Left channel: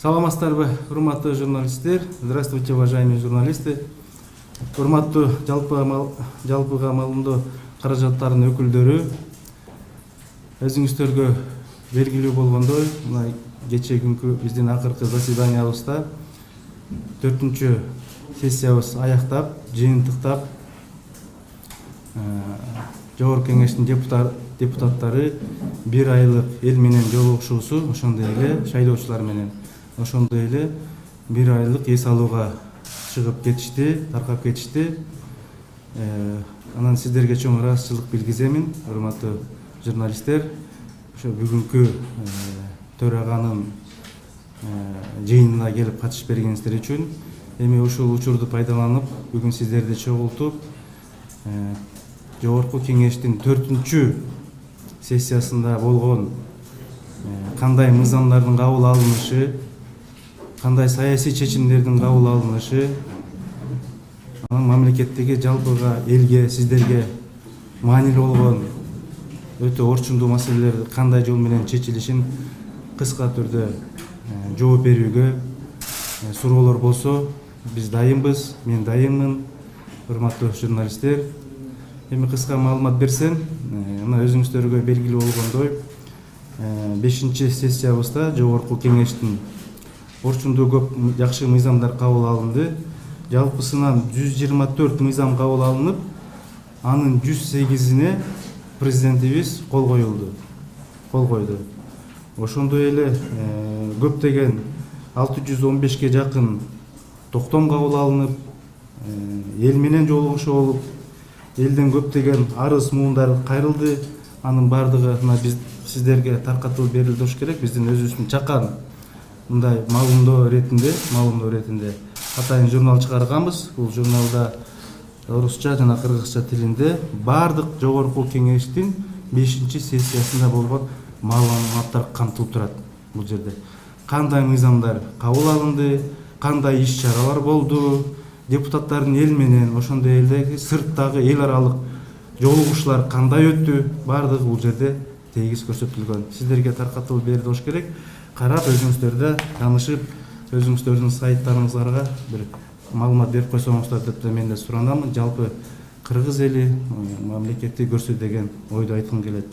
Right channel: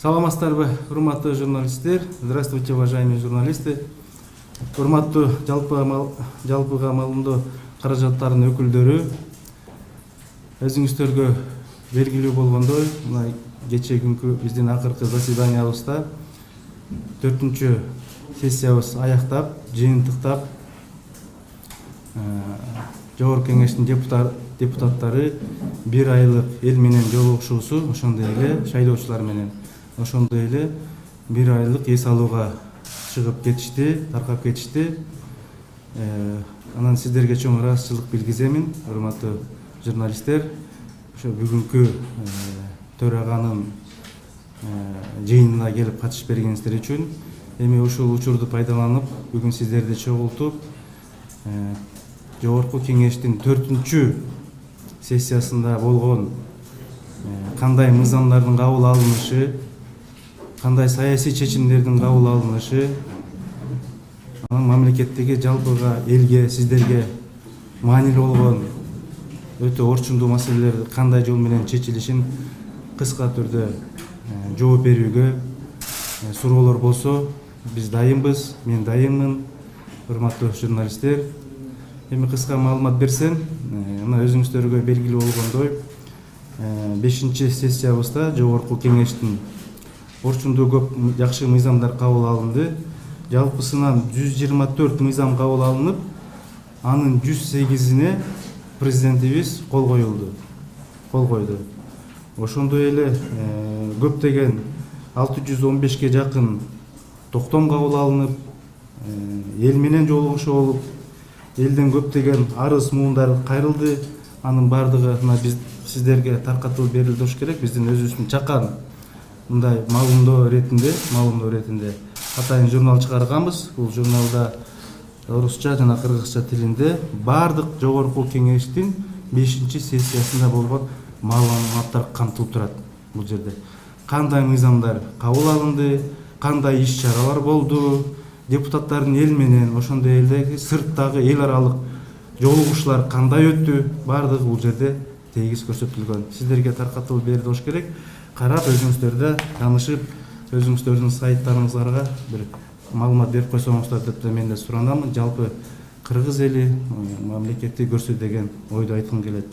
Саламатсыздарбы, урматтуу журналисттер. Здравствуйте, уважаемые журналисты. Урматтуу жалпыга малымдоо каражаттардын өкүлдөрү, өзүңүздөргө белгилүү болгондой, мына кечээ күнкү биздин акыркы заседаниябызда 4-чү сессиябыз аяктап, жыйынтыктап, Жогорку Кеңештин депутаттары бир айлык эл менен жолугушуусу, ошондой эле шайлоочулар менен ошондой эле бир айлык эс алууга чыгып кетишти, таркап кетишти. Анан сиздерге чоң ыраазычылык билгиземин, урматтуу журналисттер. Ошо бүгүнкү төраганын жыйынына келип катышып бергениңиздер үчүн, эми ушул учурду пайдаланып, бүгүн сиздерди чогултуп, Жогорку Кеңештин 4-чү сессиясында болгон кандай мыйзамдардын кабыл алынышы, кандай саясий чечимдердин кабыл алынышы, анан мамлекеттеги жалпыга элге, сиздерге маанилүү болгон өтө орчундуу маселелер кандай жол менен чечилишин кыска түрдө жооп берүүгө суроолор болсо биз дайынбыз, мен дайынмын, урматтуу журналисттер. Эми кыска маалымат берсем, мына өзүңүздөргө белгилүү болгондой, 5-чи сессиябызда Жогорку Кеңештин орчундуу көп жакшы мыйзамдар кабыл алынды. Жалпысынан 124 мыйзам кабыл алынып, анын 108-ине президентибиз кол койду. Ошондой эле көптөгөн 615ке жакын токтом кабыл алынып, эл менен жолугушуу болуп, элден көптөгөн арыз муундар кайрылды. Анын баардыгы мына биз сиздерге таркатылып берилди болуш керек. Биздин өзүбүздүн чакан мындай маалымдоо иретинде атайын журнал чыгарганбыз. Бул журналда орусча жана кыргызча тилинде баардык Жогорку Кеңештин 5-чи сессиясында болгон маалыматтар камтылып турат. Бул жерде кандай мыйзамдар кабыл алынды, кандай иш-чаралар болду, депутаттардын эл менен, ошондой эле сырттагы эл аралык жолугушуулар кандай өттү, баардыгы бул жерде тегиз көрсөтүлгөн. Сиздерге таркатылып берилди болуш керек. Карап, өзүңүздөрдө таанышып, өзүңүздөрдүн сайттарыңыздарга бир маалымат берип койсоңуздар деп мен да суранамын. Жалпы кыргыз эли мамлекетти көрсө деген ойду айткым келет.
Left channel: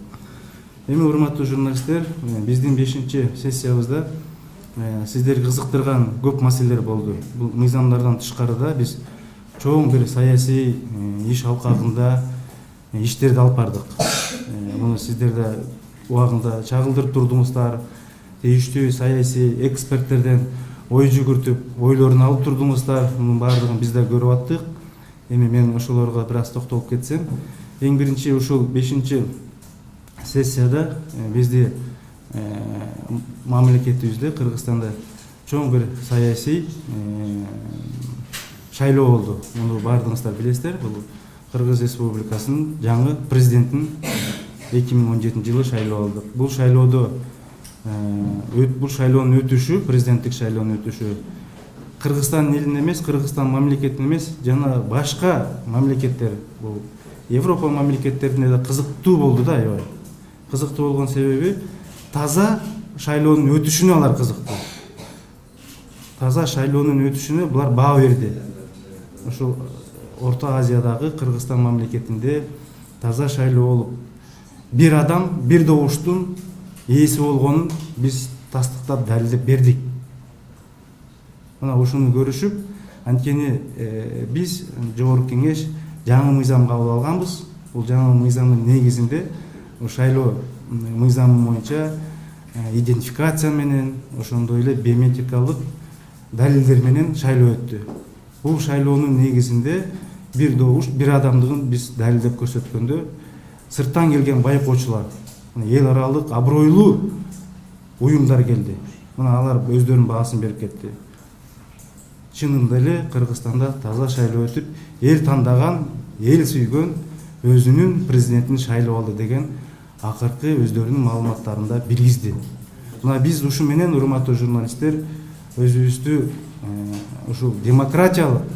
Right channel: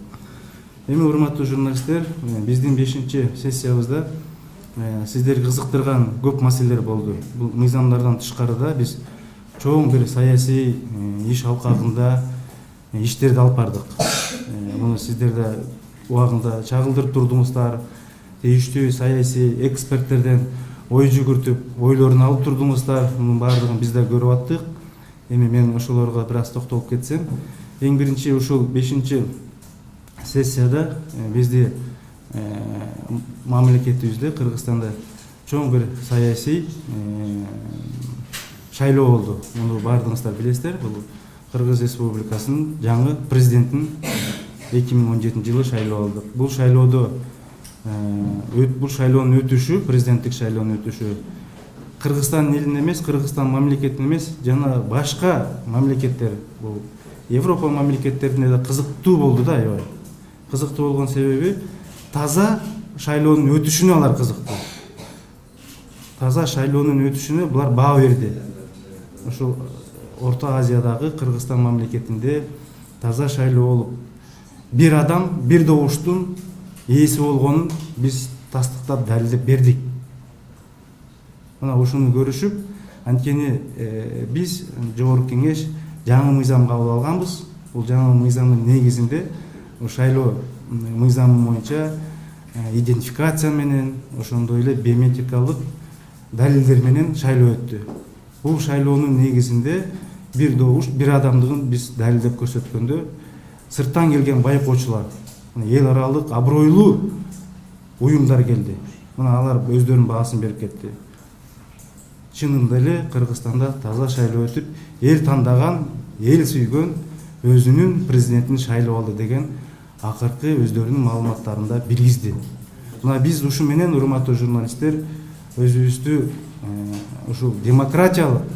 Эми урматтуу журналисттер, биздин 5-чи сессиябызда сиздерди кызыктырган көп маселелер болду. Бул мыйзамдардан тышкарыда биз чоң бир саясий иш алкагында иштерди алып бардык. Муну сиздер да убагында чагылдырып турдуңуздар, тийиштүү саясий эксперттерден ой жүгүртүп, ойлорун алып турдуңуздар. Мунун баардыгын биз да көрүп аттык. Эми мен ошолорго бир аз токтолуп кетсем, эң биринчи ушул 5-чи сессияда бизди мамлекетибизде, Кыргызстанда чоң бир саясий шайлоо болду. Муну баардыгыңыздар билесиздер. Бул Кыргыз Республикасынын жаңы президентин 2017 жылы шайлоо болду. Бул шайлоонун өтүшү, президенттик шайлоонун өтүшү Кыргызстан элин эмес, Кыргызстан мамлекетин эмес, жана башка мамлекеттер, бул Европа мамлекеттерине да кызыктуу болду да, аябай. Кызыктуу болгон себеби таза шайлоонун өтүшүнө алар кызыктуу. Таза шайлоонун өтүшүнө булар баа берди. Ошол Орто Азиядагы Кыргызстан мамлекетинде таза шайлоо болуп, бир адам, бир добуштун ээси болгонун биз тастыктап далилдеп бердик. Мына ушуну көрүшүп, анткени биз Жогорку Кеңеш жаңы мыйзам кабыл алганбыз. Бул жаңы мыйзамдын негизинде шайлоо мыйзамы боюнча идентификация менен, ошондой эле биометрикалык далилдер менен шайлоо өттү. Бул шайлоонун негизинде бир добуш, бир адамдыгын биз далилдеп көрсөткөндө сырттан келген байкоочулар, эл аралык абройлуу уюмдар келди. Мына алар өздөрүнүн баасын берип кетти. Чынында эле Кыргызстанда таза шайлоо өтүп, эл тандаган, эл сүйгөн өзүнүн президентин шайлап алды деген акыркы өздөрүнүн маалыматтарында билгизди. Мына биз ушу менен, урматтуу журналисттер, өзүбүздү ушул демократиялык,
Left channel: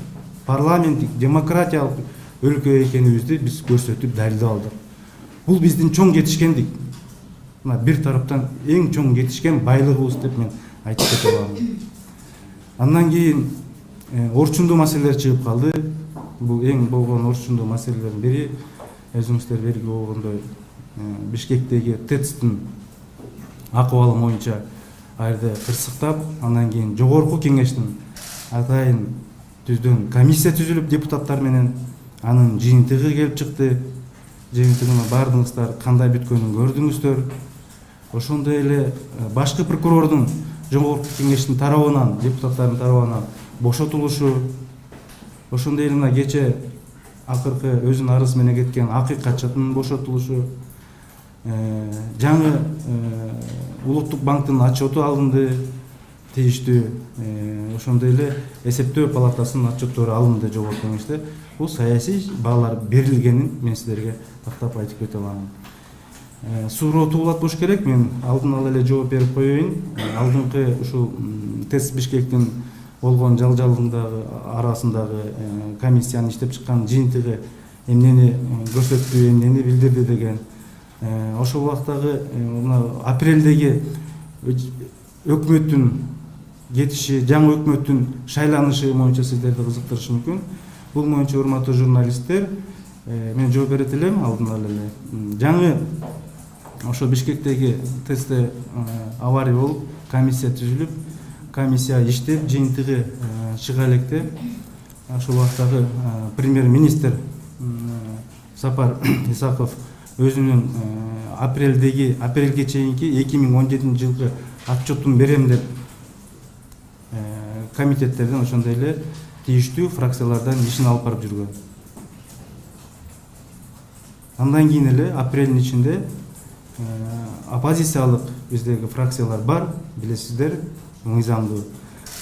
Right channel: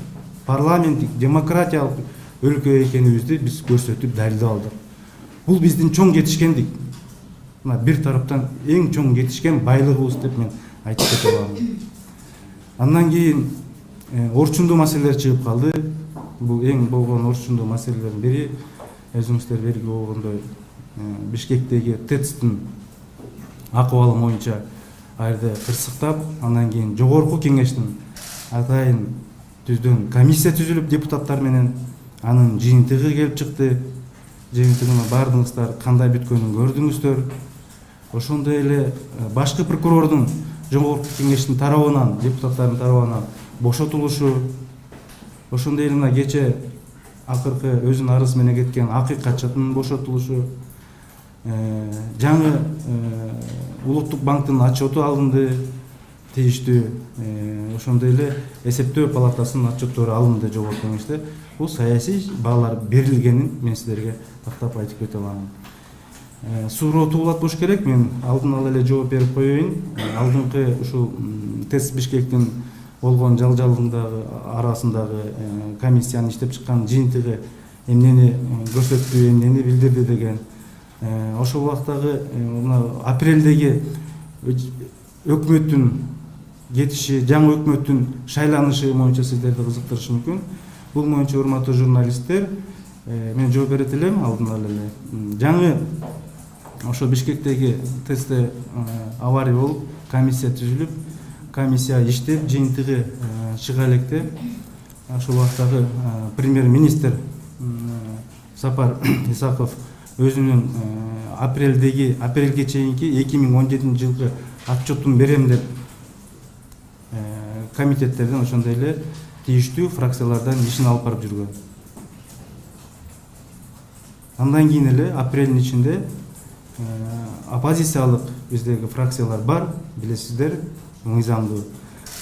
парламенттик, демократиялык өлкө экенибизди биз көрсөтүп далилдеп алдык. Бул биздин чоң жетишкендик. Мына бир тараптан эң чоң жетишкен байлыгыбыз деп мен айтып кете алам. Андан кийин орчундуу маселелер чыгып калды. Бул эң болгон орчундуу маселелердин бири өзүңүздөр белгилүү болгондой Бишкектеги ТЭЦтин акыбалы боюнча айды кырсыктап, андан кийин жогорку кеңештин атайын түздөн комиссия түзүлүп депутаттар менен анын жыйынтыгы келип чыкты. Жыйынтыгына бардыңыздар, кандай бүткөнүн көрдүңүздөр. Ошондой эле башкы прокурордун жогорку кеңештин тарабынан, депутаттардын тарабынан бошотулушу, ошондой эле мына кече акыркы өзүнүн арызы менен кеткен акыйкатчынын бошотулушу, жаңы улуттук банктын отчету алынды, тийиштүү, ошондой эле эсептөө палатасынын отчеттору алынды жогорку кеңеште. Бул саясий баалар берилгенин мен силерге тактап айтып кете алам. Суроо туулат болуш керек. Мен алдын ала эле жооп берип коеюн. Алдыңкы ушул ТЭЦ Бишкектин болгон жалжалдыгындагы арасындагы комиссиянын иштеп чыккан жыйынтыгы эмнени көрсөттү, эмнени билдирди деген. Ошол убактагы мына апрелдеги өкмөттүн кетиши, жаңы өкмөттүн шайланышы боюнча сиздерди кызыктырышы мүмкүн. Бул боюнча урматтуу журналисттер, мен жооп берет элем алдын ала эле. Жаңы ошо Бишкектеги ТЭЦте авария болуп, комиссия түзүлүп, комиссия иштеп, жыйынтыгы чыга электе. Ошол убактагы премьер-министр Сапар Исаков өзүнүн апрелге чейинки 2017-жылкы отчетун берем деп комитеттерден ошондой эле тийиштүү фракциялардан ишин алып барып жүргөн. Андан кийин эле апрелдин ичинде оппозициялык биздеги фракциялар бар, билесиздер, мыйзамдуу.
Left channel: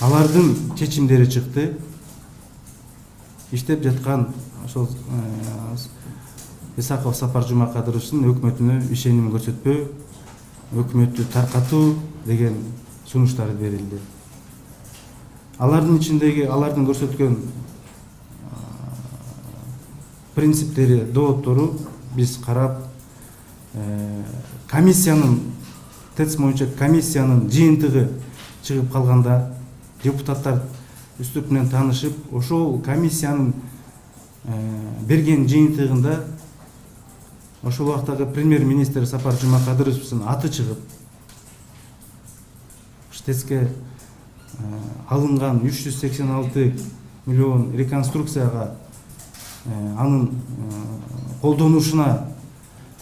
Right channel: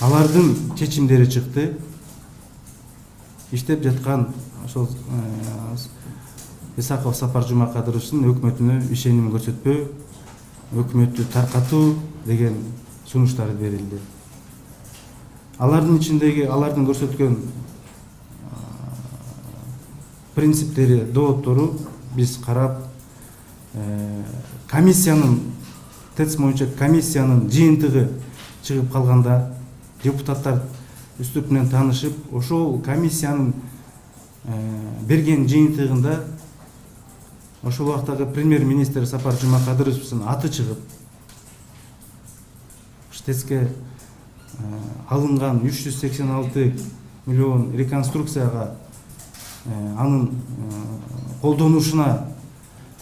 Алардын чечимдери чыкты. Иштеп жаткан ошол Исаков Сапар Жумакадыровичтин өкмөтүнө ишеним көрсөтпөө, өкмөттү таркатуу деген сунуштары берилди. Алардын ичиндеги алардын көрсөткөн принциптери, дооттору биз карап, комиссиянын ТЭЦ боюнча комиссиянын жыйынтыгы чыгып калганда депутаттар үстүп менен таанышып, ошол комиссиянын берген жыйынтыгында ошол убактагы премьер-министр Сапар Жумакадыровичтин аты чыгып, ТЭЦке алынган 386 миллион реконструкцияга анын колдонушуна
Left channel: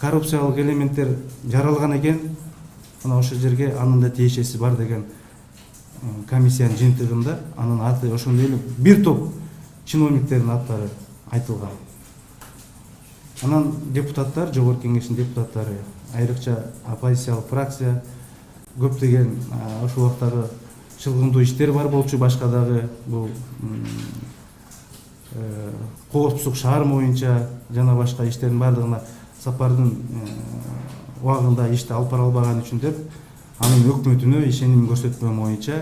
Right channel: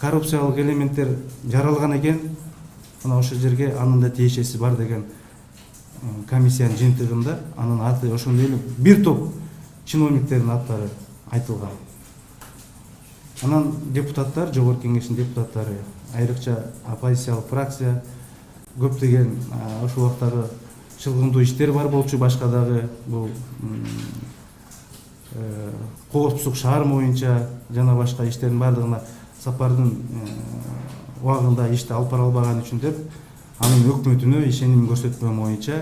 коррупциялык элементтер жаралган экен, мына ошол жерге анын да тиешеси бар деген комиссиянын жыйынтыгында анын аты, ошондой эле бир топ чиновниктердин аттары айтылган. Анан депутаттар, жогорку кеңештин депутаттары, айрыкча оппозициялык фракция, көптөгөн ошол убактагы чылгындуу иштер бар болчу, башка дагы бул коопсуздук шаар боюнча жана башка иштердин бардыгына Сапардын убагында ишти алып бара албаган үчүн деп анын өкмөтүнө ишеним көрсөтмөө боюнча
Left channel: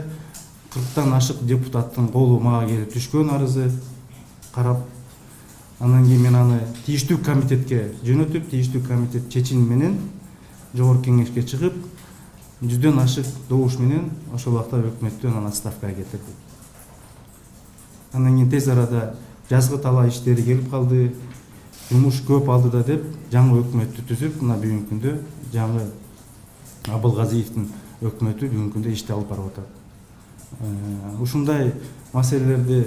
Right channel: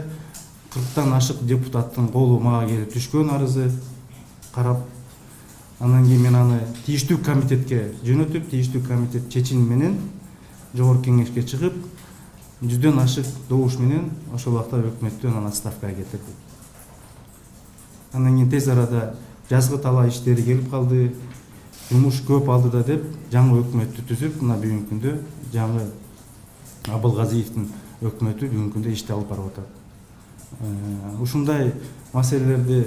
40тан ашык депутаттын колу мага келип түшкөн арызы карап, андан кийин мен аны тийиштүү комитетке жөнөтүп, тийиштүү комитет чечими менен жогорку кеңешке чыгып, 100дөн ашык добуш менен ошол убакта өкмөттү анан отставкага кетирди. Андан кийин тез арада жазгы талаа иштери келип калды, жумуш көп алды да деп жаңы өкмөттү түзүп, мына бүгүнкү күндө жаңы Абылгазиевдин өкмөтү бүгүнкү күндө ишти алып барып атат. Ушундай маселелерди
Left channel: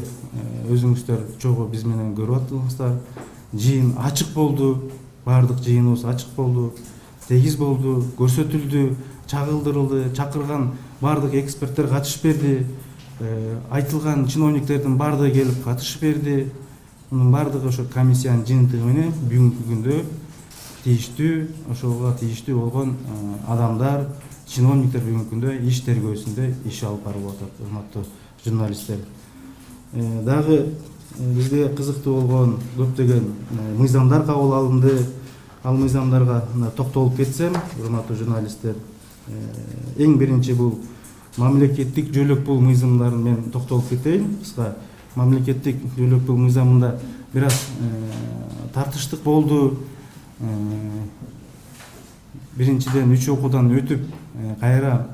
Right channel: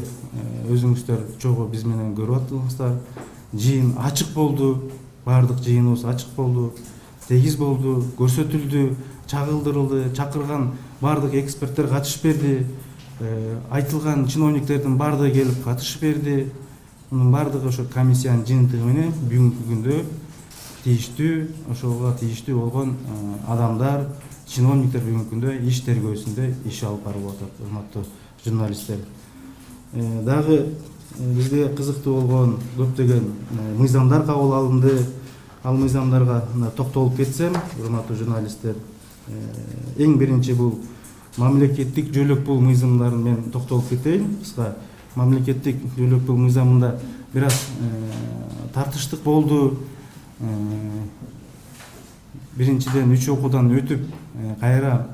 өзүңүздөр чогуу биз менен көрүп атасыздар. Жыйын ачык болду, баардык жыйыныбыз ачык болду, тегиз болду, көрсөтүлдү, чагылдырылды, чакырган баардык эксперттер катышып берди, айтылган чиновниктердин баардыгы келип катышып берди. Мунун баардыгы ошо комиссиянын жыйынтыгы менен бүгүнкү күндө тийиштүү, ошого тийиштүү болгон адамдар, чиновниктер бүгүнкү күндө иш тергөөсүндө иш алып барып атат, урматтуу журналисттер. Дагы бизде кызыктуу болгон көптөгөн мыйзамдар кабыл алынды. Ал мыйзамдарга токтолуп кетсем, урматтуу журналисттер, эң биринчи бул мамлекеттик жөлөк пул мыйзамдарын мен токтолуп кетейин. Кыска мамлекеттик жөлөк пул мыйзамында бир аз тартыштык болду. биринчиден 3 окуудан өтүп кайра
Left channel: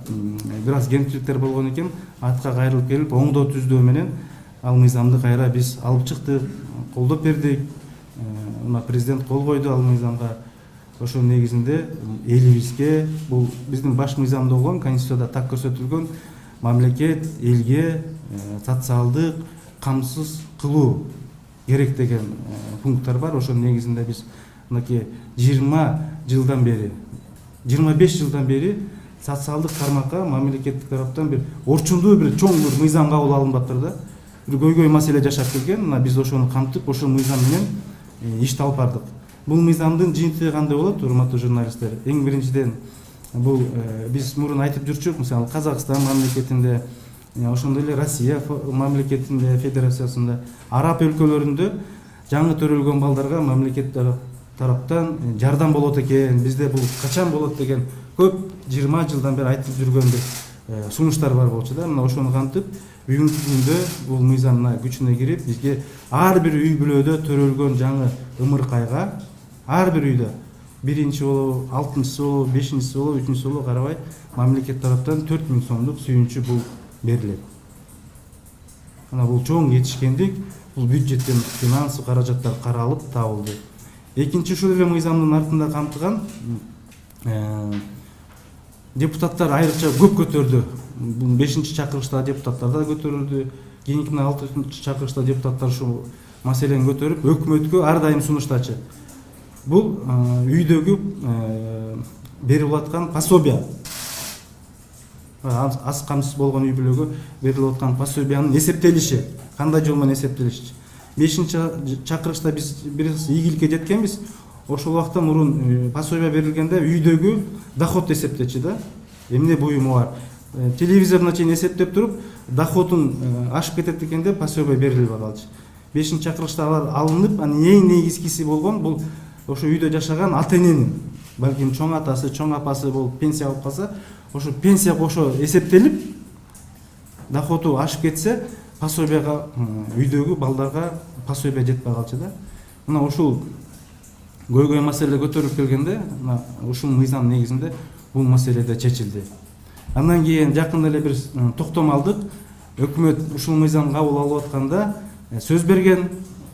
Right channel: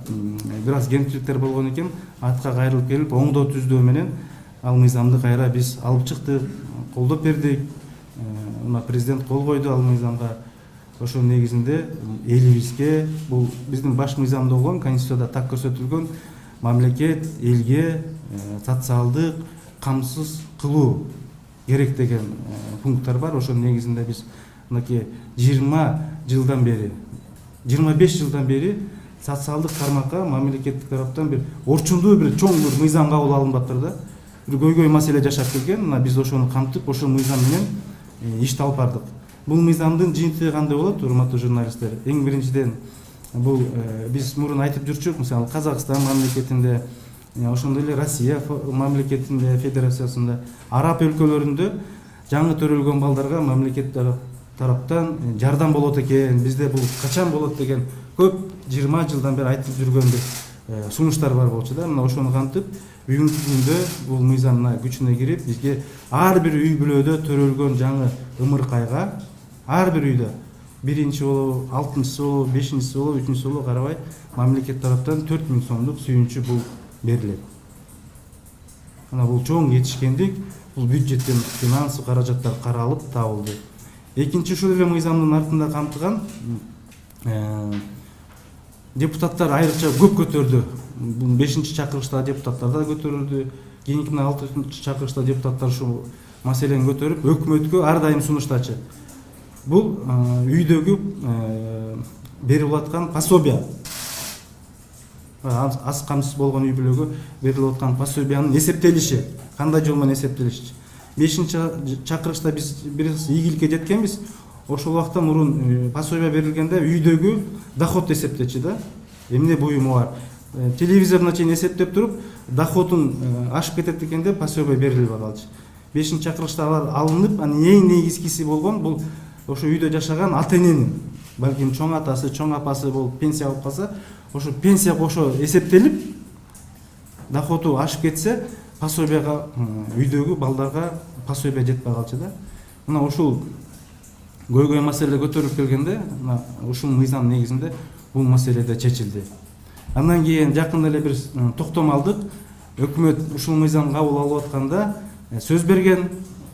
бир аз кемчиликтер болгон экен, артка кайрылып келип оңдоо түздөө менен ал мыйзамды кайра биз алып чыктык, колдоп бердик. Мына президент кол койду ал мыйзамга. Ошол негизинде элибизге бул биздин баш мыйзамда болгон, конституцияда так көрсөтүлгөн мамлекет элге социалдык камсыз кылуу керек деген пункттар бар. Ошол негизинде биз мынакей 20 жылдан бери 25 жылдан бери социалдык тармакка мамлекеттик тараптан бир орчундуу бир чоң бир мыйзам кабыл алынбаптыр да. Бир көйгөй маселе жашап келген. Мына биз ошону камтып, ошол мыйзам менен ишти алып бардык. Бул мыйзамдын жыйынтыгы кандай болот, урматтуу журналисттер? Эң биринчиден бул биз мурун айтып жүрчүк, мисалы Казакстан мамлекетинде, ошондой эле Россия мамлекетинде, федерациясында, араб өлкөлөрүндө жаңы төрөлгөн балдарга мамлекет тараптан жардам болот экен, бизде бул качан болот деген көп 20 жылдан бери айтып жүргөн бир сунуштар бар болчу да. Мына ошону кантып бүгүнкү күндө бул мыйзамна күчүнө кирип, бизге ар бир үй бүлөдө төрөлгөн жаңы ымыркайга, ар бир үйдө биринчи болобу, 6-чысы болобу, 5-чisi болобу, 3-чүсү болобу карабай мамлекет тараптан 4000 сомдук сүйүнчү бул берилет. Мына бул чоң жетишкендик, бул бюджеттен финансылык каражаттар каралып табылды. Экинчи ушул эле мыйзамдын артында камтыган депутаттар айрыкча көп көтөрдү. Бул 5-чакырылышта депутаттар да көтөрүлдү. Кийинки 6-чакырылышта депутаттар ушул маселени көтөрүп, өкмөткө ар дайым сунуштачы. Бул үйдөгү берип аткан пособия, аз камсыз болгон үй бүлөгө берилип аткан пособиянын эсептелиши, кандай жол менен эсептелиши. 5-чакырылышта биз бир ийгиликке жеткенбиз. Ошол убакта мурун пособия берилгенде үйдөгү доход эсептечи да. Эмне буюму бар. Телевизордон чейин эсептеп туруп, доходун ашып кетет экен деп пособия берилип калчу. 5-чакырылышта алар алынып, эң негизгиси болгон бул ошо үйдө жашаган ата-эненин, балким чоң атасы, чоң апасы болуп пенсия алып калса, ошо пенсия кошо эсептелип, доходу ашып кетсе, пособияга үйдөгү балдарга пособия жетпей калчу да. Мына ушул көйгөй маселе көтөрүп келгенде, ушул мыйзам негизинде бул маселе да чечилди. Андан кийин жакында эле бир токтом алдык. Өкмөт ушул мыйзам кабыл алып атканда сөз берген,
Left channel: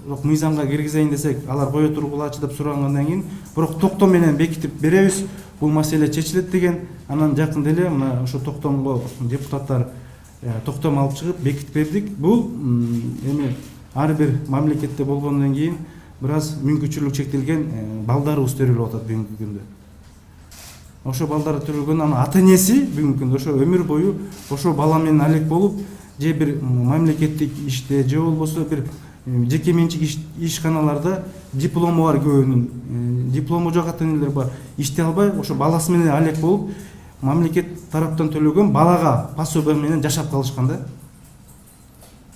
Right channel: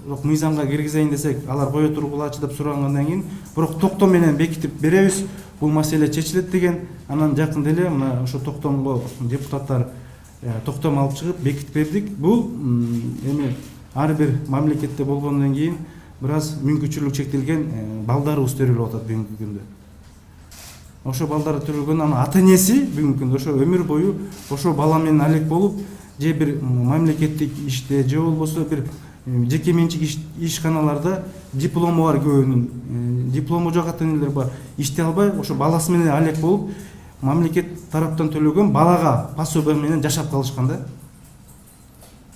бирок мыйзамга киргизейин десек, алар кое тургулачы деп сурагандан кийин, бирок токтом менен бекитип беребиз, бул маселе чечилет деген. Анан жакында эле мына ошо токтомго депутаттар токтом алып чыгып бекитип бердик. Бул эми ар бир мамлекетте болгондон кийин бир аз мүмкүнчүлүк чектелген балдарыбыз төрөлүп атат бүгүнкү күндө. Ошо балдар төрөлгөн, анан ата-энеси бүгүнкү күндө ошо өмүр бою ошо бала менен алек болуп, же бир мамлекеттик иште, же болбосо бир жеке менчик ишканаларда диплому бар көбүнүн, диплому жок ата-энелер бар, иштей албай ошо баласы менен алек болуп, мамлекет тараптан төлөгөн балага пособия менен жашап калышкан да.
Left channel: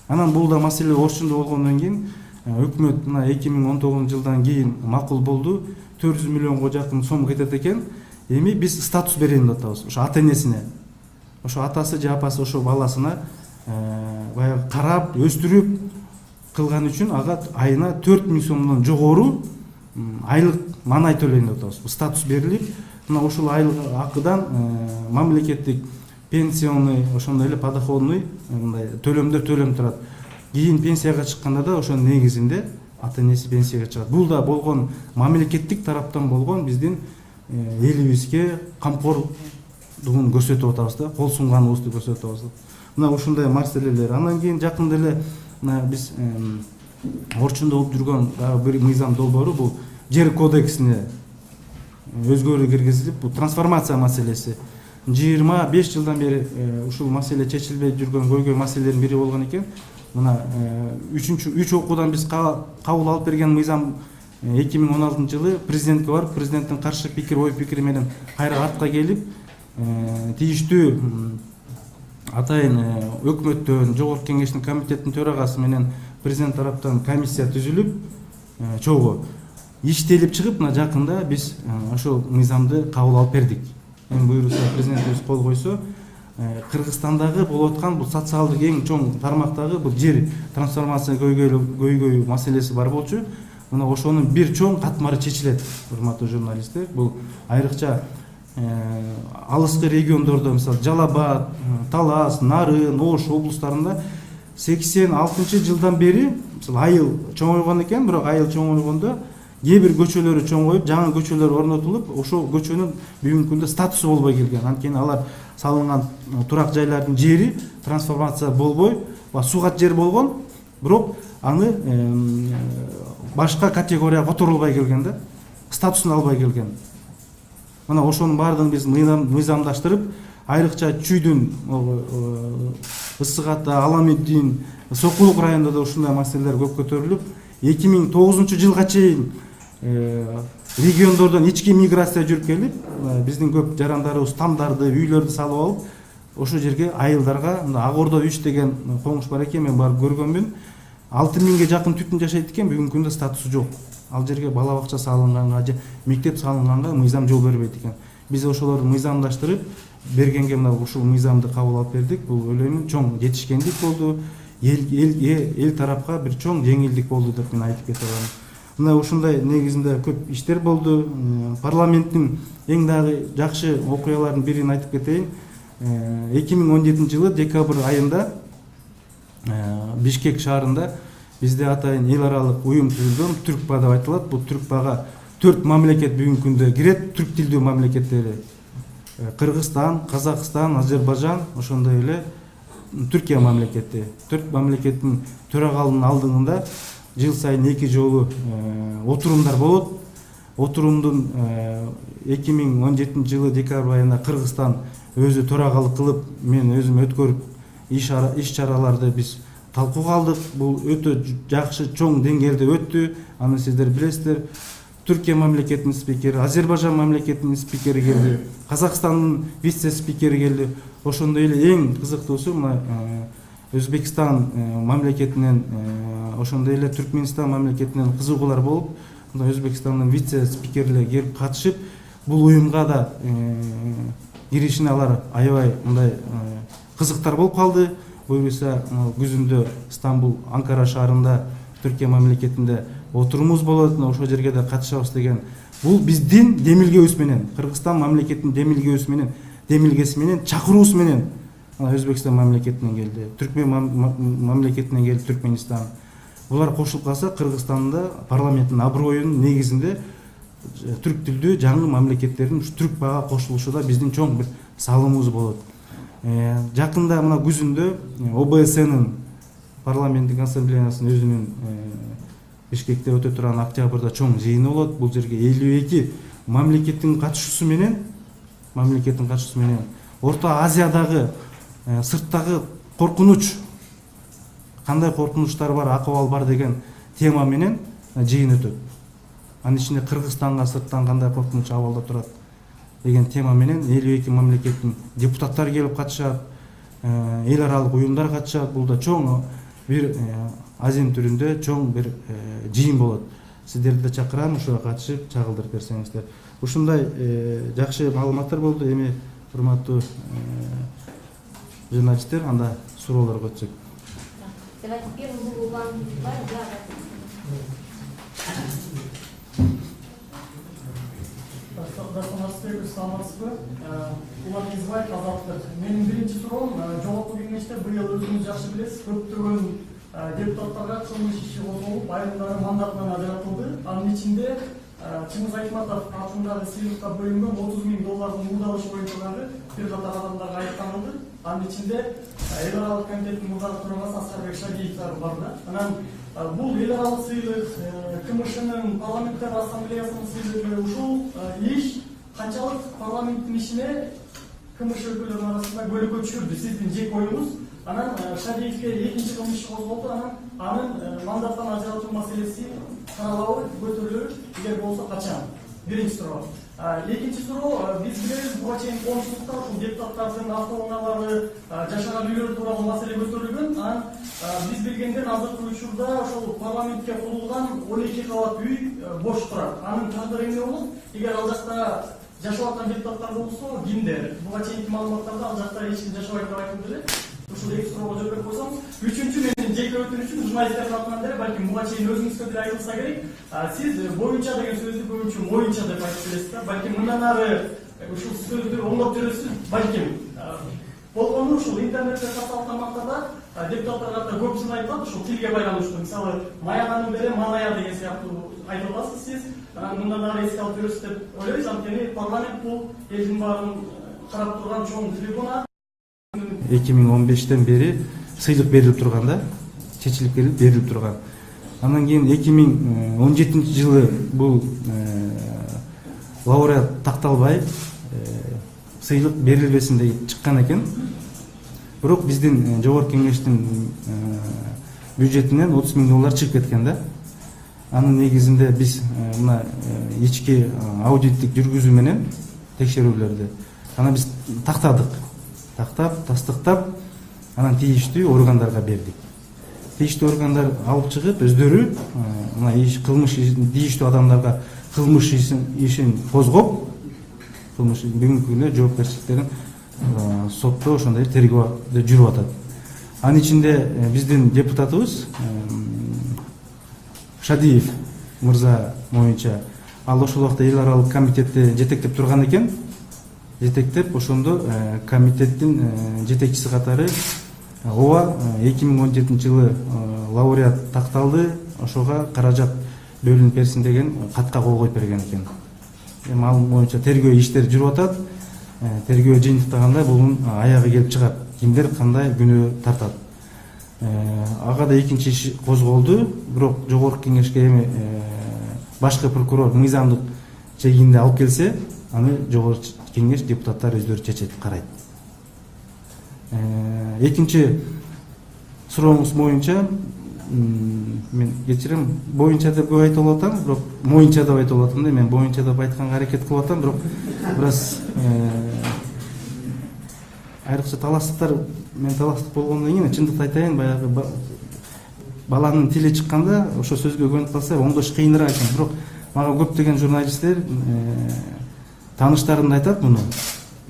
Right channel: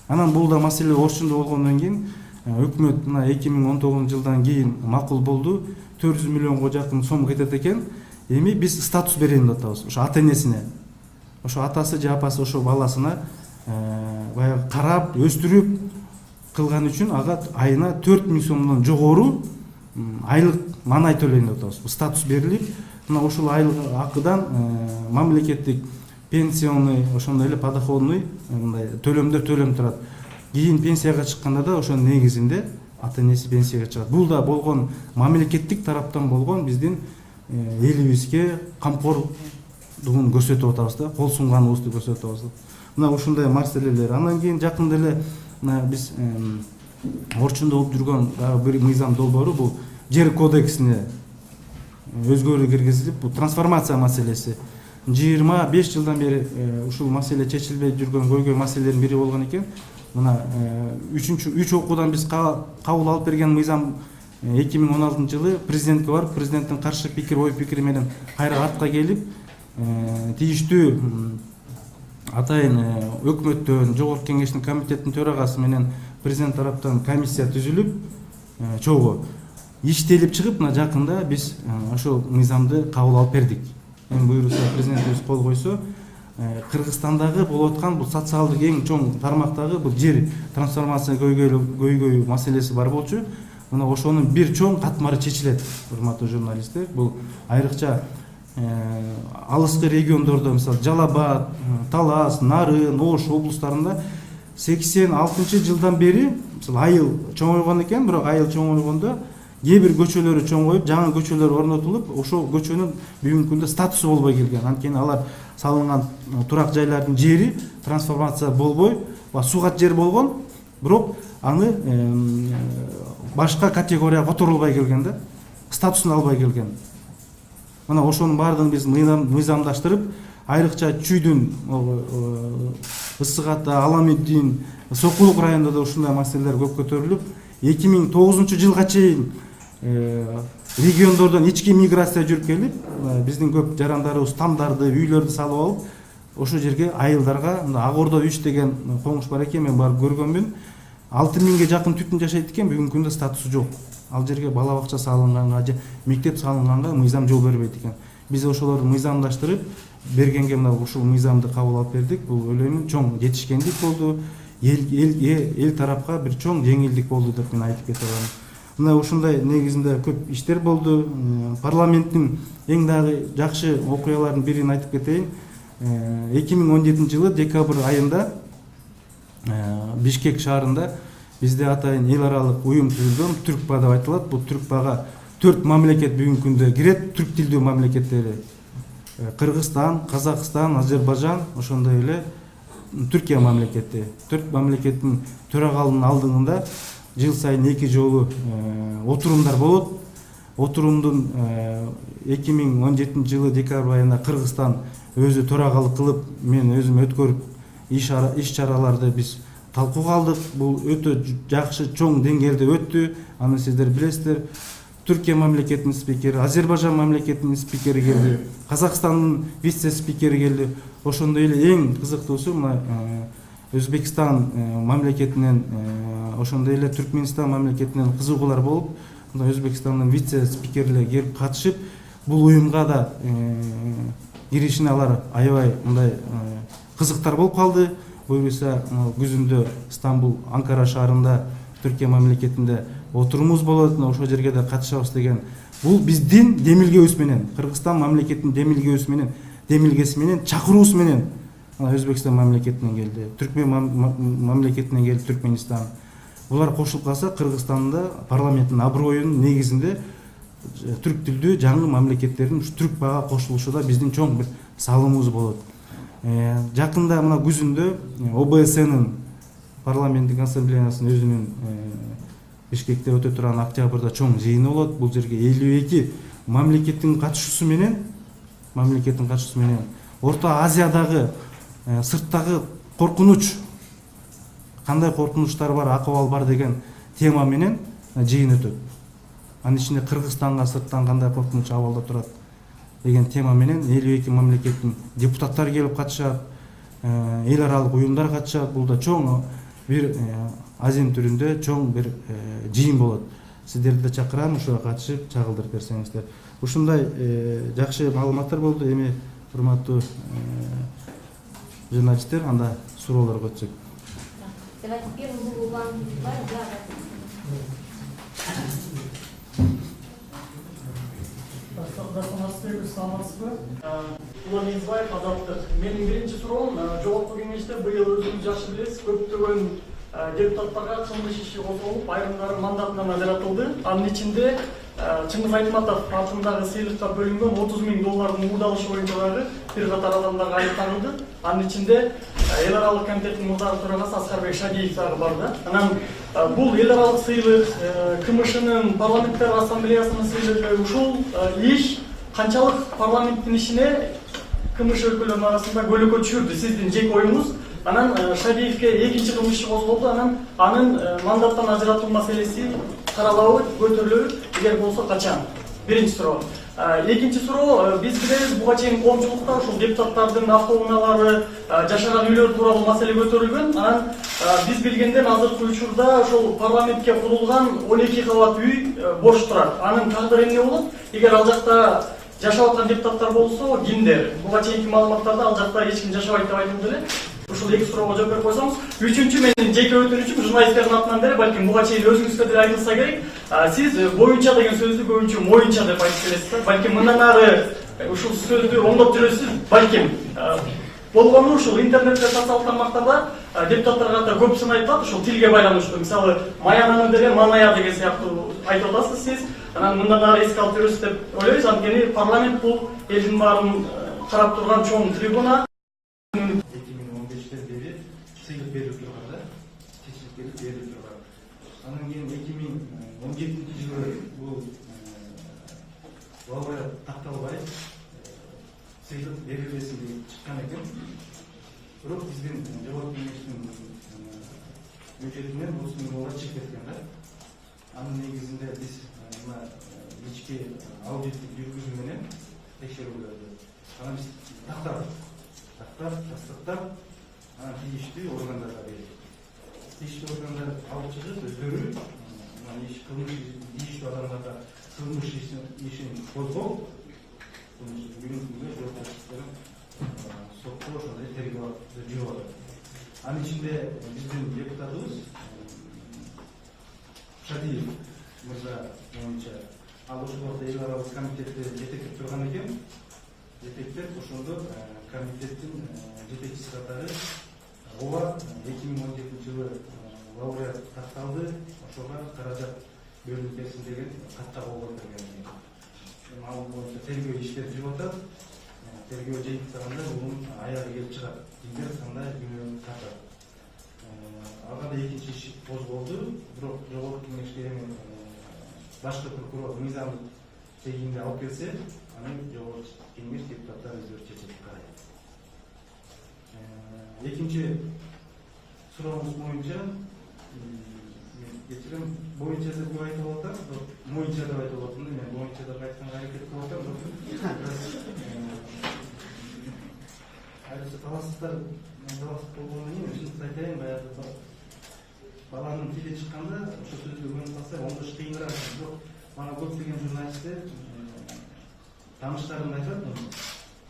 Анан бул да маселе орчундуу болгондон кийин өкмөт мына 2019-жылдан кийин макул болду, 400 миллионго жакын сом кетет экен. Эми биз статус берейин деп атабыз ошо ата-энесине. Ошо атасы же апасы ошо баласына баягы карап, өстүрүп кылган үчүн ага айына 4000 сомдон жогору айлык маанай төлөйүн деп атабыз. Статус берилип, мына ушул айлык акыдан мамлекеттик пенсионный, ошондой эле подоходный мындай төлөмдөр төлөм турат. Кийин пенсияга чыкканда да ошонун негизинде ата-энеси пенсияга чыгат. Бул да болгон мамлекеттик тараптан болгон биздин элибизге камкордугун көрсөтүп атабыз да, кол сунганыбызды көрсөтүп атабыз. Мына ушундай маселелер. Андан кийин жакында эле биз орчундуу болуп жүргөн бир мыйзам долбоору, бул жер кодексине өзгөрүү киргизилип, бул трансформация маселеси. 25 жылдан бери ушул маселе чечилбей жүргөн көйгөй маселелердин бири болгон экен. Мына 3 окуудан биз кабыл алып берген мыйзам 2016-жылы президентке барып, президенттин каршы пикир, ой пикири менен кайра артка келип, тийиштүү атайын өкмөттөн, жогорку кеңештин комитеттин төрагасы менен президент тараптан комиссия түзүлүп, чогуу иштелип чыгып, мына жакында биз ошол мыйзамды кабыл алып бердик. Эми буюрса президентибиз кол койсо, Кыргызстандагы болуп аткан бул социалдык эң чоң тармактагы бул жер трансформация көйгөй маселеси бар болчу. Мына ошонун бир чоң катмары чечилет, урматтуу журналисттер. Бул айрыкча алыскы региондордо, мисалы Жалал Абад, Талас, Нарын, Ош облустарында 86-жылдан бери мисалы айыл чоңойгон экен, бирок айыл чоңойгондо кээ бир көчөлөрү чоңоюп, жаңы көчөлөр орнотулуп, ошол көчөнүн бүгүнкү күндө статусу болбой келген. Анткени алар салынган турак жайлардын жери трансформация болбой, сууга жер болгон, бирок аны башка категорияга которулбай келген да, статусун албай келген. Мына ошонун баардыгын биз мыйзамдаштырып, айрыкча Чүйдүн, Ысык Ата, Аламеддин, Сокулук районунда да ушундай маселелер көп көтөрүлүп, 2009-жылга чейин региондордон ички миграция жүрүп келип, биздин көп жарандарыбыз тамдарды, үйлөрдү салып алып, ошол жерге айылдарга, Ак Ордо 3 деген коңуш бар экен, мен барып көргөнмүн. 6000ге жакын түтүн жашайт экен, бүгүнкү күндө статусу жок. Ал жерге бала бакча салынганга же мектеп салынганга мыйзам жол бербейт экен. Биз ошолорду мыйзамдаштырып бергенге мына ушул мыйзамды кабыл алып бердик. Бул ойлоймун чоң жетишкендик болду. Эл тарапка бир чоң жеңилдик болду деп мен айтып кете алам. Мына ушундай негизинде көп иштер болду. Парламенттин эң дагы жакшы окуяларынын бирин айтып кетейин. 2017-жылы декабрь айында Бишкек шаарында бизде атайын эл аралык уюм түзүлгөн, Түркпа деп айтылат. Бул Түркпага 4 мамлекет бүгүнкү күндө кирет, түрк тилдүү мамлекеттери. Кыргызстан, Казакстан, Азербайжан, ошондой эле Түркия мамлекети. 4 мамлекеттин төрагалынын алдыгында жыл сайын 2 жолу отурумдар болот. Отурумдун 2017-жылы декабрь айында Кыргызстан өзү төрагалык кылып, мен өзүм өткөрүп иш чараларды биз талкууга алдык. Бул өтө жакшы чоң деңгээлде өттү. Аны сиздер билесиздер. Түркия мамлекетинин спикери, Азербайжан мамлекетинин спикери келди, Казакстандын вице-спикери келди. Ошондой эле эң кызыктуусу мына Өзбекстан мамлекетинен, ошондой эле Түркмөнстан мамлекетинен кызыгуулар болуп, мына Өзбекстандын вице-спикерлери келип катышып, бул уюмга да киришине алар аябай мындай кызыктар болуп калды. Буюрса күзүндө Стамбул, Анкара шаарында Түркия мамлекетинде отурумубуз болот, ошол жерге да катышабыз деген. Бул биздин демилгебиз менен, Кыргызстан мамлекетинин демилгеси менен, чакыруусу менен Өзбекстан мамлекетинен келди, Түркмен мамлекетинен келди, Түркмөнстан. Булар кошулуп калса, Кыргызстанда парламенттин аброюнун негизинде түрк тилдүү жаңы мамлекеттердин Түркпага кошулушуда биздин чоң бир салымыбыз болот. Жакында мына күзүндө ОБСНын парламенттик ассамблеясынын өзүнүн Бишкекте өтө турган октябрда чоң жыйыны болот. Бул жерге 52 мамлекеттин катышуусу менен Орто Азиядагы сырттагы коркунуч, кандай коркунучтар бар, акыбал бар деген тема менен жыйын өтөт. Анын ичинде Кыргызстанга сырттан кандай коркунуч абалда турат деген тема менен 52 мамлекеттин депутаттары келип катышат, эл аралык уюмдар катышат. Бул да чоң бир азин түрүндө чоң бир жыйын болот. Сиздерди да чакырам, ошого катышып чагылдырып берсеңиздер. Ушундай жакшы маалыматтар болду. Эми урматтуу журналисттер, анда суроолорго өтсөк. Давайте первым был вам Улан Езбаев, Азаттык. Менин биринчи суроом, жогорку кеңеште быйыл өзүңүз жакшы билесиз, көптөгөн депутаттарга кылмыш иши козголуп, айрымдары мандатынан ажыратылды. Анын ичинде Чыңгыз Айтматов атындагы сыйлыкка бөлүнгөн $30,000 уурдалышы боюнча дагы бир катар адамдарга айыпталды. Анын ичинде эл аралык комитеттин мурдагы төрагасы Аскарбек Шадиев дагы бар да. Анан бул эл аралык сыйлык, КМШнын парламенттер ассамблеясынын сыйлыгы, ушул иш канчалык парламенттин ишине КМШ өкүлдөрүнүн арасында көлөкө түшүрдү, сиздин жеке оюңуз? Анан Шадиевке экинчи кылмыш иши козголду, анан мандаттан ажыратуу маселеси каралабы, көтөрүлөбү? Эгер болсо качан? Биринчи суроо. Экинчи суроо, биз билебиз, буга чейин коомчулукта ушул депутаттардын автоунаалары, жашаган үйлөр тууралуу маселе көтөрүлгөн. Анан биз билгенден азыркы учурда ошол парламентке курулган 12 кабат үй бош турат. Анын тагдыры эмне болот? Эгер ал жакта жашап аткан депутаттар болсо, кимдер? Буга чейинки маалыматтарда ал жакта эч ким жашабайт деп айтылды эле. Ушул эки суроого жооп берип койсоңуз. Үчүнчү, менин жеке өтүнүчүм журналисттердин атынан деле, балким буга чейин өзүңүзгө деле айтылса керек. Сиз боюнча деген сөздү көбүнчө моюнча деп айтып келесиз да. Балким мындан ары ушул сөздү оңдоп жүрөсүз балким. Болгону ушул интернетте социалдык тармактарда депутаттар катары көпсүн айтат ушул тилге байланыштуу. Мисалы маянанын деле маная деген сыяктуу айтып атасыз сиз. Анан мындан ары эске алып жүрөсүз деп ойлойбуз. Анткени парламент бул элдин баарын карап турган чоң трибуна. 2015-тен бери сыйлык берилип турган да, чечилип берилип турган. Андан кийин 2017-жылы бул лауреат такталбай сыйлык берилбесин деп чыккан экен. Бирок биздин жогорку кеңештин бюджетинен $30.000 чыгып кеткен да. Анын негизинде биз мына ички аудиттик жүргүзүү менен текшерүүлөрдү анан биз тактап, тастыктап, анан тийиштүү органдарга бердик. Тийиштүү органдар алып чыгып, өздөрү мына кылмыш тийиштүү адамдарга кылмыш ишин козгоп, кылмыш бүгүнкү күндө жоопкерчиликтерин сотто ошондой тергөөдө жүрүп атат. Анын ичинде биздин депутатыбыз Шадиев мырза моюнча ал ошол убакта эл аралык комитетти жетектеп турган экен. Жетектеп ошондо комитеттин жетекчиси катары ооба 2017-жылы лауреат такталды, ошого каражат бөлүнүп берсин деген катка кол коюп берген экен. Эми ал боюнча тергөө иштери жүрүп атат. Тергөө жыйынтыктаганда бунун аягы келип чыгат. Кимдер кандай күнөө тартат. Ага да экинчи иш козголду, бирок жогорку кеңешке эми башкы прокурор мыйзамдык чегинде алып келсе, аны жогорку кеңеш депутаттар өздөрү чечет, карайт. Экинчи сурооңуз боюнча мен кечирем, боюнча деп көп айтып атам, бирок моюнча деп айтып атам да, мен боюнча деп айтканга аракет кылып атам, бирок бираз айрыкча таластыктар, мен таластык болгондон кийин чындыкты айтайын, баягы баланын тили чыкканда ошо сөзгө көнүп калса оңдош кыйыныраак экен. Бирок мага көптөгөн журналисттер тааныштарым айтат муну.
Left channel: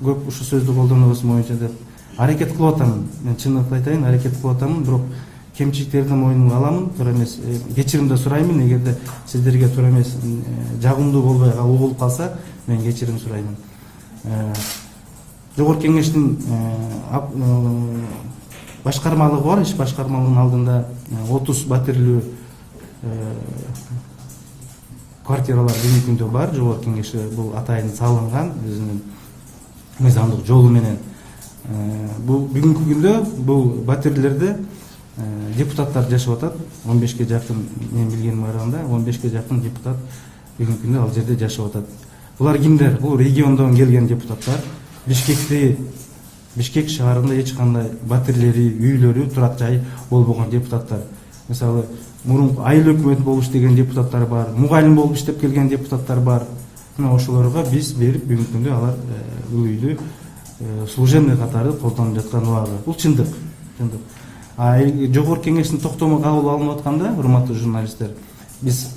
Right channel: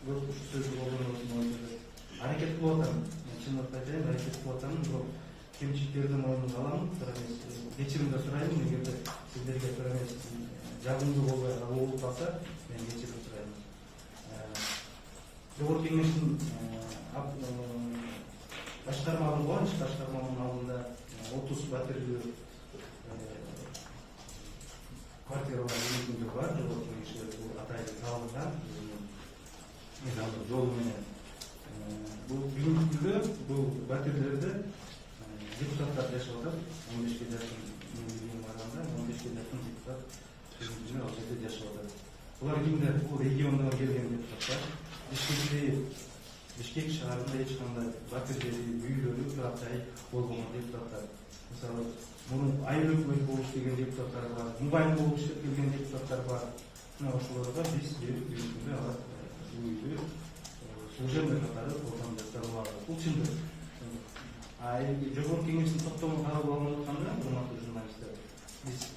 Көп ушу сөздү колдонобуз моюнча деп аракет кылып атам. Мен чындыкты айтайын, аракет кылып атам, бирок кемчиликтерди мойнума аламын, туура эмес. Кечирим да сураймын, эгерде сиздерге туура эмес, жагымдуу болбой болуп калса, мен кечирим сураймын. Жогорку кеңештин башкармалыгы бар, иш башкармалыгынын алдында 30 батирлүү квартиралар бүгүнкү күндө бар. Жогорку кеңеши бул атайын салынган өзүнүн мыйзамдык жолу менен. Бул бүгүнкү күндө бул батирлерде депутаттар жашап атат. 15ке жакын, мен билгениме караганда 15ке жакын депутат бүгүнкү күндө ал жерде жашап атат. Булар кимдер? Бул региондон келген депутаттар. Бишкек шаарында эч кандай батирлери, үйлөрү, турак жай болбогон депутаттар. Мисалы, мурунку айыл өкмөт болуп иштеген депутаттар бар, мугалим болуп иштеп келген депутаттар бар. Мына ошолорго биз берип, бүгүнкү күндө алар бул үйдү служебный катары колдонуп жаткан убагы. Бул чындык. Жогорку кеңештин токтому кабыл алынып атканда, урматтуу журналисттер, биз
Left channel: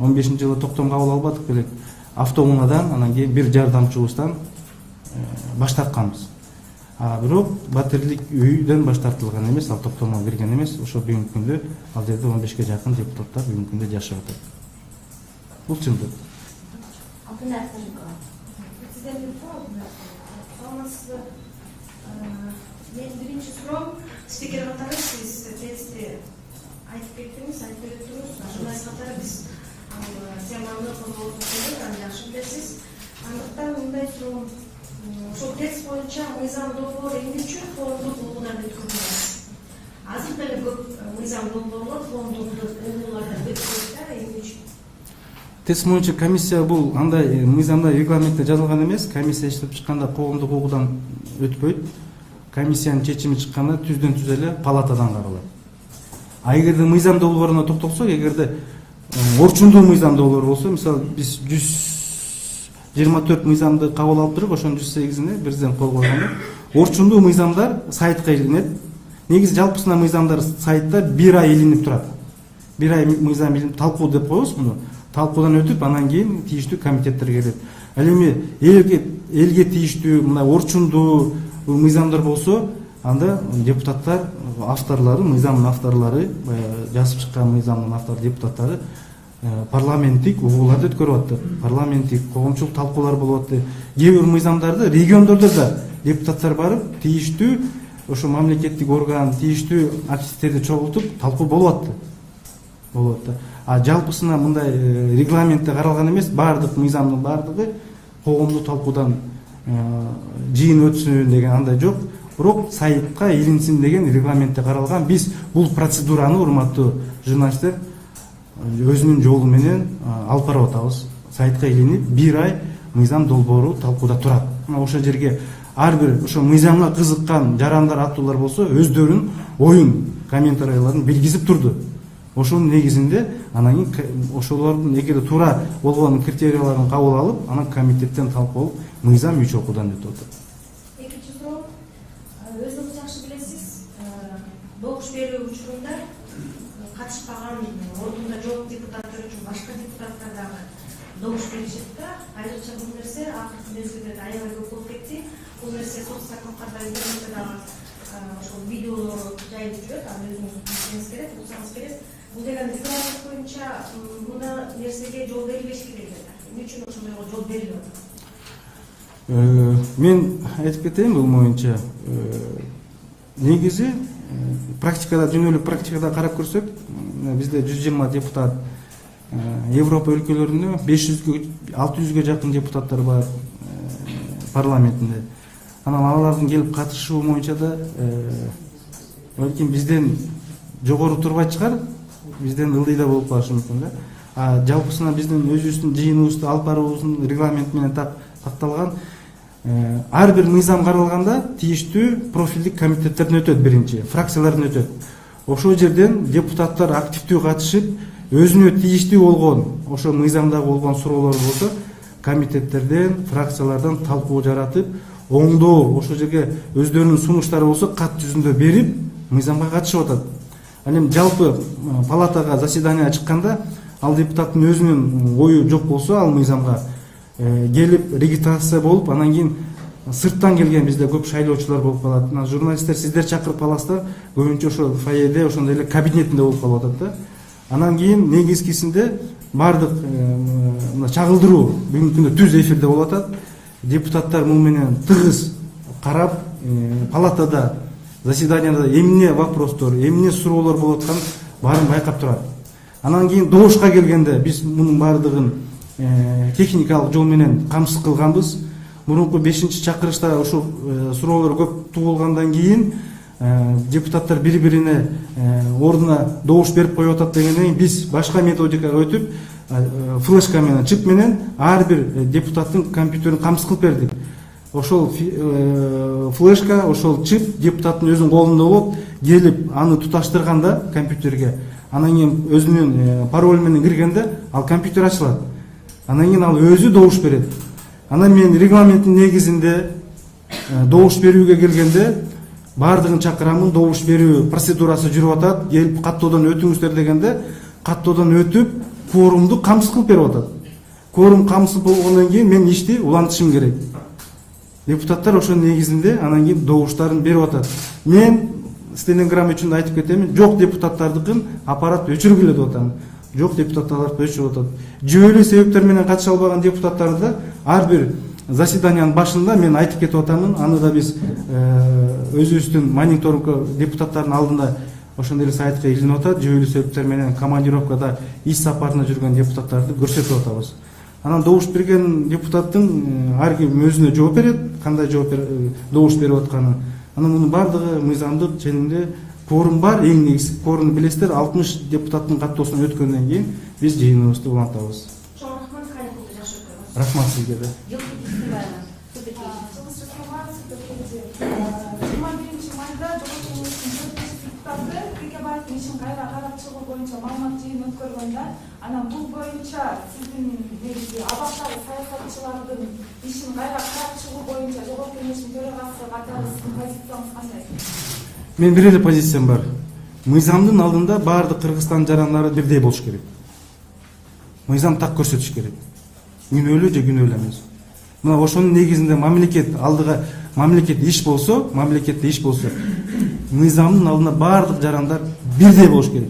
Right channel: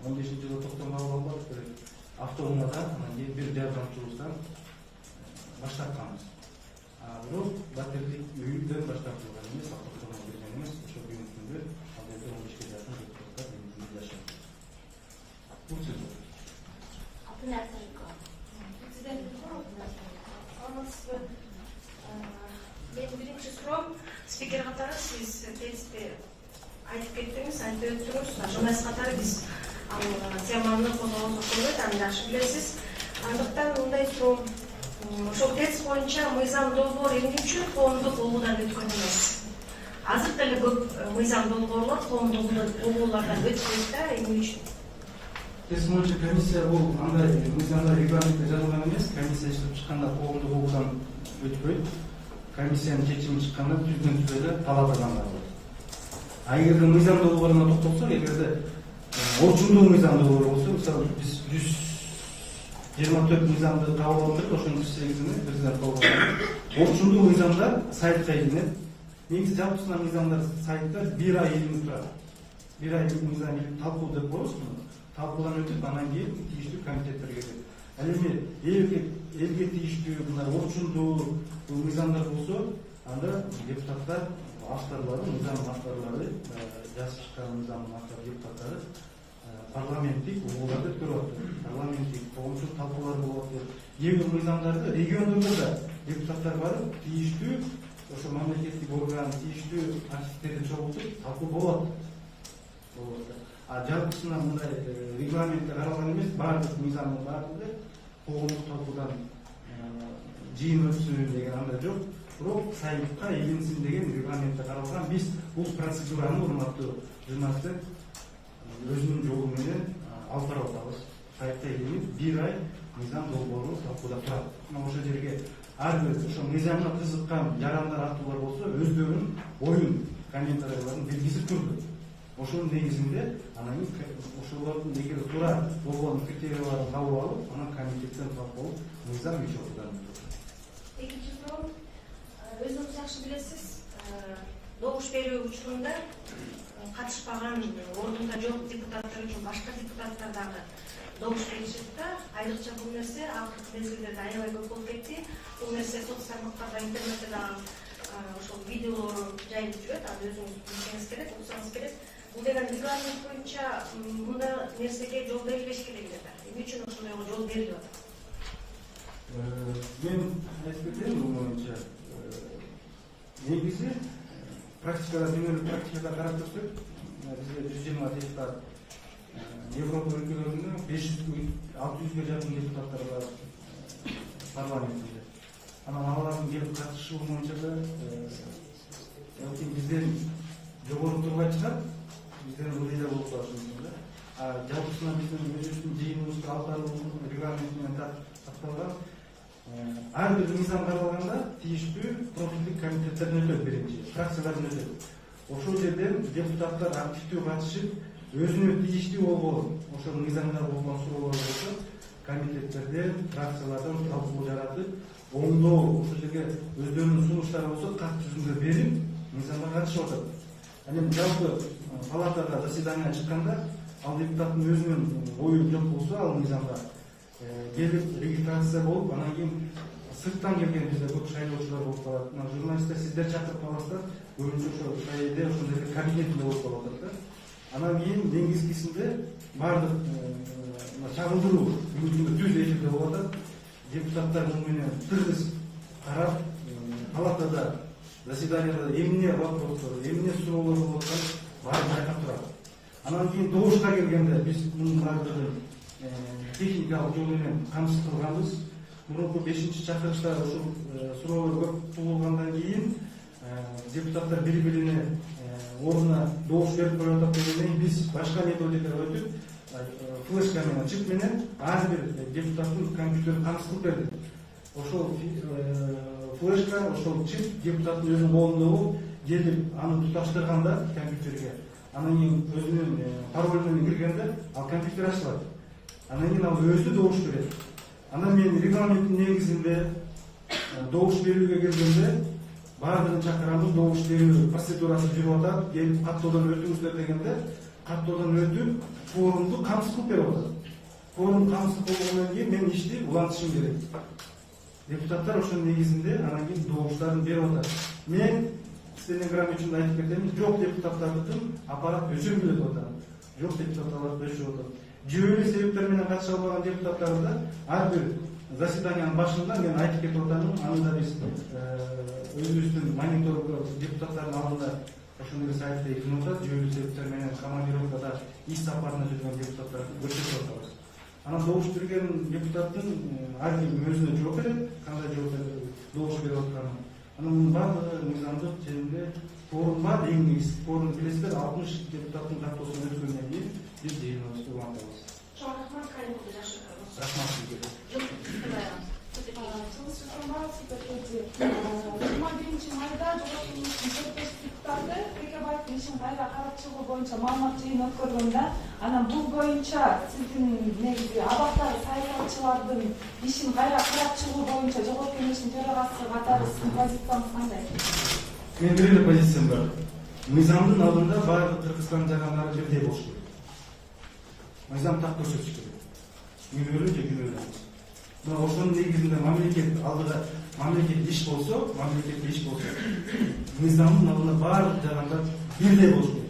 15-жылы токтом кабыл албадык белек. Автоунаадан, анан кийин бир жардамчыбыздан баш тартканбыз. Бирок батирлик үйдөн баш тартылган эмес, ал токтомго кирген эмес. Ошо бүгүнкү күндө ал жерде 15ке жакын депутаттар бүгүнкү күндө жашап атат. Бул чындык. Мен биринчи суроом, спикер катары сиз тезисти айтып кеттиңиз, айтып өттүңүз. Журналист катары биз теманы козгоосуз, аны жакшы билесиз. Андыктан мындай суроом, ошол тезис боюнча мыйзам долбоор эмне үчүн коомдук угуудан өткөн эмес? Азыр деле көп мыйзам долбоорлор коомдук угуулардан өтпөйт да, эмне үчүн? Тезис боюнча комиссия бул андай мыйзамда регламентте жазылган эмес. Комиссия иштеп чыкканда коомдук угуудан өтпөйт. Комиссиянын чечими чыкканда түздөн түз эле палатадан каралат. Эгерде мыйзам долбооруна токтолсок, эгерде орчундуу мыйзам долбоор болсо, мисалы биз 124 мыйзамды кабыл алып туруп, ошонун 108-ине президент кол койгон. Орчундуу мыйзамдар сайтка илинет. Негизи жалпысына мыйзамдар сайтта 1 ай илинип турат. 1 ай мыйзам илинип талкуу деп коебуз муну. Талкуудан өтүп, анан кийин тийиштүү комитеттер келет. Ал эми элге тийиштүү мындай орчундуу мыйзамдар болсо, анда депутаттар авторлору, мыйзамдын авторлору, жазып чыккан мыйзамдын автор депутаттары парламенттик угууларды өткөрүп атты, парламенттик коомчулук талкуулар болуп атты. Кээ бир мыйзамдарды региондордо да депутаттар барып тийиштүү ошо мамлекеттик орган, тийиштүү активисттерди чогултуп талкуу болуп атты. А жалпысына мындай регламентте каралган эмес, баардык мыйзамдын баардыгы коомдук талкуудан жыйын өтсүн деген андай жок. Бирок сайтка илинсин деген регламентте каралган. Биз бул процедураны, урматтуу журналисттер, өзүнүн жолу менен алып барып атабыз. Сайтка илинип, 1 ай мыйзам долбоору талкууда турат. Ошол жерге ар бир ошо мыйзамга кызыккан жарандар, аттуулар болсо, өздөрүнүн оюн, комментарийлерин билгизип турду. Ошонун негизинде анан ошолордун эгер туура болгон критерияларын кабыл алып, анан комитеттен талкуу болуп, мыйзам 3 окуудан өтүп атат. Экинчи суроо, өзүңүз жакшы билесиз, добуш берүү учурунда катышпаган ордунда жок депутаттар үчүн башка депутаттар дагы добуш беришет да. Айрыкча бул нерсе акыркы мезгилдерде аябай көп болуп кетти. Бул нерсе соцтармактарда, интернетте дагы ошол видео жайып жүрөт. Аны өзүңүз билсеңиз керек, уксаңыз керек. Бул деген регламент боюнча мындай нерсеге жол берилбеш керек эле. Эмне үчүн ошондойго жол берилип атат? Мен айтып кетейин бул боюнча. Негизи практикада, жөнөлүк практикада карап көрсөк, бизде 120 депутат, Европа өлкөлөрүндө 500-600-ге жакын депутаттар бар парламентинде. Анан алардын келип катышуу боюнча да балким бизден жогору турбай чыгар, бизден ылдый да болуп калышы мүмкүн да. Жалпысына биздин өзүбүздүн жыйыныбызды алып баруубуздун регламент менен такталган. Ар бир мыйзам каралганда тийиштүү профилдик комитеттерден өтөт, биринчи фракциялардан өтөт. Ошол жерден депутаттар активдүү катышып, өзүнө тийиштүү болгон, ошо мыйзамдагы болгон суроолор болсо, комитеттерден, фракциялардан талкуу жаратып, оңдоо, ошол жерге өздөрүнүн сунуштары болсо, кат жүзүндө берип, мыйзамга катышып атат. Ал эми жалпы палатага заседание чыкканда, ал депутаттын өзүнүн ою жок болсо, ал мыйзамга келип регистрация болуп, анан кийин сырттан келген бизде көп шайлоочулар болуп калат. Журналисттер сиздер чакырып каласыздар, көбүнчө ошо фойеде, ошондой эле кабинетинде болуп калып атат да. Анан кийин негизгисинде баардык чагылдыруу бүгүнкү күндө түз эфирде болуп атат. Депутаттар муну менен тыгыз карап, палатада, заседанияда эмне вопростор, эмне суроолор болуп атканын баарын байкап турат. Анан кийин добушка келгенде биз мунун баардыгын техникалык жол менен камсыз кылганбыз. Мурунку 5-чакырышта ошол суроолор көп туулгандан кийин депутаттар бири-бирине ордуна добуш берип коюп атат дегенден кийин биз башка методикага өтүп, флешка менен, чип менен ар бир депутаттын компьютерин камсыз кылып бердик. Ошол флешка, ошол чип депутаттын өзүнүн колунда болуп, келип аны туташтырганда компьютерге, анан кийин өзүнүн пароль менен киргенде ал компьютер ачылат. Анан кийин ал өзү добуш берет. Анан мен регламенттин негизинде добуш берүүгө келгенде баардыгын чакырамын, добуш берүү процедурасы жүрүп атат, келип каттоодон өтүңүздөр дегенде, каттоодон өтүп, кворумду камсыз кылып берип атат. Кворум камсыз болгондон кийин мен ишти улантышым керек. Депутаттар ошол негизинде анан кийин добуштарын берип атат. Мен стенограмма үчүн айтып кетемин, жок депутаттардыкын аппарат өчүргүлө деп атам. Жок депутаттарды өчүрүп атат. Жүйөлүү себептер менен катыша албаган депутаттарды ар бир заседаниянын башында мен айтып кетип атамын. Аны да биз өзүбүздүн мониторинг депутаттардын алдында ошондой эле сайтка илинип атат. Жүйөлүү себептер менен командировкада иш сапарына жүргөн депутаттарды көрсөтүп атабыз. Анан добуш берген депутаттын ар ким өзүнө жооп берет, кандай добуш берип атканын. Анан мунун баардыгы мыйзамдык ченинде кворум бар, эң негизи кворумду билесиздер, 60 депутаттын каттоосунан өткөндөн кийин биз жыйыныбызды улантабыз. Рахмат сизге да. 21 майда Жогорку Кеңештин депутаты Текебаевдин ишин кайра карап чыгуу боюнча маалымат жыйын өткөргөндө, анан бул боюнча сиздин негизи абактагы саясатчылардын ишин кайра карап чыгуу боюнча Жогорку Кеңештин төрагасы катары сиздин позицияңыз кандай? Мен бир эле позициям бар. Мыйзамдын алдында баардык Кыргызстан жарандары бирдей болуш керек. Мыйзам так көрсөтүш керек. Күнөөлүү же күнөөлүү эмес. Мына ошонун негизинде мамлекет алдыга мамлекетте иш болсо, мыйзамдын алдында баардык жарандар бирдей болуш керек.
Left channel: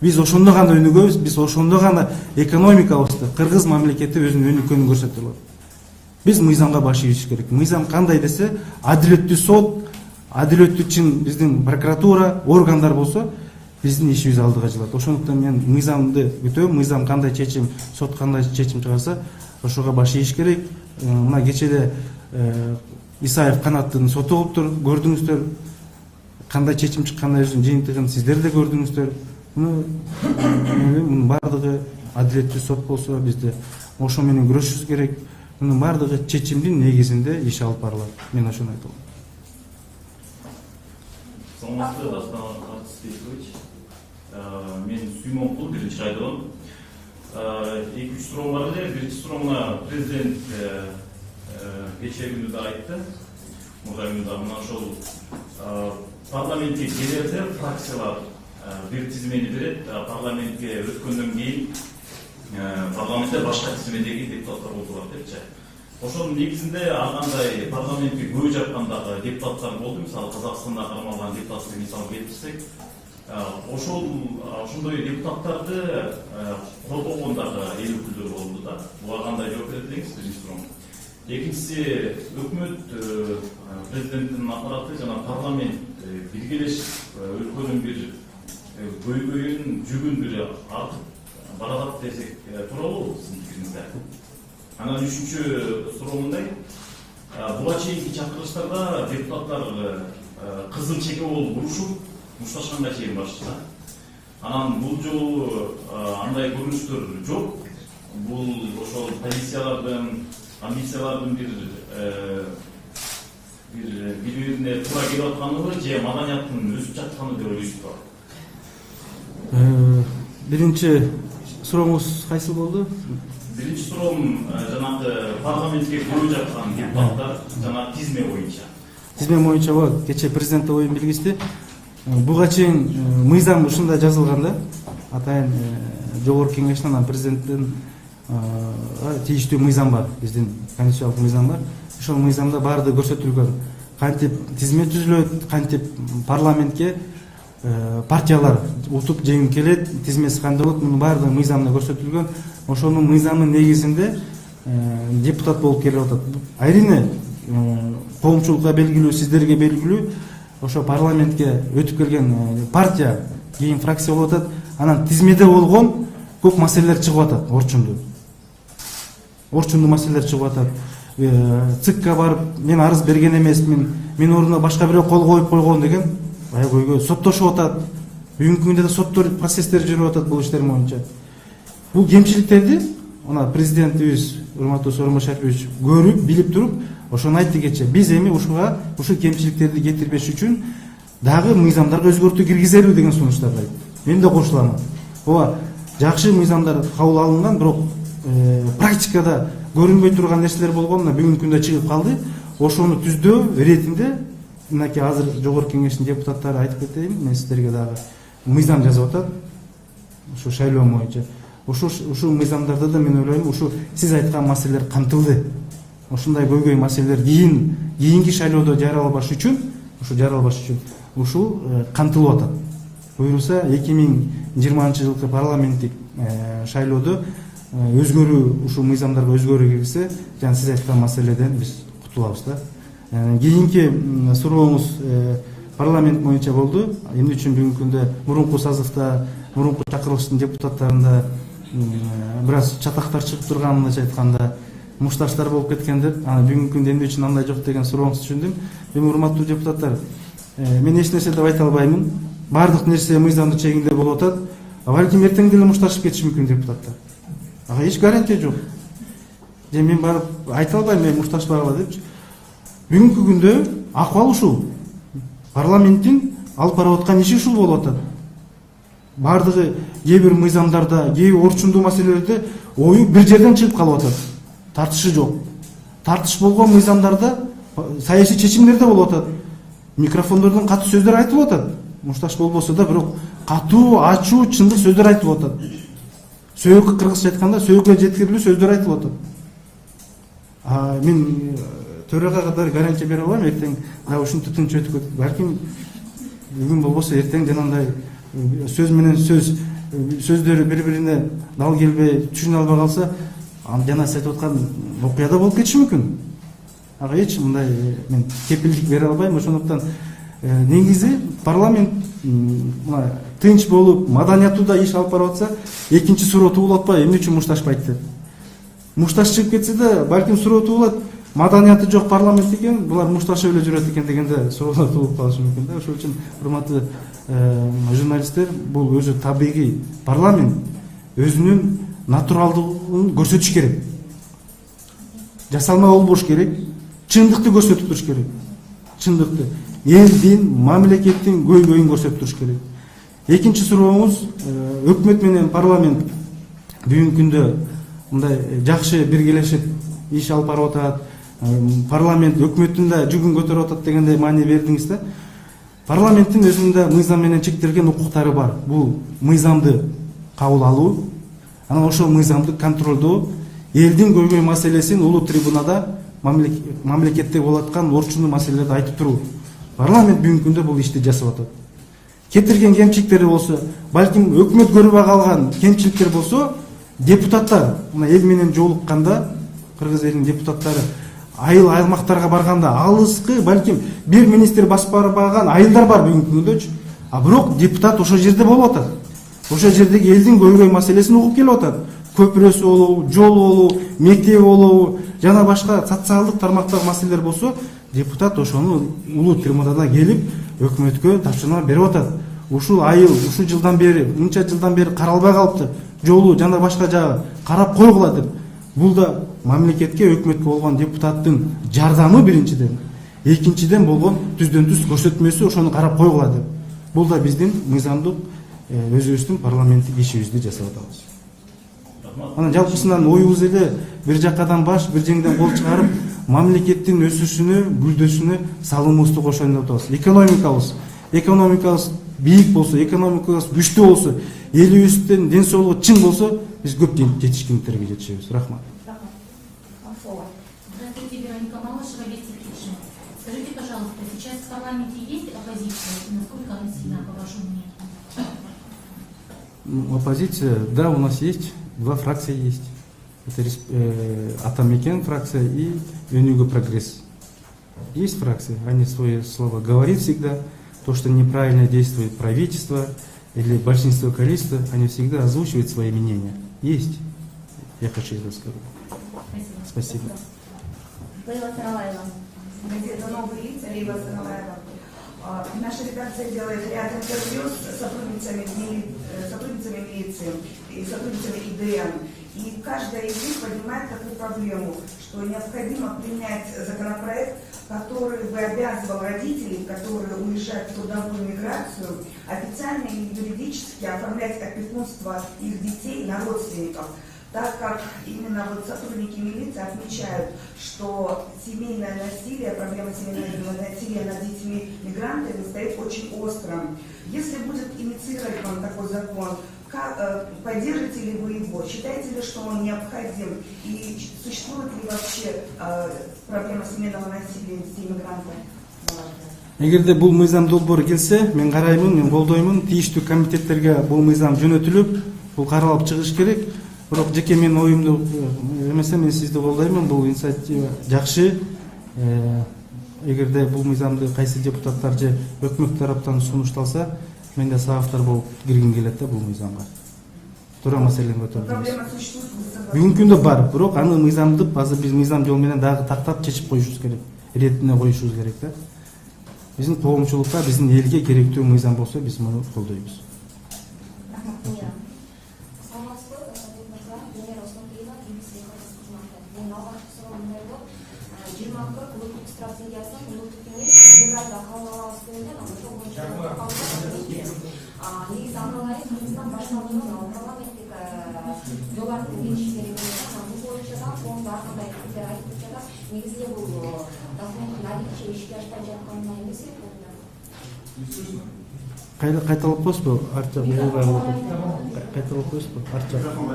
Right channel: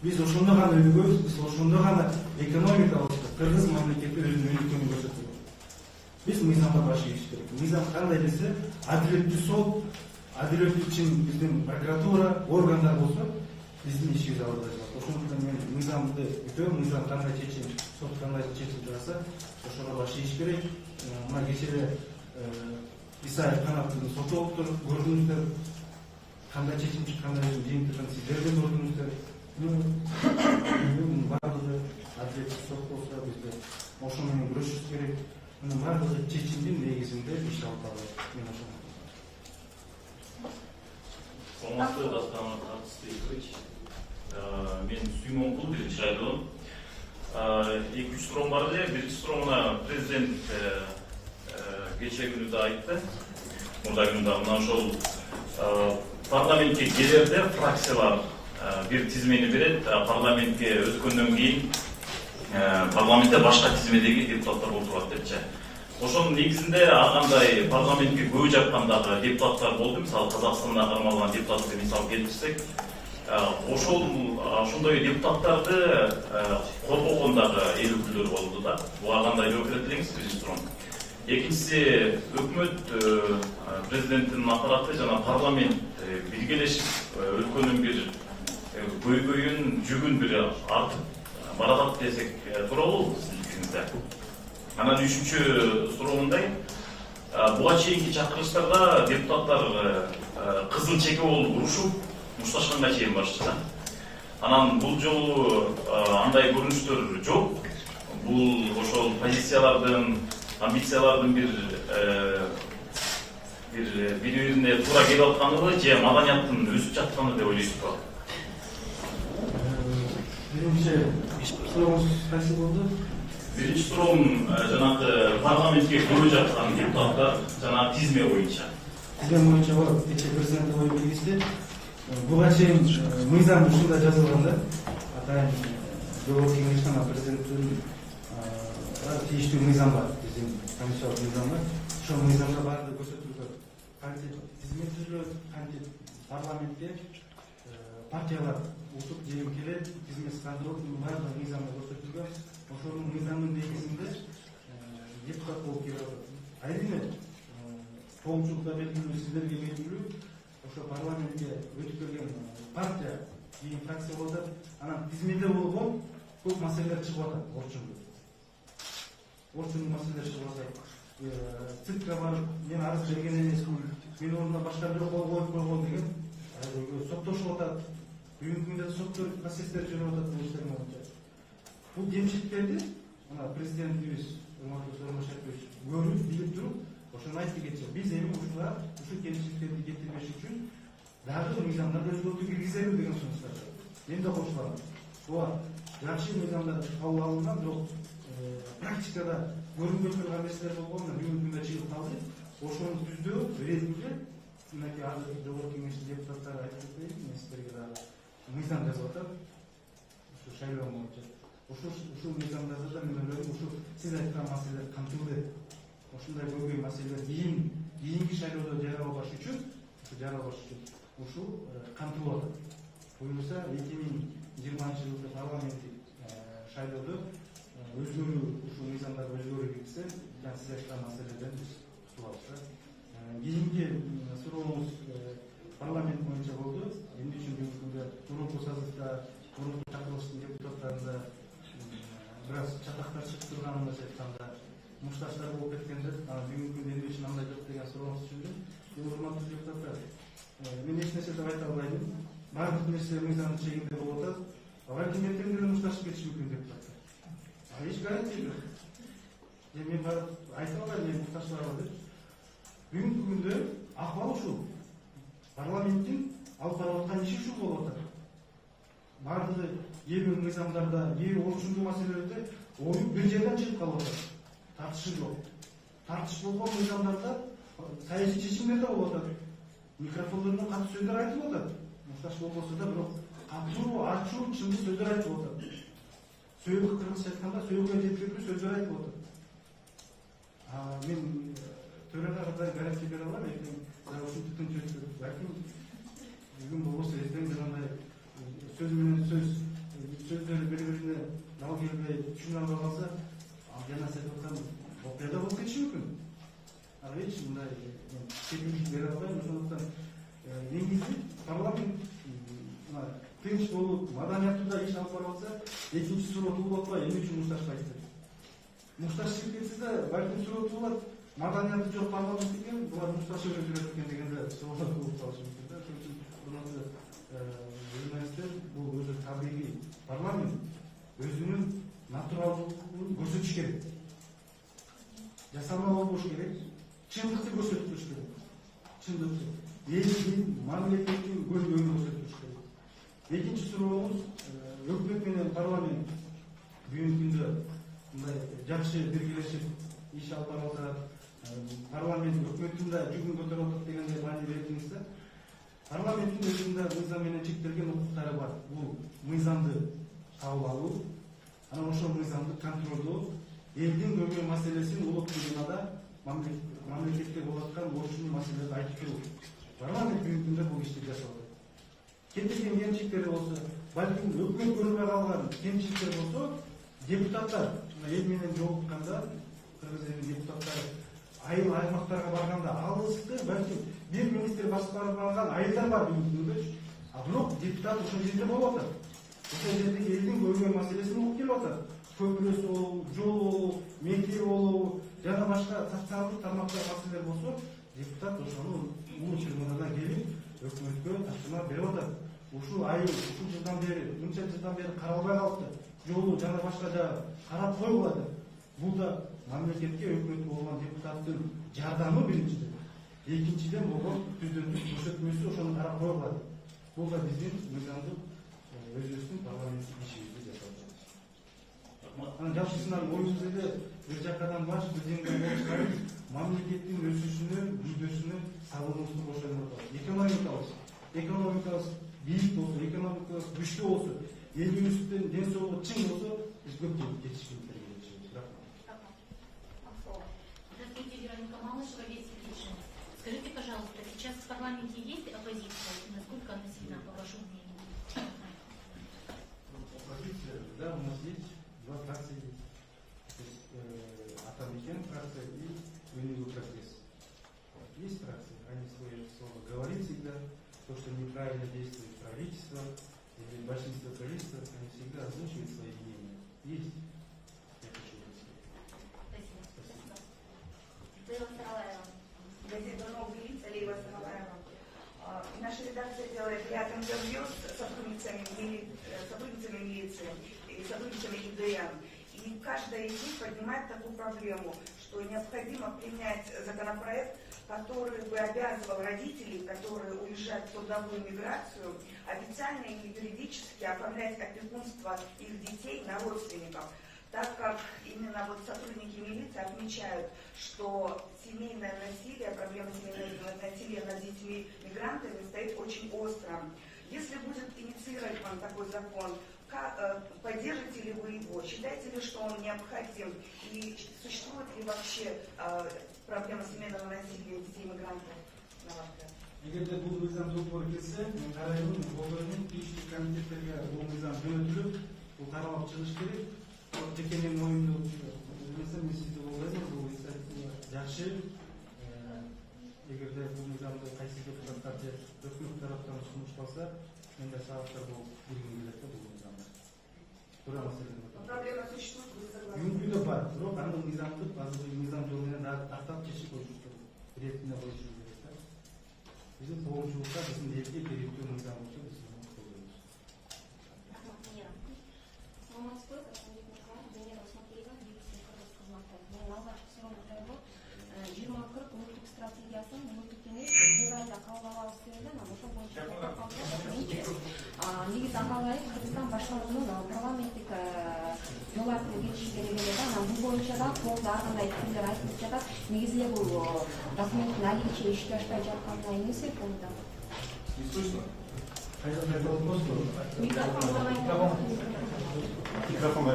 Биз ошондо гана өнүгөбүз, биз ошондо гана экономикабызды, кыргыз мамлекети өзүнүн өнүккөнүн көрсөтө алат. Биз мыйзамга баш ийиш керек. Мыйзам кандай десе, адилеттүү сот, адилеттүү чын биздин прокуратура, органдар болсо, биздин ишибиз алдыга жылат. Ошондуктан мен мыйзамды күтөм, мыйзам кандай чечим, сот кандай чечим чыгарса, ошого баш ийиш керек. Мына кечеде Исаев Канаттын соту болуптур, көрдүңүздөр. Кандай чечим чыккандыгын жыйынтыгын сиздер да көрдүңүздөр. Мунун бардыгы адилеттүү сот болсо, бизде ошо менен күрөшүбүз керек. Мунун бардыгы чечимдин негизинде иш алып барылат. Мен ошону айтам. Саламатсызбы, Дастан Артистович. Мен Сүймөнкул, биринчи район. 2-3 суроом бар эле. Биринчи суроома президент кечээ күнү да айтты. Мурда күндө мына ошол парламентке келерде фракциялар бир тизмени берет, парламентке өткөндөн кийин парламентте башка тизмедеги депутаттар отурат депчи. Ошонун негизинде ар кандай парламентке көбү жаккандагы депутаттар болду. Мисалы Казакстанда кармалган депутатты мисал келтирсек, ошондой депутаттарды коргогондагы эл өкүлдөрү болду да. Буга кандай жооп берет элеңиз? Биринчи суроо. Экинчиси, өкмөт президенттин аппараты жана парламент биргелешип өлкөнүн бир көйгөйүн, жүгүн бир артып баратат десек туура болобу сиздин пикириңизде? Анан үчүнчү суроомундай, буга чейинки чакырылыштарда депутаттар кызыл чеке болуп урушуп, мушташканга чейин барышты. Анан бул жолу андай көрүнүштөр жок. Бул ошол позициялардын, амбициялардын бири-бирине туура келип атканыбы же маданияттын өсүп жатканы деп ойлойсузбу? Биринчи сурооңуз кайсы болду? Биринчи суроом жанагы парламентке көбү жаткан депутаттар жанагы тизме боюнча. Тизме боюнча бар. Кече президент оюн билгизди. Буга чейин мыйзам ушундай жазылган да. Атайын жогорку кеңештин анан президенттин тийиштүү мыйзам бар. Биздин конституциялык мыйзам бар. Ошол мыйзамда баардыгы көрсөтүлгөн. Кантип тизме түзүлөт, кантип парламентке партиялар утуп жеңип келет, тизмеси кандай болот, мунун баардыгы мыйзамда көрсөтүлгөн. Ошонун мыйзамынын негизинде депутат болуп келип атат. Айрине коомчулукка белгилүү, сиздерге белгилүү, ошо парламентке өтүп келген партия кийин фракция болуп атат. Анан тизмеде болгон көп маселелер чыгып атат, орчундуу маселелер чыгып атат. ЦИКка барып, мен арыз берген эмесмин, мен ордуна башка бирөө кол коюп койгон деген көйгөй соттошуп атат. Бүгүнкү күндө да соттор процесстер жүрүп атат бул иштер боюнча. Бул кемчиликтерди ана президентибиз урматтуу Сооронбай Шарипович көрүп, билип туруп, ошону айтты кече. Биз эми ушул кемчиликтерди кетирбеш үчүн дагы мыйзамдарга өзгөртүү киргизелүү деген сунуштарды айтты. Мен да кошулам. Ооба, жакшы мыйзамдар кабыл алынган, бирок практикада көрүнбөй турган нерселер болгон, бүгүнкү күндө чыгып калды. Ошону түздөө иретинде мынакей азыр жогорку кеңештин депутаттары айтып кетейин, мен сиздерге дагы мыйзам жазып атат. Ушу шайлоо боюнча. Ушул мыйзамдарда да мен ойлойм, ушу сиз айткан маселелер камтылды. Ошондой көйгөй маселелер кийинки шайлоодо жаралбаш үчүн, ушул камтылып атат. Буюрса 2020 жылкы парламенттик шайлоодо өзгөрүү, ушул мыйзамдарга өзгөрүү киргизсе, жана сиз айткан маселеден биз кутулабыз да. Кийинки сурооңуз парламент боюнча болду. Эмне үчүн бүгүнкү күндө мурунку сазыкта, мурунку чакырылыштын депутаттарында бир аз чатактар чыгып турганын айтканда, мушташтар болуп кеткен деп, бүгүнкү күндө эмне үчүн андай жок деген сурооңузду түшүндүм. Эми урматтуу депутаттар, мен эч нерсе деп айта албаймын. Бардык нерсе мыйзамдын чегинде болуп атат. Балким эртең деле мушташып кетиши мүмкүн депутаттар. Ага эч гарантия жок. Же мен барып айта албайм, мен мушташпагыла депчи. Бүгүнкү күндө акыбал ушул. Парламенттин алып барып аткан иши ушул болуп атат. Бардыгы кээ бир мыйзамдарда, кээ орчундуу маселелерде ою бир жерден чыгып калып атат. Тартышы жок. Тартыш болгон мыйзамдарда саясий чечимдерде болуп атат. Микрофондордон катуу сөздөр айтылып атат. Мушташ болбосо да, бирок катуу, ачуу, чындык сөздөр айтылып атат. Сөйгө кыргызча айтканда сөйгө жеткирилүү сөздөр айтылып атат. Мен төрага катар гарантия бере алам, эртең дагы ушинтип тынч өтүп кетет. Балким бүгүн болбосо эртең жанагындай сөз менен сөз сөздөрү бири бирине дал келбей түшүнө албай калса, жана сиз айтып аткан окуя да болуп кетиши мүмкүн. Ага эч мындай мен кепилдик бере албайм. Ошондуктан негизи парламент мына тынч болуп, маданияттуу иш алып барып атса, экинчи суроо туулуп атпайбы, эмне үчүн мушташпайт деп. Мушташ чыгып кетсе да, балким суроо туулат, маданияты жок парламент экен, булар мушташып эле жүрөт экен дегенде суроолор туулуп калышы мүмкүн да. Ошол үчүн урматтуу журналисттер, бул өзү табигый парламент өзүнүн натуралдыгын көрсөтүш керек. Жасалма болбош керек, чындыкты көрсөтүп туруш керек. Чындыкты, элдин, мамлекеттин көйгөйүн көрсөтүп туруш керек. Экинчи сурооңуз, өкмөт менен парламент бүгүнкү күндө мындай жакшы биргелешип иш алып барып атат. Парламент өкмөттүн да жүгүн көтөрүп атат дегендей маани бердиңиз да. Парламенттин өзүнүн да мыйзам менен чектелген укуктары бар. Бул мыйзамды кабыл алуу, анан ошол мыйзамды контролдоо, элдин көйгөй маселесин улуу трибунада мамлекетте болуп аткан орчундуу маселелерди айтып туруу. Парламент бүгүнкү күндө бул ишти жасап атат. Кетирген кемчиликтери болсо, балким өкмөт көрүп калган кемчиликтер болсо, депутаттар мына эл менен жолукканда, кыргыз элинин депутаттары айыл аймактарга барганда алыскы, балким бир министр басып барбаган айылдар бар бүгүнкү күндөчү. А бирок депутат ошол жерде болуп атат. Ошол жердеги элдин көйгөй маселесин угуп келип атат. Көпүрөсү болобу, жол болобу, мектеп болобу, жана башка социалдык тармактагы маселелер болсо, депутат ошону улуу трибунада келип өкмөткө тапшырма берип атат. Ушул айыл, ушул жылдан бери, мынча жылдан бери каралбай калыпты. Жолу жана башка жагы карап койгула деп. Бул да мамлекетке, өкмөткө болгон депутаттын жардамы биринчиден. Экинчиден болгон түздөн түз көрсөтмөсү, ошону карап койгула деп. Бул да биздин мыйзамдык өзүбүздүн парламенттик ишибизди жасап атабыз. Анан жалпысынан оюбуз эле бир жакадан баш, бир жеңден кол чыгарып, мамлекеттин өсүшүнө, гүлдөшүнө салымыбызды кошоюн деп атабыз. Экономикабыз бийик болсо, экономикабыз күчтүү болсо, элибиздин ден соолугу чың болсо, биз көп жетишкендиктерге жетишебиз. Рахмат. Здравствуйте, Вероника Малышева, Вести Фикшн. Скажите, пожалуйста, сейчас в парламенте есть оппозиция? И насколько она сильна, по вашему мнению? Оппозиция, да, у нас есть. Два фракции есть. Это Атамекен фракция и Өнүгүү прогресс. Есть фракции, они свое слово говорят всегда. То, что неправильно действует правительство или большинство количества, они всегда озвучивают свои мнения. Есть. Я хочу это сказать. Спасибо. Лейла Саралаева. Газета «Новые лица», Лейла Саралаева. Наша редакция делает ряд интервью с сотрудницами милиции и сотрудницами ИДН. И каждая из них поднимает такую проблему, что необходимо принять законопроект, который бы обязывал родителей, которые уезжают в трудовую миграцию, официально и юридически оформлять опекунство их детей на родственников, так как именно вот сотрудники милиции отмечают, что семейное насилие, проблема семейного насилия над детьми мигрантами стоит очень остро. Если будет инициирован такой закон, поддержите ли вы его? Считаете ли, что он необходим? И существует ли вообще проблема семейного насилия детей мигрантов? Эгерде бул мыйзам долбоору келсе, мен караймын, мен колдоймун, тийиштүү комитеттерге бул мыйзам жөнөтүлүп, бул каралып чыгыш керек. Бирок жеке менин оюмду эмесе, мен сизди колдоймун, бул инициатива жакшы. Эгерде бул мыйзамды кайсы депутаттар же өкмөт тараптан сунушталса, менде сабактар болуп киргим келет да бул мыйзамга. Туура маселени көтөрдүңүз. Проблема существует. Бүгүнкү күндө бар, бирок аны мыйзамды азыр биз мыйзам жол менен дагы тактап чечип коюшубуз керек. Иретине коюшубуз керек да. Биздин коомчулукка, биздин элге керектүү мыйзам болсо, биз муну колдойбуз. Негізінде бұл документтің әлеге ешке ашпай жатқанына емес пе? Кайталап коесузбу? Артча кайталап коесузбу? Артча. Микрофонго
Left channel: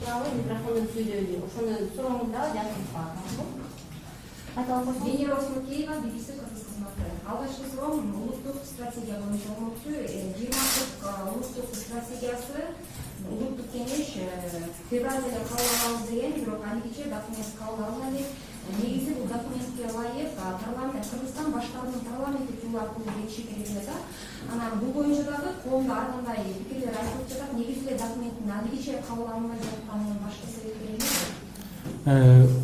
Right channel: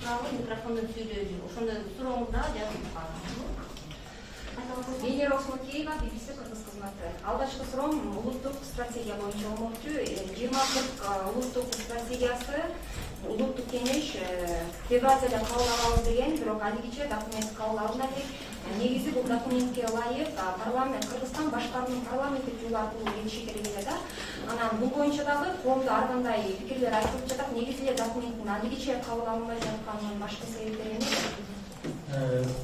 туралы микрофондо сүйлөйдү. Ошондон сурооңузда жазып калдым. Генерал Кукеева, BBC кыргыз кызматы. Алгачкы суроом улуттук стратегия боюнча болмокчу. 20 улуттук стратегиясы улуттук кеңеш февралда кабыл алабыз деген, бирок алигиче документ кабыл алынган элек. Негизи бул документке ылайык парламент Кыргызстан башкарууну парламенттик жол аркылуу келиши керек эле да. Анан бул боюнча дагы коомдо ар кандай пикирлер айтылып жатат. Негизи эле документтин алигиче кабыл алынбай жатканынын башкы себептери эмне?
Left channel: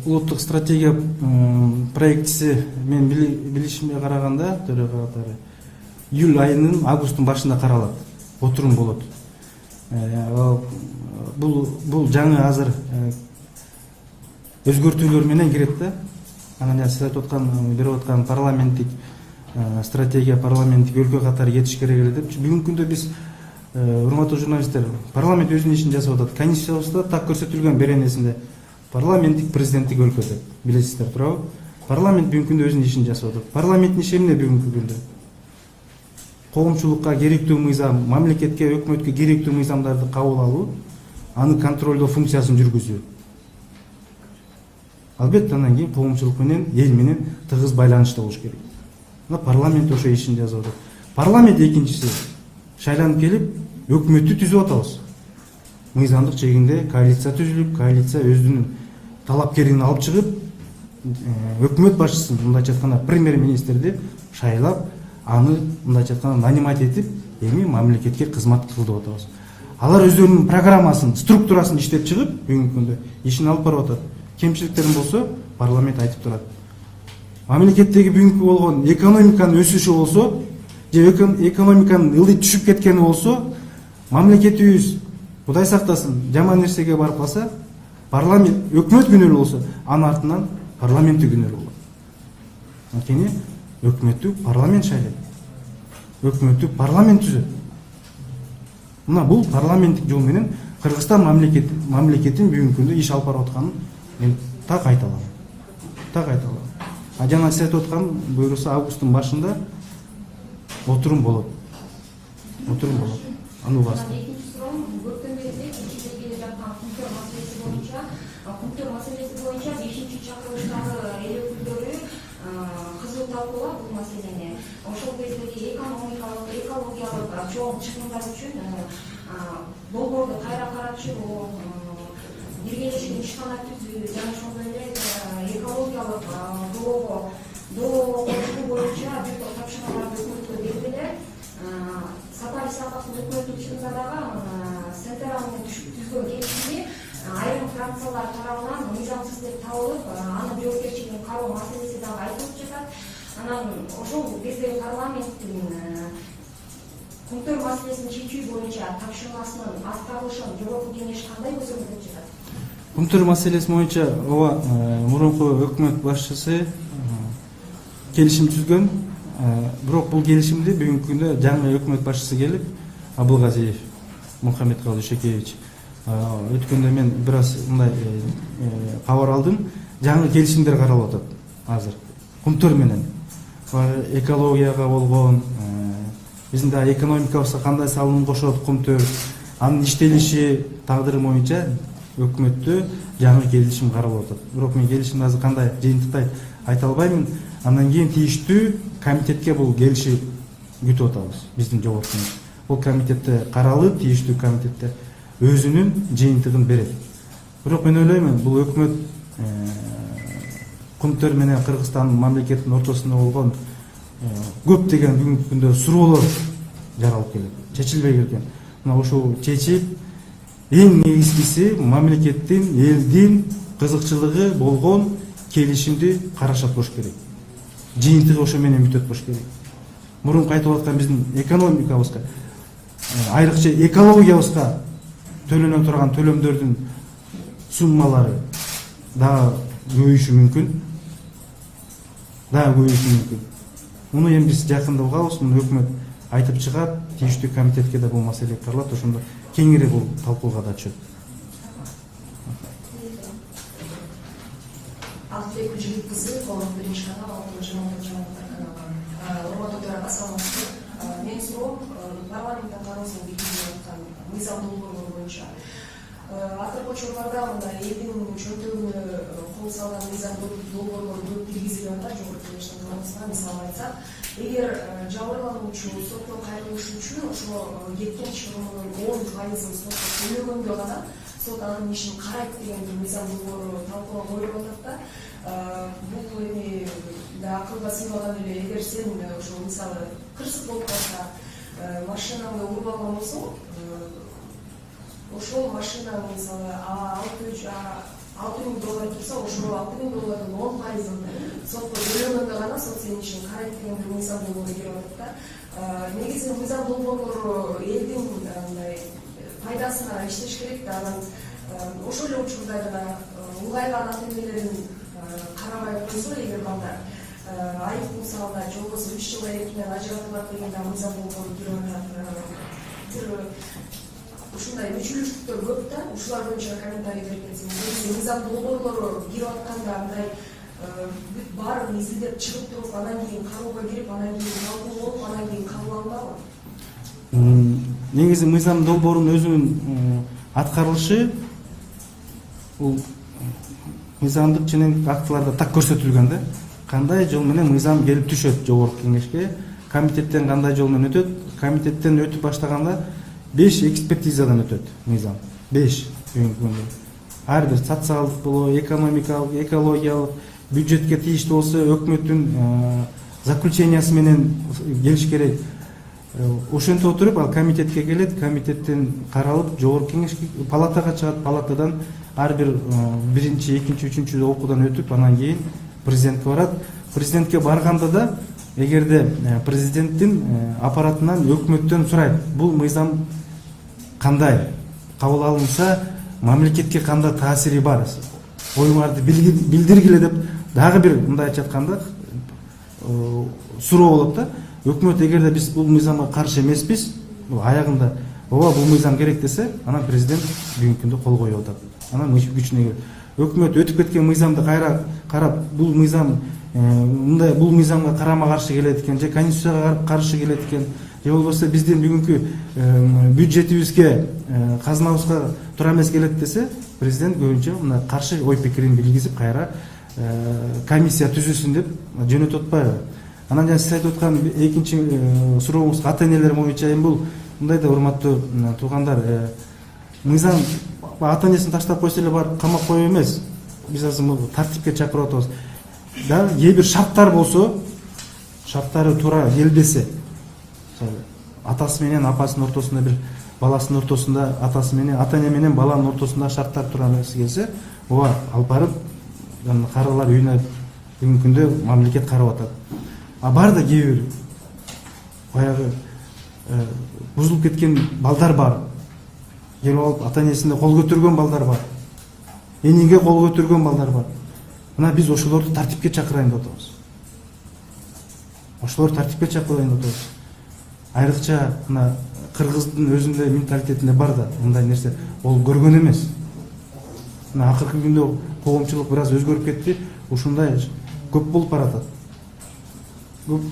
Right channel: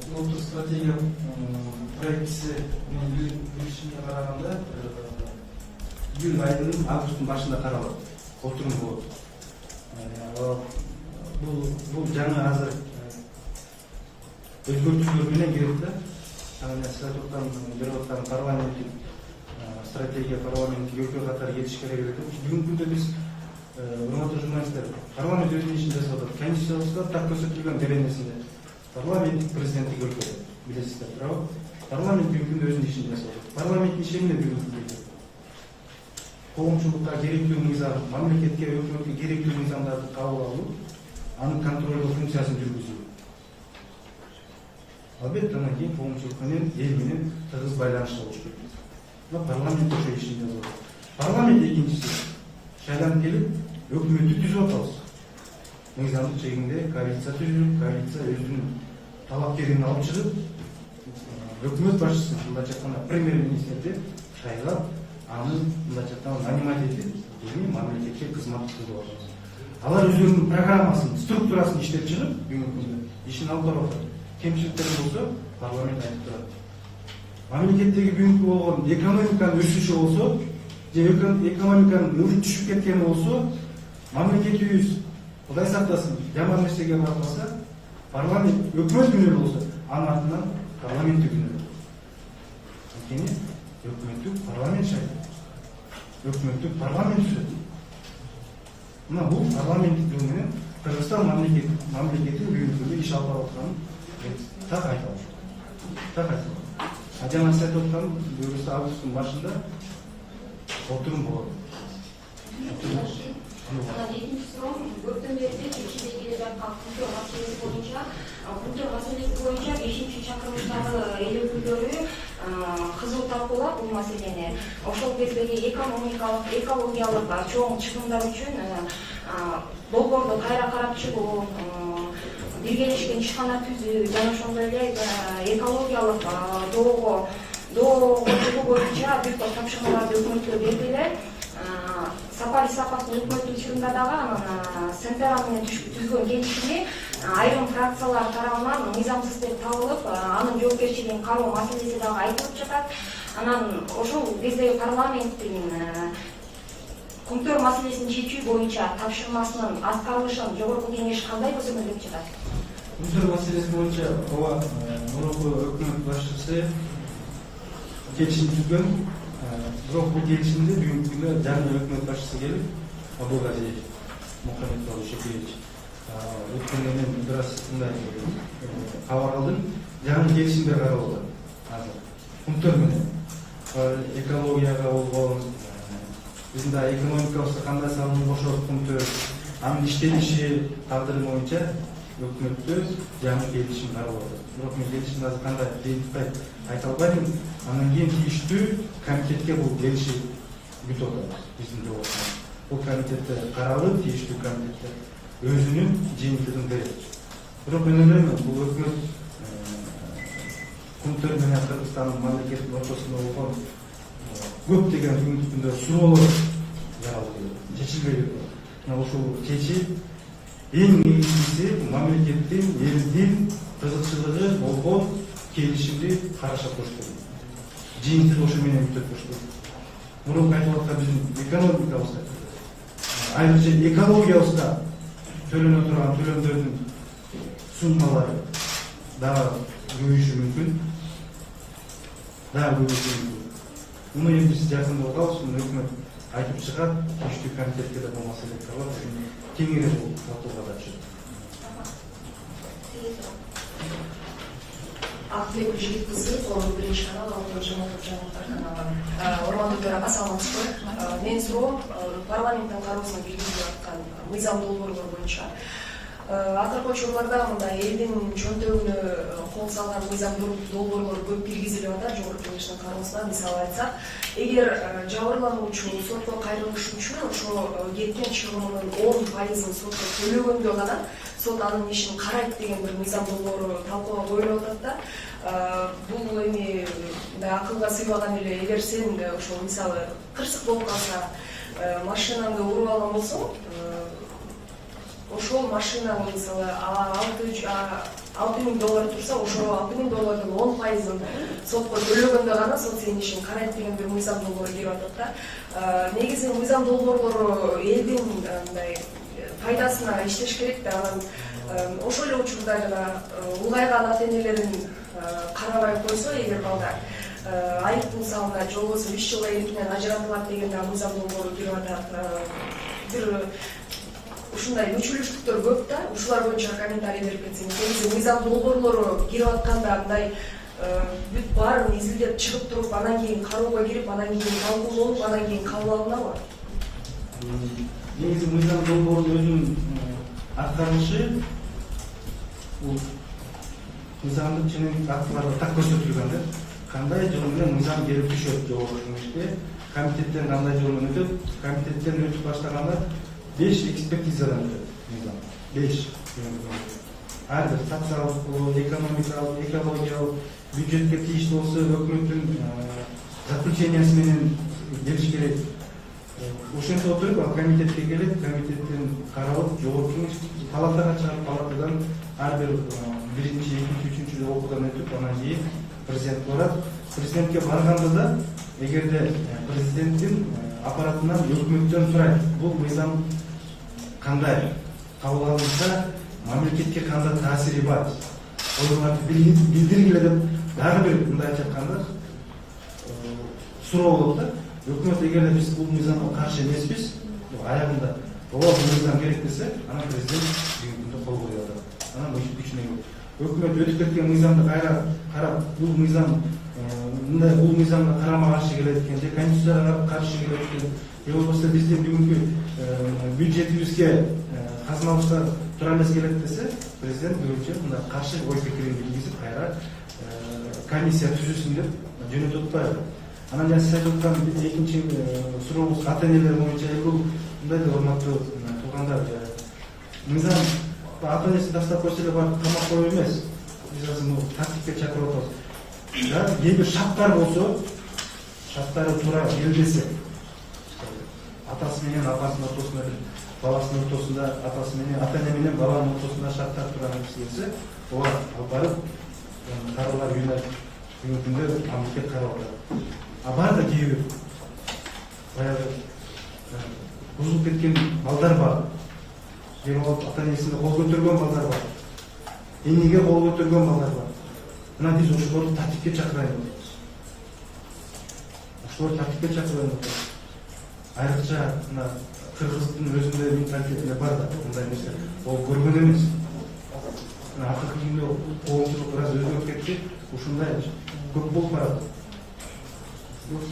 Улуттук стратегия проектиси мен билишимге караганда төрөгө июль айынын августтун башында каралат, отурум болот. Бул жаңы азыр өзгөртүүлөр менен кирет да. Анан сиз айтып берип аткан парламенттик стратегия, парламенттик өлкө катары кетиш керек эле деп. Бүгүнкү күндө биз урматтуу журналисттер, парламент өзүнүн ишин жасап атат. Конституциябызда так көрсөтүлгөн беренесинде парламенттик президенттик өлкөдө билесиздер, туурабы? Парламент бүгүнкү күндө өзүнүн ишин жасап атат. Парламенттин иши эмне бүгүнкү күндө? Коомчулукка керектүү мыйзам, мамлекетке, өкмөткө керектүү мыйзамдарды кабыл алуу, аны контролдоо функциясын жүргүзүү. Албетте андан кийин коомчулук менен, эл менен тыгыз байланышта болуш керек. Парламент ошо ишин жасап атат. Парламент экинчиси шайланып келип, өкмөттү түзүп атабыз. Мыйзамдык чегинде коалиция түзүлүп, коалиция өзүнүн талапкерин алып чыгып, өкмөт башчысын, мындайча айтканда премьер-министрди шайлап, аны мындайча айтканда нанимать этип, эми мамлекетке кызмат кылдырып атабыз. Алар өздөрүнүн программасын, структурасын иштеп чыгып, бүгүнкү күндө ишин алып барып атат. Кемчиликтерин болсо, парламент айтып турат. Мамлекеттеги бүгүнкү болгон экономиканын өсүшү болсо, же экономиканын ылдый түшүп кеткени болсо, мамлекетибиз Кудай сактасын, жаман нерсеге барып калса, парламент, өкмөт күнөөлүү болсо, анын артынан парламентти күнөөлүү болот. Анткени өкмөттү парламент шайлайт. Өкмөттү парламент түзөт. Мына бул парламенттик жол менен Кыргызстан мамлекетин бүгүнкү күндө иш алып барып атканын мен так айта алам. Так айта алам. Жана сиз айтып аткан буюрса августтун башында отурум болот. Отурум болот. Аны Көптөн бери кечиде келе жаткан Кумтөр маселеси боюнча 5-чи чакырылыштагы эл өкүлдөрү кызуу талкуулап бул маселени. Ошол кездеги экологиялык чоң чыгымдар үчүн долбоорду кайра карап чыгуу, биргелешкен ишкана түзүү жана ошондой эле экологиялык доо чыгуу боюнча бир топ тапшырмаларды өкмөткө бердилер. Сапар Исаковдун өкмөттүн чыгымында дагы Сентера менен түзгөн келишими айрым фракциялар тарабынан мыйзамсыз деп табылып, анын жоопкерчилигин кароо маселеси дагы айтылып жатат. Анан ошол кезде парламенттин Кумтөр маселесин чечүү боюнча тапшырмасынын аткарылышын жогорку кеңеш кандай көзөмөлдөп жатат? Кумтөр маселеси боюнча мурунку өкмөт башчысы келишим түзгөн. Бирок бул келишимди бүгүнкү күндө жаңы өкмөт башчысы келип, Абылгазиев Мухаммедкалый Ишекевич. Өткөндө мен бир аз мындай кабар алдым. Жаңы келишимдер каралып атат азыр. Кумтөр менен экологияга болгон, биздин да экономикабызга кандай салым кошот Кумтөр, анын иштелиши тагдыры боюнча өкмөттө жаңы келишим каралып атат. Бирок мен келишимди азыр кандай жыйынтыктай айта албаймын. Андан кийин тийиштүү комитетке бул келиши күтүп атабыз биздин жогоркубуз. Бул комитетте каралып, тийиштүү комитетте өзүнүн жыйынтыгын берет. Бирок мен ойлоймун, бул өкмөт Кумтөр менен Кыргызстандын мамлекетинин ортосунда болгон көптөгөн бүгүнкү күндө суроолор жаралып келет, чечилбей кеткен. Мына ошол чечип, эң негизгиси мамлекеттин, элдин кызыкчылыгы болгон келишимди карашат болуш керек. Жыйынтыгы ошо менен бүтөт болуш керек. Мурунку айтып аткан биздин экономикабызга, айрыкча экологиябызга төлөнө турган төлөмдөрдүн суммалары дагы көбөйүшү мүмкүн. Муну эми биз жакында угабыз, муну өкмөт айтып чыгат, тийиштүү комитетке да бул маселе каралат, ошондо кеңири бул талкууга да түшөт. Ақтілек Жігіткісі, қолы бірінші канал, алтын жаңалықтар каналы. Урматтуу төраға, саламатсызбы. Менин суроом парламенттин кароосуна киргизилип аткан мыйзам долбоорлор боюнча. Акыркы учурларда мындай элдин чөнтөгүнө кол салган мыйзам долбоорлор көп киргизилип атат. Жогорку Кеңештин кароосуна мисалы айтсак, эгер жабырлануучу сотко кайрылыш үчүн ошо кеткен чыгымынын 10%ын сотко төлөгөндө гана сот анын ишин карайт деген бир мыйзам долбоору талкууга коюлуп атат да. Бул эми акылга сыйбаган эле. Эгер сен ошо мисалы кырсык болуп калса, машинаңды уруп алган болсоң, ошол машинаң мисалы $6,000 турса, ошо $6,000 $10%ын сотко төлөгөндө гана сот сенин ишин карайт деген бир мыйзам долбоору кирип атат да. Негизи мыйзам долбоорлору элдин мындай пайдасына иштеш керек да. Анан ошол эле учурда жана улгайган ата-энелерин карабай койсо, эгер балдар айыппул салынат, же болбосо 3 жыл эркинен ажыратылат деген да мыйзам долбоору кирип атат. Бир ушундай мүчүлүштүктөр көп да. Ушулар боюнча комментарий берип кетсеңиз. Негизи мыйзам долбоорлору кирип атканда мындай бүт баарын изилдеп чыгып туруп, анан кийин кароого кирип, анан кийин талкууланып, анан кийин кабыл алынабы? Негизи мыйзам долбоорунун өзүнүн аткарылышы бул мыйзамдык ченемдик актыларда так көрсөтүлгөн да. Кандай жол менен мыйзам келип түшөт жогорку кеңешке, комитеттен кандай жол менен өтөт, комитеттен өтүп баштаганда 5 экспертизадан өтөт мыйзам. 5 ар бир социалдык болобу, экономикалык, экологиялык, бюджетке тийиштүү болсо өкмөттүн заключениясы менен келиш керек. Ошентип отуруп ал комитетке келет, комитеттен каралып, жогорку кеңешке палатага чыгат, палатадан ар бир биринчи, экинчи, үчүнчү окуудан өтүп, анан кийин президентке барат. Президентке барганда да, эгерде президенттин аппаратынан өкмөттөн сурайт, бул мыйзам кандай кабыл алынса, мамлекетке кандай таасири бар, оюңарды билдиргиле деп дагы бир мындайча айтканда суроо болот да. Өкмөт эгерде биз бул мыйзамга каршы эмеспиз, аягында ооба бул мыйзам керек десе, анан президент бүгүнкү күндө кол коюп атат. Анан күчүнө өкмөт өтүп кеткен мыйзамды кайра карап, бул мыйзам мындай бул мыйзамга карама каршы келет экен, же конституцияга каршы келет экен, же болбосо биздин бүгүнкү бюджетибизге, казынабызга туура эмес келет десе, президент көбүнчө мына каршы ой пикирин билгизип кайра комиссия түзүлсүн деп жөнөтүп атпайбы. Анан жана сиз айтып аткан экинчи сурооңуз ата-энелер боюнча эми бул мындай да, урматтуу туугандар, мыйзам ата-энесин таштап койсо эле барып камап коюу эмес. Биз азыр тартипке чакырып атабыз. Да, кээ бир шарттар болсо, шарттары туура келбесе, атасы менен апасынын ортосунда, бир баласынын ортосунда, атасы менен, ата-эне менен баланын ортосунда шарттар туура эмес келсе, ооба алып барып каралар үйүнө бүгүнкү күндө мамлекет карап атат. Бар да кээ бир баягы бузулуп кеткен балдар бар. Келип алып ата-энесине кол көтөргөн балдар бар. Эниге кол көтөргөн балдар бар. Мына биз ошолорду тартипке чакырайын деп атабыз. Ошолорду тартипке чакырайын деп атабыз. Айрыкча мына кыргыздын өзүндө менталитетинде бар да, мындай нерсе ол көргөн эмес. Мына акыркы күндө коомчулук бир аз өзгөрүп кетти. Ушундай көп болуп баратат.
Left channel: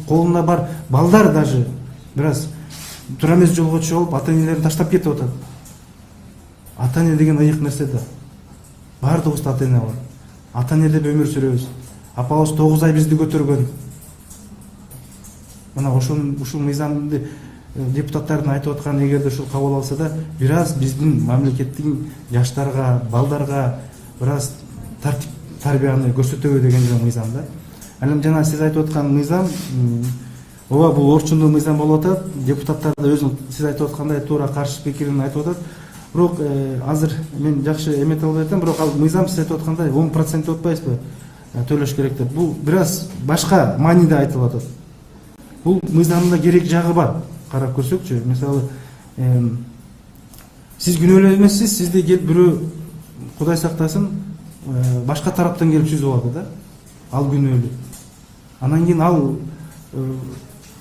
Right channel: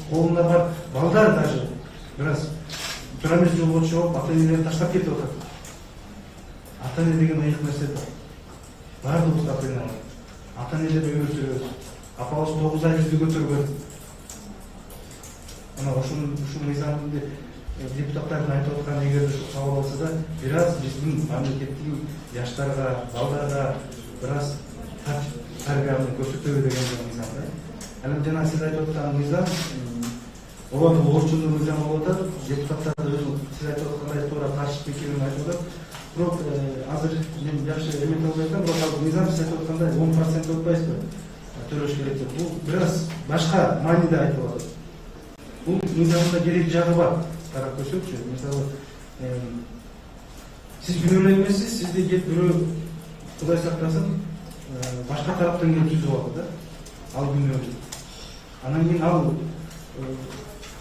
Колунда бар балдар даже бир аз туура эмес жолго түшүп алып, ата-энелерин таштап кетип атат. Ата-эне деген ыйык нерсе да. Бардыгыбызда ата-эне бар. Ата-энелерде өмүр сүрөбүз. Апабыз 9 ай бизди көтөргөн. Мына ушул мыйзамды депутаттардын айтып аткан эгерде ушул кабыл алса да, бир аз биздин мамлекеттин жаштарга, балдарга бир аз тартип тарбияны көрсөтөбү деген мыйзам да. Анан жана сиз айтып аткан мыйзам, ооба бул орчундуу мыйзам болуп атат. Депутаттар да өзүң сиз айтып аткандай туура каршы пикирин айтып атат. Бирок азыр мен жакшы эмете албай атам, бирок ал мыйзам сиз айтып аткандай 10% деп атпайсызбы? Төлөш керек деп. Бул бир аз башка мааниде айтылып атат. Бул мыйзамда керек жагы бар. Карап көрсөкчү, мисалы сиз күнөөлүү эмессиз, сизди келип бирөө Кудай сактасын башка тараптан келип сүзүп алды да. Ал күнөөлүү. Анан кийин ал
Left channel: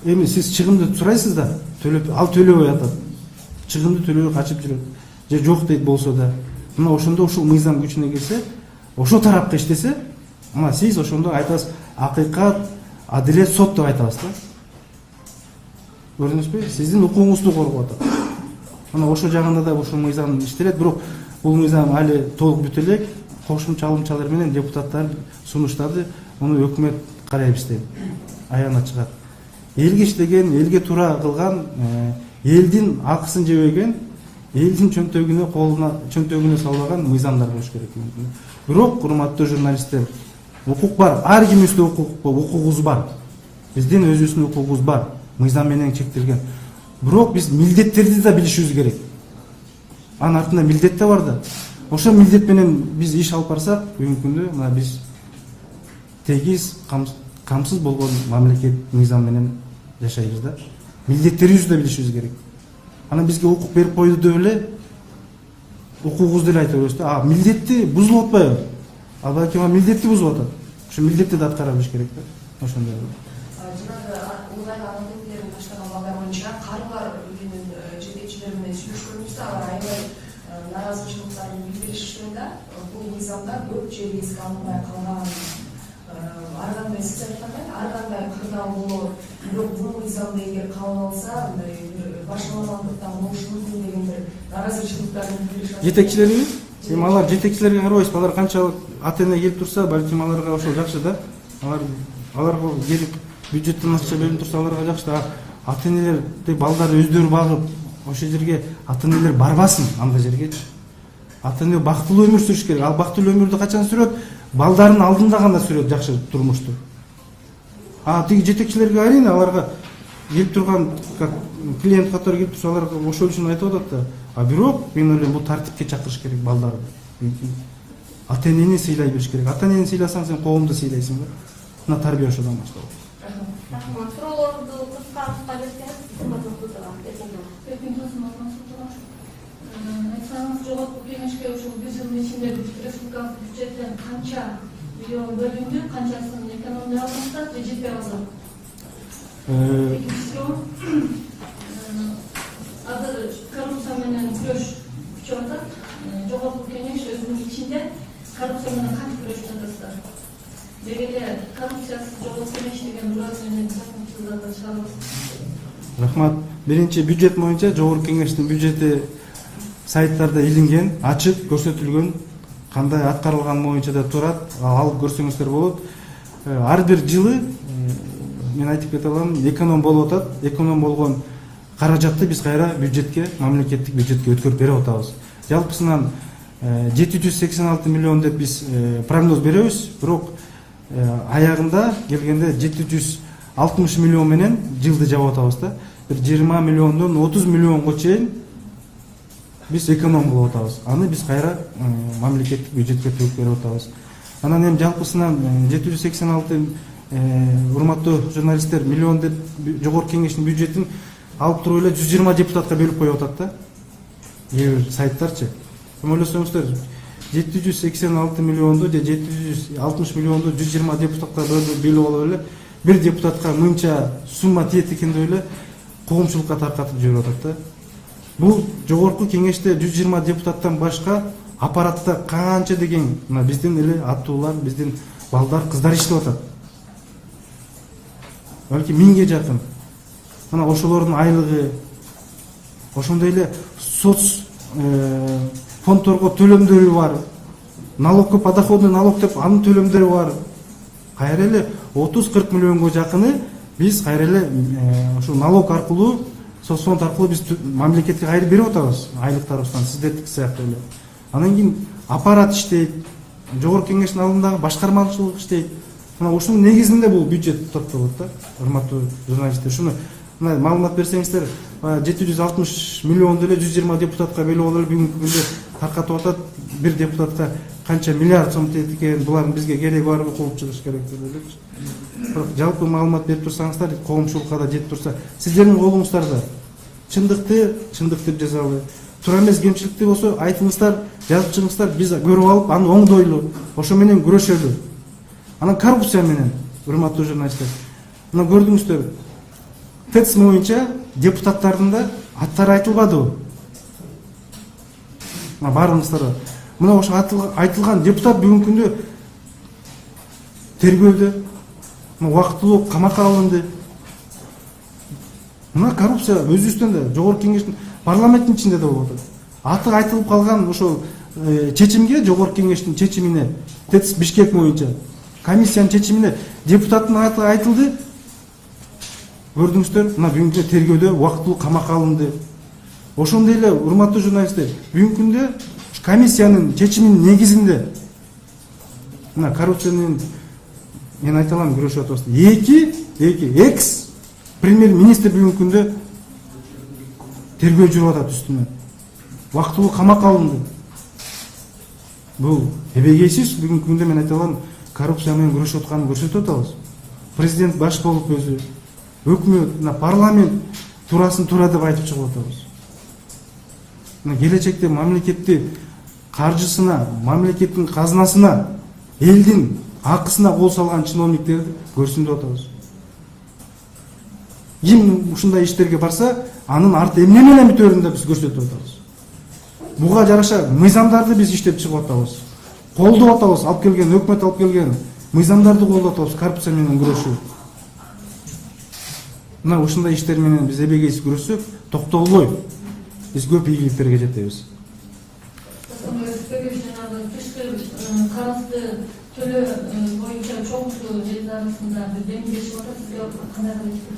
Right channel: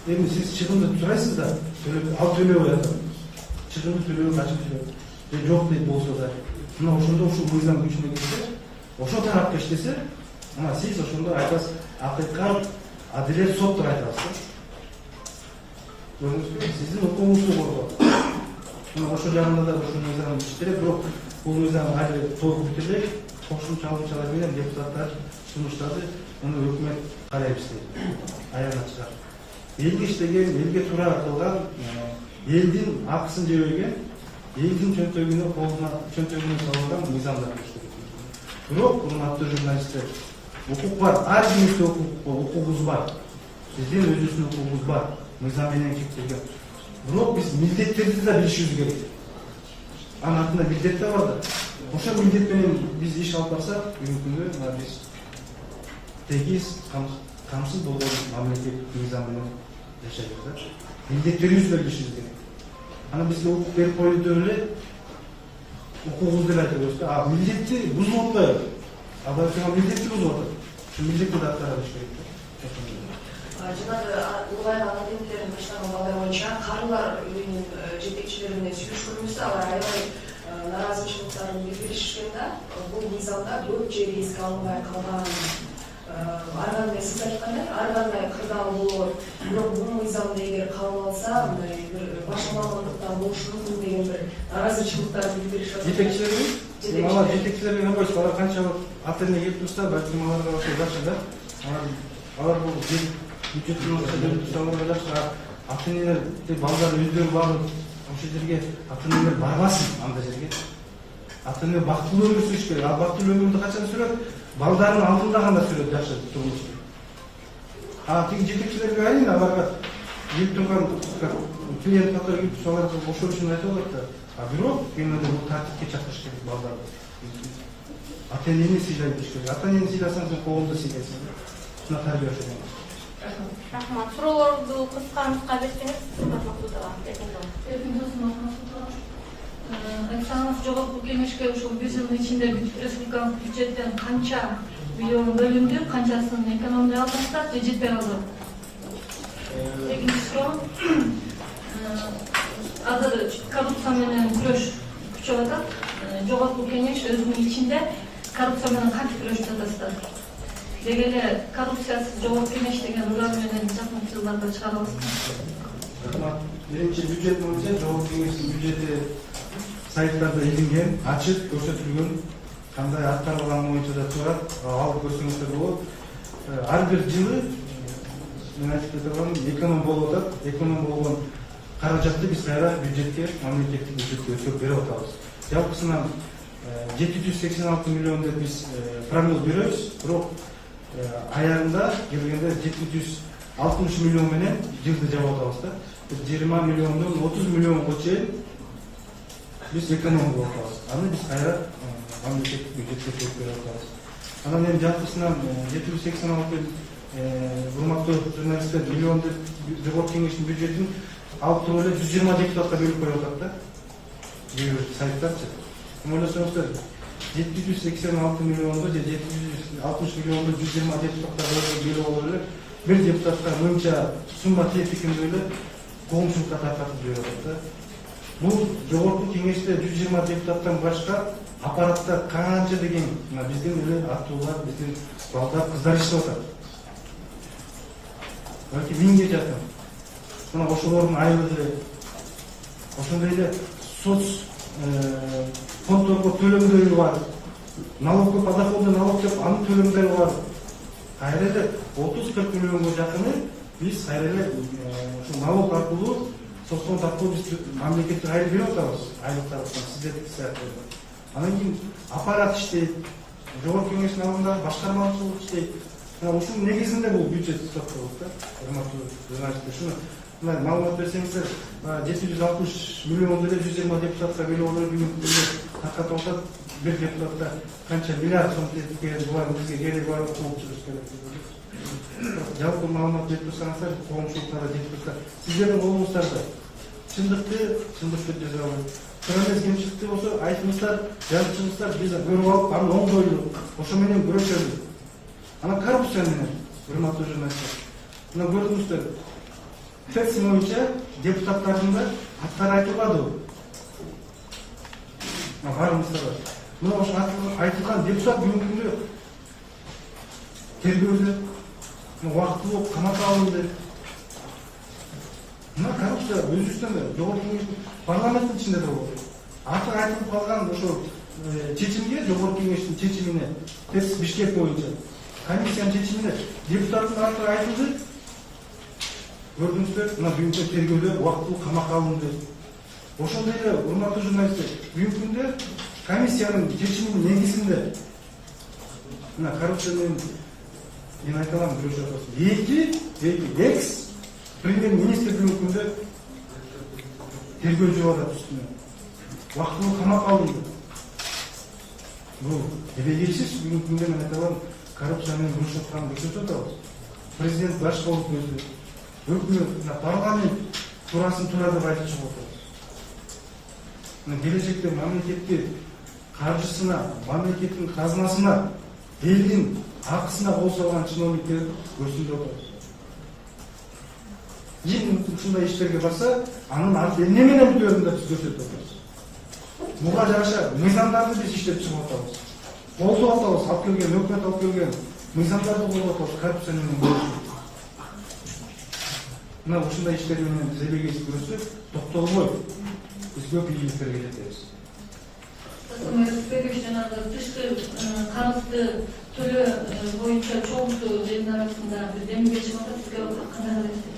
эми сиз чыгымды сурайсыз да, ал төлөбөй атат. Чыгымды төлөбөй качып жүрөт. Же жок дейт болсо да. Мына ошондо ушул мыйзам күчүнө келсе, ошол тарапка иштесе, мына сиз ошондо айтасыз, акыйкат, адилет, сот деп айтасыз да. Көрдүңүзбү? Сиздин укугуңузду коргоп атат. Мына ошол жагында да ушул мыйзам иштелет, бирок бул мыйзам али толук бүтө элек. Кошумча алымчалар менен депутаттар сунуштады. Муну өкмөт карайбыз дейт. Аягына чыгат. Элге иштеген, элге туура кылган, элдин акысын жебеген, элдин чөнтөгүнө салбаган мыйзамдар болуш керек. Бирок, урматтуу журналисттер, укук бар. Ар кимибизде укугубуз бар. Биздин өзүбүздүн укугубуз бар. Мыйзам менен чектелген. Бирок биз милдеттерди да билишибиз керек. Анын артында милдет да бар да. Ошол милдет менен биз иш алып барсак, бүгүнкү күндө биз тегиз, камсыз болгон мамлекет мыйзам менен жашайбыз да. Милдеттерибизди да билишибиз керек. Анан бизге укук берип койду деп эле укугубузду эле айта беребиз да. Милдетти бузулуп атпайбы? Балки милдетти бузуп атат. Ошо милдетти да аткара билиш керек да. Ошондой. Жанагы улгайган адеттерин баштаган балдар боюнча карылар үйүнүн жетекчилери менен сүйлөшкөнүбүздө алар аябай наразычылыктарын билдиришкен да. Бул мыйзамда көп жери эске алынбай калган. Ар кандай сиз айткандай, ар кандай кырдаал болот. Бирок бул мыйзамда эгер кабыл алса, мындай бир баш мамандыктан болушу мүмкүн деген бир наразычылыктарын билдиришет. Жетекчилери? Алар жетекчилерге карабайсыз, алар канчалык ата-эне келип турса, балким аларга ошо жакшы да. Аларга келип бюджеттен акча бөлүнүп турса, аларга жакшы да. Ата-энелерди балдары өздөрү багып, ошол жерге ата-энелер барбасын андай жерге. Ата-эне бактылуу өмүр сүрүш керек. Ал бактылуу өмүрдү качан сүрөт? Балдардын алдында гана сүрөт жакшы турмушту. Тиги жетекчилерге айрын, аларга келип турган клиент катары келип турса, аларга ошол үчүн айтып атат да. Бирок мен ойлойм, бул тартипке чакырыш керек балдарды. Ата-энени сыйлай билиш керек. Ата-энени сыйласаң, сен коомду сыйлайсың да. Мына тарбия ошодон башталат. Рахмат. Суроолорду кыска берсеңиз, Айтсаңыз, жогорку кеңешке ушул 1 жылдын ичинде республикалык бюджеттен канча миллион бөлүндү, канчасын экономия алдыңыздар же жетпей калды? Экинчи суроо, азыр коррупция менен күрөш күчөп атат. Жогорку кеңеш өзүнүн ичинде коррупция менен кантип күрөшүп жатасыздар? Деги эле коррупциясыз жогорку кеңеш деген уран менен жакын жылдарда чыга аласызбы? Рахмат. Биринчи бюджет боюнча жогорку кеңештин бюджети сайттарда илинген, ачык көрсөтүлгөн, кандай аткарылган боюнча да турат. Алып көрсөңүздөр болот. Ар бир жылы мен айтып кете алам, эконом болуп атат. Эконом болгон каражатты биз кайра бюджетке, мамлекеттик бюджетке өткөрүп берип атабыз. Жалпысынан 786 миллион деп биз прогноз беребиз, бирок аягында келгенде 760 миллион менен жылды жаап атабыз да. 20 миллондон 30 миллионго чейин биз эконом болуп атабыз. Аны биз кайра мамлекеттик бюджетке төлөп берип атабыз. Анан эми жалпысынан 786 урматтуу журналисттер миллион деп жогорку кеңештин бюджетин алып туруп эле 120 депутатка бөлүп коюп атат да. Кээ бир сайттарчы. Ойлосоңуздар 786 миллионду же 760 миллионду 120 депутатка бөлүп алып эле бир депутатка мынча сумма тиет экен деп эле коомчулукка таркатып жүрүп атат да. Бул жогорку кеңеште 120 депутаттан башка аппаратта канча деген биздин эле аттуулар, биздин балдар, кыздар иштеп атат. Балки 1000ге жакын. Мына ошолордун айлыгы, ошондой эле соц фондторго төлөмдөрү бар. Налогко подоходный налог деп анын төлөмдөрү бар. Кайра эле 30-40 миллионго жакыны биз кайра эле ошо налог аркылуу, соцфонд аркылуу биз мамлекетке кайрып берип атабыз, айлыктарыбыздан сиздердики сыяктуу эле. Анан кийин аппарат иштейт, жогорку кеңештин алдындагы башкармачылык иштейт. Мына ушунун негизинде бул бюджет топтолот да. Урматтуу журналисттер, ушуну мына маалымат берсеңиздер, 760 миллионду эле 120 депутатка бөлүп алып бүгүнкү күндө таркатып атат. Бир депутатка канча миллиард сом тиет экен, булардын бизге кереги бар, окуп чыгыш керек деп ойлойм. Бирок жалпы маалымат берип турсаңыздар, коомчулукка да жетип турса, сиздердин колуңуздарда чындыкты жазалы. Туура эмес кемчиликти болсо айтыңыздар, жазып чыгыңыздар, биз көрүп алып, аны оңдойлу, ошо менен күрөшөлү. Анан коррупция менен, урматтуу журналисттер. Мына көрдүңүздөр, ТЭЦ боюнча депутаттардын да аттары айтылбадыбы? Мына барыңыздар. Мына ошо айтылган депутат бүгүнкү күндө тергөөлдө, убактылуу камакка алынды. Мына коррупция өзүбүздөн да, жогорку кеңештин парламенттин ичинде да болот. аты айтылып калган ошол чечимге, жогорку кеңештин чечимине, ТЭЦ Бишкек боюнча комиссиянын чечимине депутаттын аты айтылды. Көрдүңүздөр, мына бүгүнкү тергөөдө убактылуу камакка алынды. Ошондой эле урматтуу журналисттер, бүгүнкү күндө комиссиянын чечиминин негизинде мына коррупция менен мен айта алам күрөшүп атабыз. Эки экс премьер-министр бүгүнкү күндө тергөө жүрүп атат үстүнөн. Убактылуу камакка алынды. Бул эбегейсиз бүгүнкү күндө мен айта алам коррупция менен күрөшүп атканын көрсөтүп атабыз. Президент баш болуп өзү, өкмөт, парламент туурасын туура деп айтып чыгып атабыз. Келечекте мамлекеттин каржысына, мамлекеттин казынасына, элдин акысына кол салган чиновниктерди көрсүндүрүп атабыз. Ким ушундай иштерге барса, анын арты эмне менен бүтөөрүн да биз көрсөтүп атабыз. Буга жараша мыйзамдарды биз иштеп чыгып атабыз. Колдоп атабыз, алып келген өкмөт алып келген мыйзамдарды колдоп атабыз коррупция менен күрөшүү. Мына ушундай иштер менен биз эбегейсиз күрөшсөк, токтолбой биз көп ийгиликтерге жетебиз. Тышкы карызды төлөө боюнча чоңсу элдин арасында бир келишип атат, сизге кандай карайсыз?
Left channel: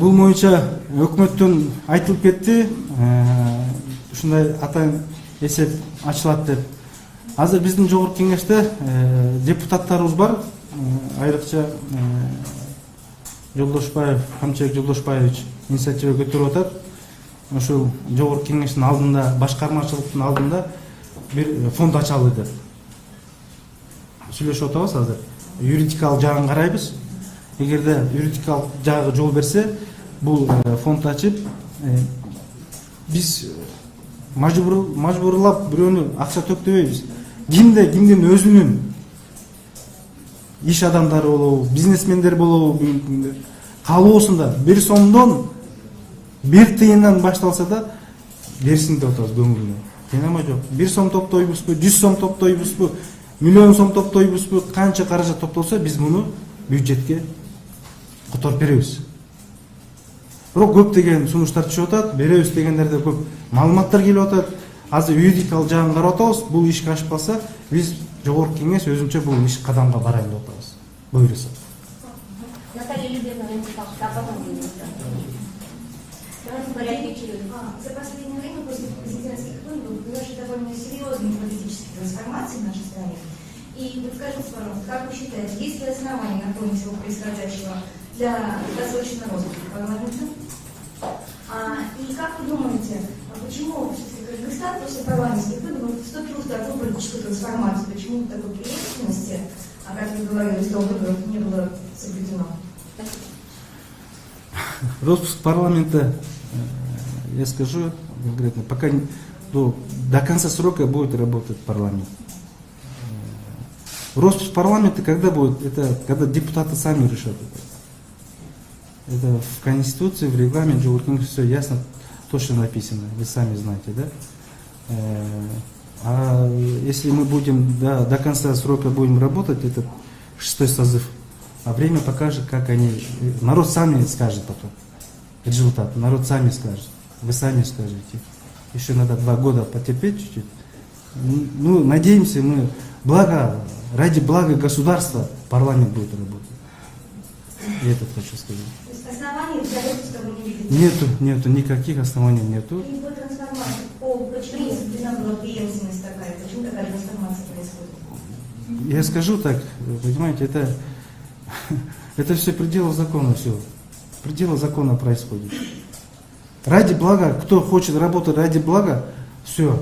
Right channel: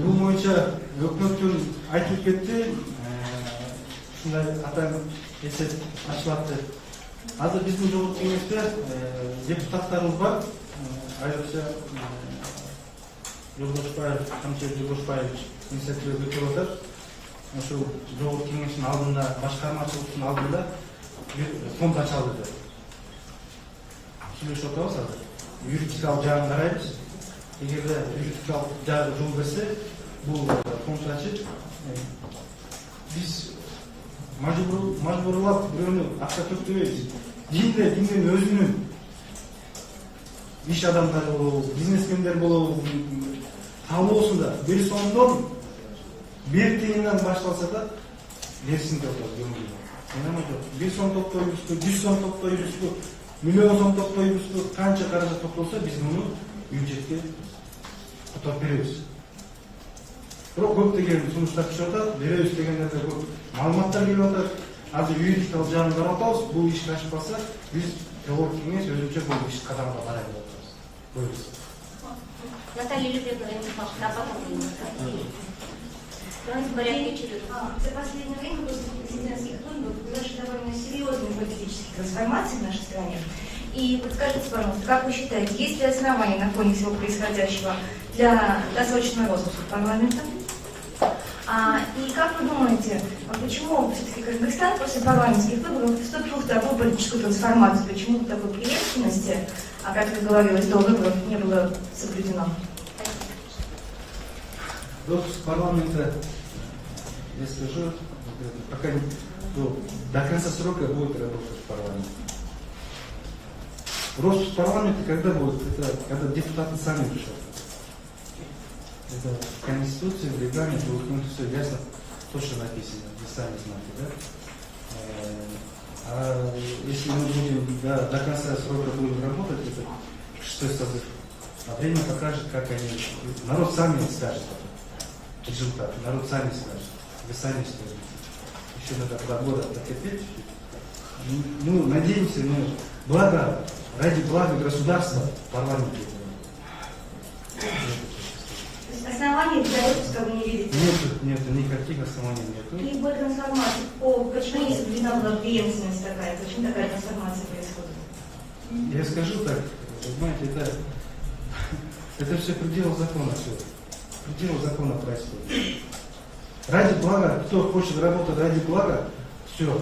Бул боюнча өкмөттөн айтылып кетти, ушундай атайын эсеп ачылат деп. Азыр биздин жогорку кеңеште депутаттарыбыз бар, айрыкча Жолдошбаев, Камчыбек Жолдошбаевич инициатива көтөрүп атат. Ошол жогорку кеңештин алдында, башкармачылыктын алдында бир фонд ачалы деп сүйлөшүп атабыз азыр. Юридикалык жагын карайбыз. Эгерде юридикалык жагы жол берсе, бул фонд ачып, биз мажбурлап бирөөнү акча төктөбөйбүз. Кимдин өзүнүн иш адамдары болобу, бизнесмендер болобу, калоосунда 1 сомдон 1 тыйындан башталса да берсин деп атабыз көңүлүнө. Тыйнама жок. 1 сом топтойбузбу, 100 сом топтойбузбу, миллион сом топтойбузбу, канча каражат топтолсо биз муну бюджетке которуп беребиз. Бирок көптөгөн сунуштар түшүп атат, беребиз дегендерде көп маалыматтар келип атат. Азыр юридикалык жагын карап атабыз. Бул ишке ашпаса, биз жогорку кеңеш өзүнчө бул иш кадамга барайын деп атабыз. Буйрусу. Наталья Любимовна, давайте порядке очереди. За последнее время после президентских выборов произошли довольно серьезные политические трансформации в нашей стране. И вот скажите, пожалуйста, как вы считаете, есть ли основания на фоне всего происходящего для досрочного розыска парламента? И как вы думаете, почему все-таки Кыргызстан после парламентских выборов вступил в такую политическую трансформацию? Почему такой преемственности, как вы говорилось, до выборов не было соблюдено? Распуск парламента, я скажу конкретно, пока до конца срока будет работать парламент. Распуск парламента когда будет? Это когда депутаты сами решат это. Это в Конституции, в регламенте, все ясно, точно написано, вы сами знаете, да? А если мы будем до конца срока будем работать, это 6-й созыв, а время покажет, как они, народ сами скажет потом результат, народ сами скажет, вы сами скажете. Еще надо 2 года потерпеть чуть-чуть. Ну, надеемся, мы ради блага государства парламент будет работать. Я это хочу сказать. Оснований для распуска вы не видите? Нету, никаких оснований нету. И по трансформации, почему не соблюдена была преемственность такая, почему такая трансформация происходит? Я скажу так, понимаете, это все пределы закона, все. Пределы закона происходит. Ради блага, кто хочет работать ради блага, все.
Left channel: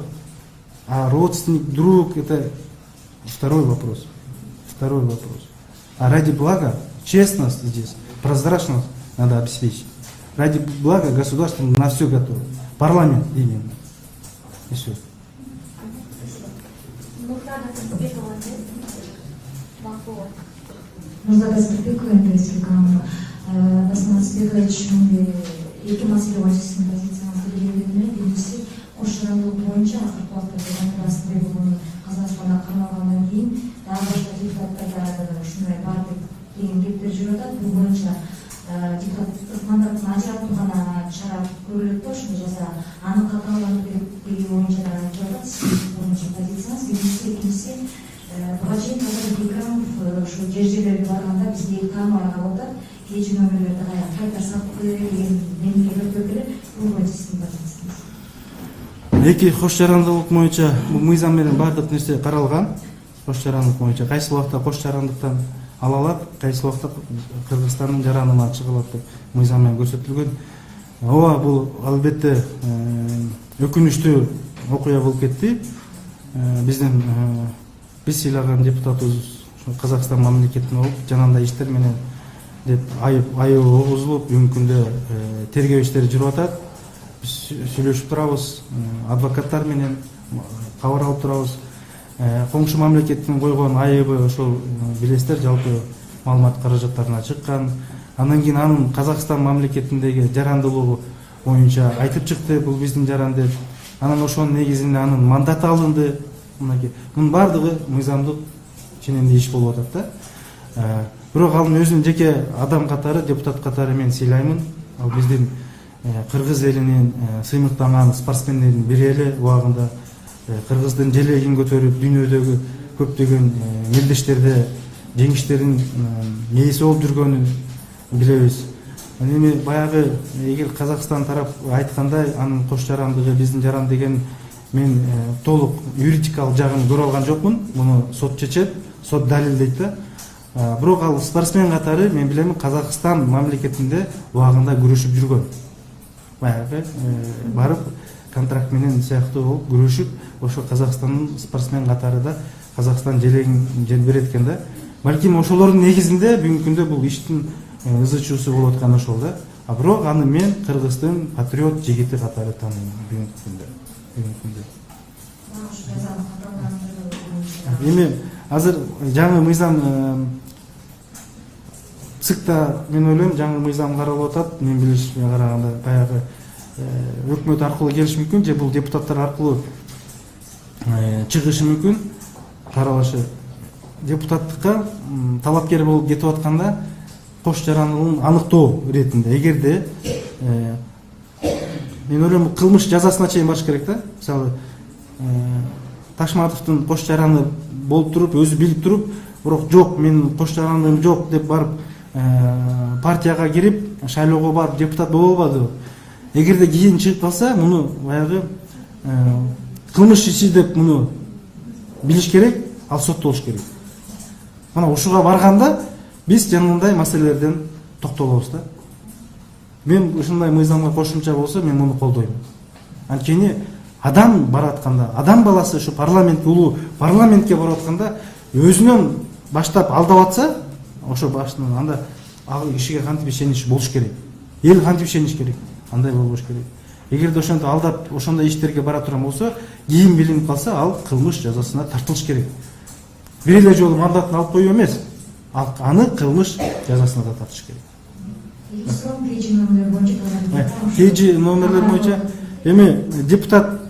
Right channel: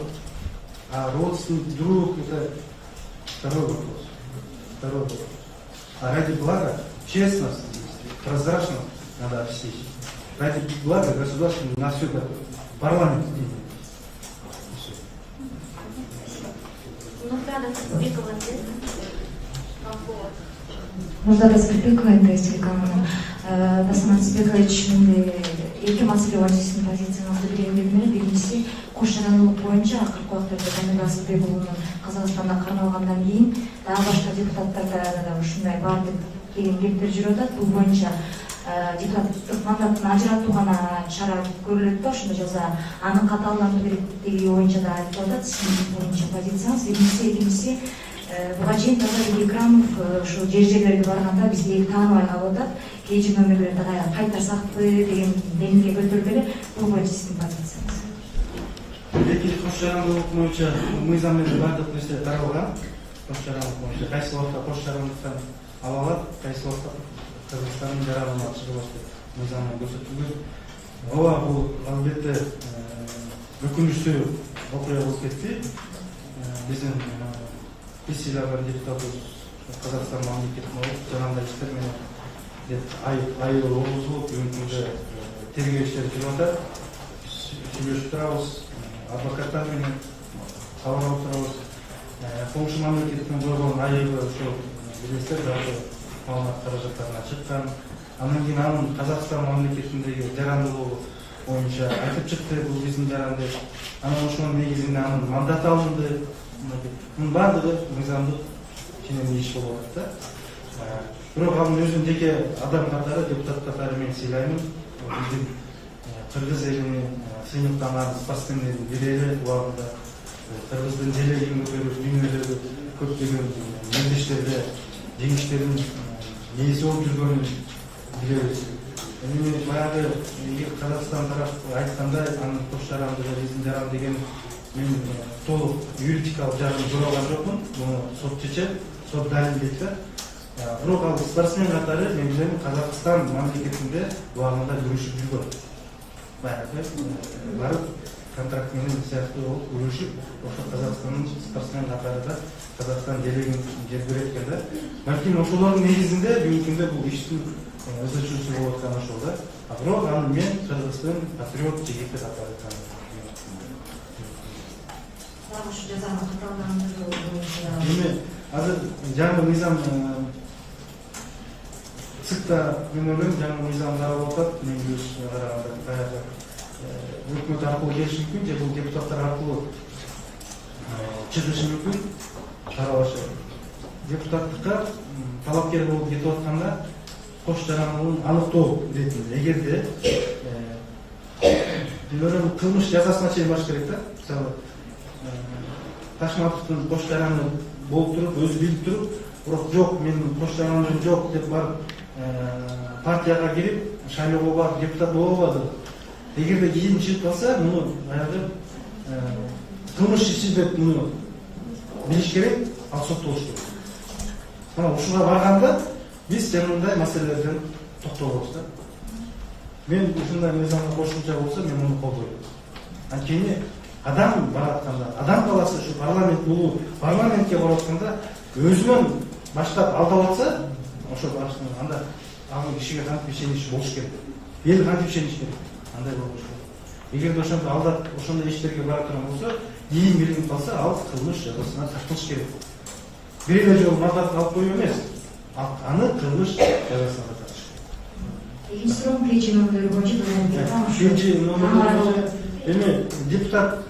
А родственник, друг, это второй вопрос. А ради блага, честность здесь, прозрачность надо обеспечить. Ради блага государство на все готово. Парламент именно. И все. Нурзада Сырбекова, НТС телеканалы. Дасман Сырбекович, эки маселе бар сиздин позицияңызды белгиледиңер. Биринчиси, кош жарандылык боюнча акыркы убакта Жаныбек Сырбек уулунун Казакстанда кармалгандан кийин дагы башка депутаттарда ушундай бар деп келиптер жүрүп атат. Бул боюнча депутаттык мандатын ажыратуу гана чара көрүлөт да, ошондо жаза аны катаалдандыруу керек деген боюнча да айтып атат. Сиздин боюнча позицияңыз биринчиси, экинчиси буга чейин Назар Бекрамов ушу жер-жерлерге барганда бизди тааныбай калып атат. KG номерлерди кайтарсакпы деген демилге көтөрүп эле, бул боюнча сиздин позицияңыз. Эки кош жарандылык боюнча мыйзам менен бардык нерсе каралган. Кош жарандылык боюнча кайсы убакта кош жарандыктан ала алат, кайсы убакта Кыргызстандын жарандыгына чыгылат деп мыйзам менен көрсөтүлгөн. Ооба, бул албетте өкүнүчтүү окуя болуп кетти. Биздин биз сыйлаган депутатыбыз Казакстан мамлекетине болуп, жанагындай иштер менен айып огузулуп, бүгүнкү күндө тергөө иштери жүрүп атат. Сүйлөшүп турабыз, адвокаттар менен кабар алып турабыз. Коңшу мамлекеттин койгон айыбы ошол билесиздер, жалпы маалымат каражаттарына чыккан. Андан кийин анын Казакстан мамлекетиндеги жарандуулугу боюнча айтып чыкты, бул биздин жаран деп. Анан ошонун негизинде анын мандаты алынды. Мунун баардыгы мыйзамдык ченемдүү иш болуп атат да. Бирок анын өзүнүн жеке адам катары, депутат катары мен сыйлаймын. Ал биздин кыргыз элинин сыймыктанган спортсмендердин бири эле, убагында кыргыздын желегин көтөрүп, дүйнөдөгү көптөгөн мелдештерде жеңиштердин ээси болуп жүргөнүн билебиз. Эми баягы эгер Казакстан тарап айткандай, анын кош жарандыгы биздин жаран деген мен толук юридикалык жагын көрө алган жокмун. Муну сот чечет, сот далилдейт да. Бирок ал спортсмен катары мен билем Казакстан мамлекетинде убагында күрөшүп жүргөн. Баягы барып контракт менен сыяктуу болуп күрөшүп, ошо Казакстандын спортсмен катары да Казакстан желегин желбирет экен да. Балким ошолордун негизинде бүгүнкү күндө бул иштин ызычуусу болуп аткан ошол да. Бирок аны мен Кыргыздын патриот жигити катары тааныйм бүгүнкү күндө. Эми азыр жаңы мыйзам ЦИКта мен ойлойм жаңы мыйзам каралып атат. Мен билишиме караганда баягы өкмөт аркылуу келиши мүмкүн, же бул депутаттар аркылуу чыгышы мүмкүн. Каралышы депутаттыкка талапкер болуп кетип атканда кош жарандылыгын аныктоо иретинде, эгерде мен ойлойм кылмыш жазасына чейин барыш керек да. Мисалы Ташматовдун кош жараны болуп туруп, өзү билип туруп, бирок жок, мен кош жарандыгым жок деп барып партияга кирип, шайлоого барып депутат боло албады. Эгерде кийин чыгып калса, муну баягы кылмыш иши деп муну билиш керек, ал соттолуш керек. Мына ушуга барганда биз жанагындай маселелерден токтолобуз да. Мен ушундай мыйзамга кошумча болсо, мен муну колдойм. Анткени адам баратканда, адам баласы ушу парламент, улуу парламентке барып атканда өзүнөн баштап алдап атса, ошо башынан анда ал кишиге кантип ишенич болуш керек. Эл кантип ишениш керек? Андай болуш керек. Эгерде ошондо алдап, ошондой иштерге бара турган болсо, кийин билинип калса, ал кылмыш жазасына тартылыш керек. Бир эле жолу мандатын алып коюу эмес, аны кылмыш жазасына да тартыш керек. KG номерлери боюнча эми депутат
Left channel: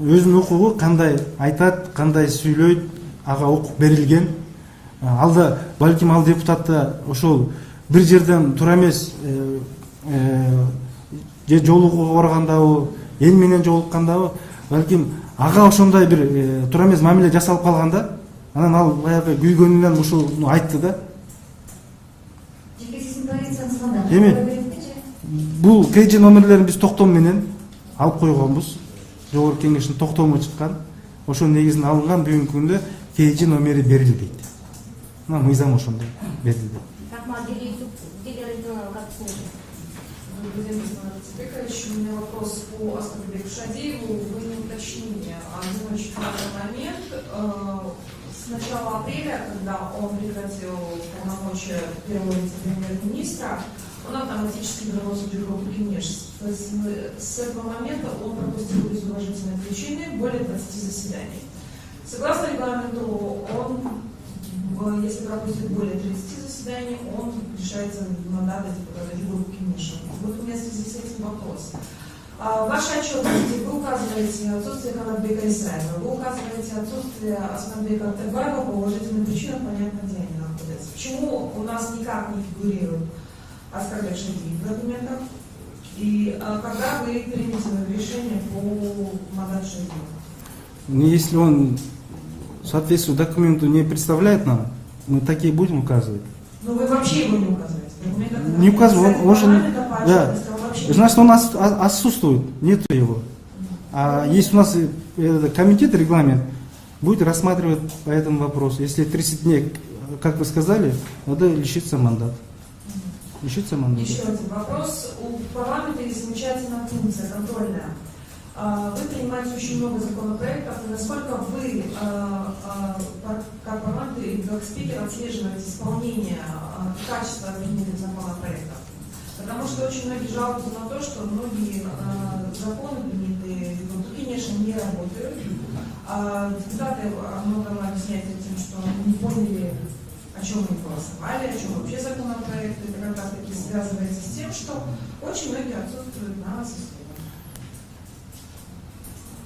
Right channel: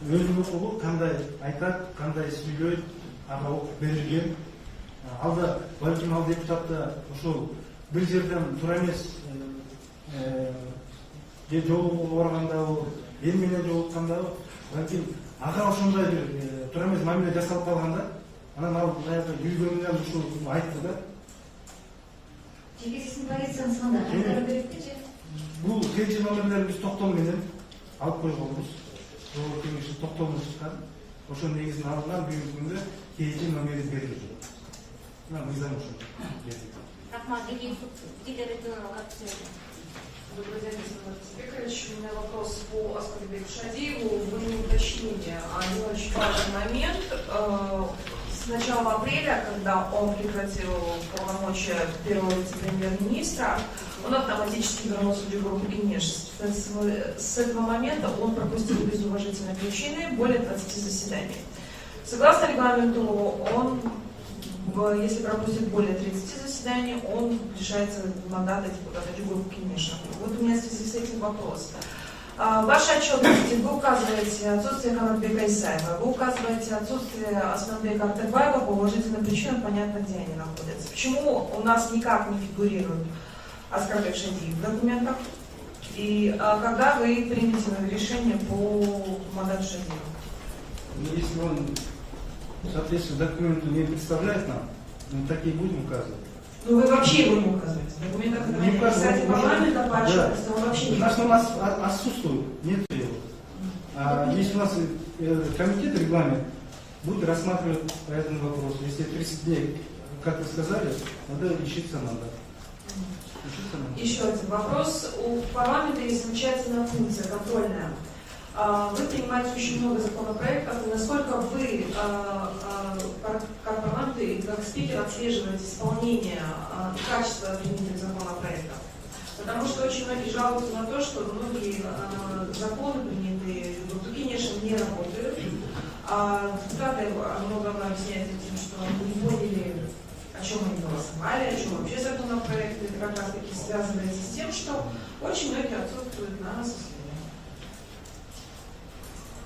өзүнүн укугу кандай айтат, кандай сүйлөйт, ага укук берилген. Алда балким ал депутатта ошол бир жерден тура эмес, же жолугууга баргандабы, эл менен жолуккандабы, балким ага ошондой бир тура эмес мамиле жасалып калганда, анан ал баягы күйгөнүнөн ушуну айтты да. Эми бул KG номерлерин биз токтом менен алып койгонбуз. Жогорку кеңештин токтому чыккан. Ошонун негизинде алынган, бүгүнкү күндө KG номери берилди дейт. Мына мыйзам ошондой берилди. Рахмат, как смотрите? У меня вопрос по Аскарбеку Шадиеву. Вы не уточнили один очень важный момент. С начала апреля, когда он прекратил полномочия первого вице-премьер-министра, он автоматически вернулся в Джугуру Кенеш. С этого момента он пропустил без уважительной причины более 20 заседаний. Согласно регламенту, он, если пропустит более 30 заседаний, он лишается мандата депутата Джугуру Кенеша. Вот у меня в связи с этим вопрос. В вашей отчетности вы указываете отсутствие Канатбека Исаева, вы указываете отсутствие Асманбека Артыкбаева по уважительным причинам, понятно, где они находятся. Почему у нас никак не фигурируют Оскорбек Шадиев в документах? И когда вы примете решение по мандату Шадиева? Если он соответствует документу не представляет нам, мы такие будем указывать. Ну вы вообще его не указываете? В документах Не указываем, он же... Да. вообще... Значит, у нас отсутствует, нет его. А если у нас комитет, регламент, будет рассматривать по этому вопросу. Если 30 дней, как вы сказали, надо лишиться мандата. Лишиться мандата. Еще один вопрос. У парламента есть замечательная функция контрольная. Вы принимаете очень много законопроектов, и насколько вы, как парламент и как спикер, отслеживаете исполнение и качество принятых законопроектов? Потому что очень многие жалуются на то, что многие законы принятые в конечно, не работают. Депутаты много объясняют тем, что не поняли, о чем они голосовали, о чем вообще законопроект. Это как раз таки связывается с тем, что очень многие отсутствуют на состоянии.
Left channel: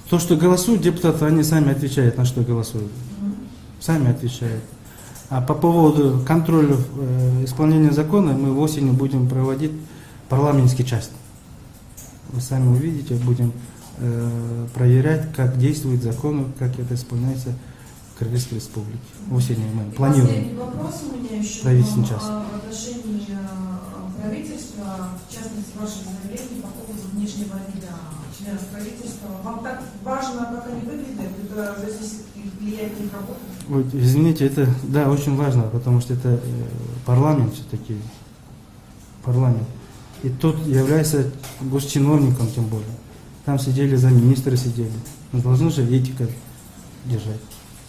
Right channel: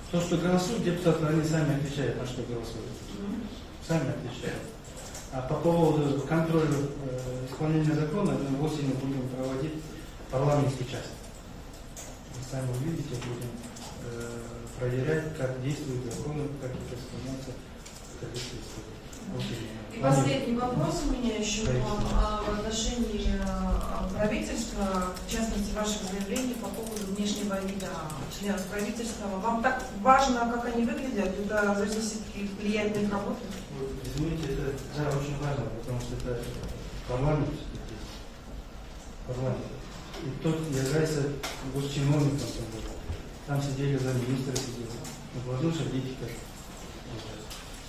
То, что голосуют депутаты, они сами отвечают, на что голосуют. Сами отвечают. А по поводу контроля исполнения закона мы осенью будем проводить парламентский часть. Вы сами увидите, будем проверять, как действуют законы, как это исполняется в Корейской Республике. Осенью мы планируем. Последний вопрос у меня еще в отношении правительства, в частности, ваших заявлений по поводу внешнего вида членов правительства. Вам так важно, как они выглядят? Это зависит и влияет на их работу? Вот, извините, это да, очень важно, потому что это парламент все-таки. Парламент. И тот является госчиновником, тем более. Там сидели замминистры, сидели. Мы должны же этика держать.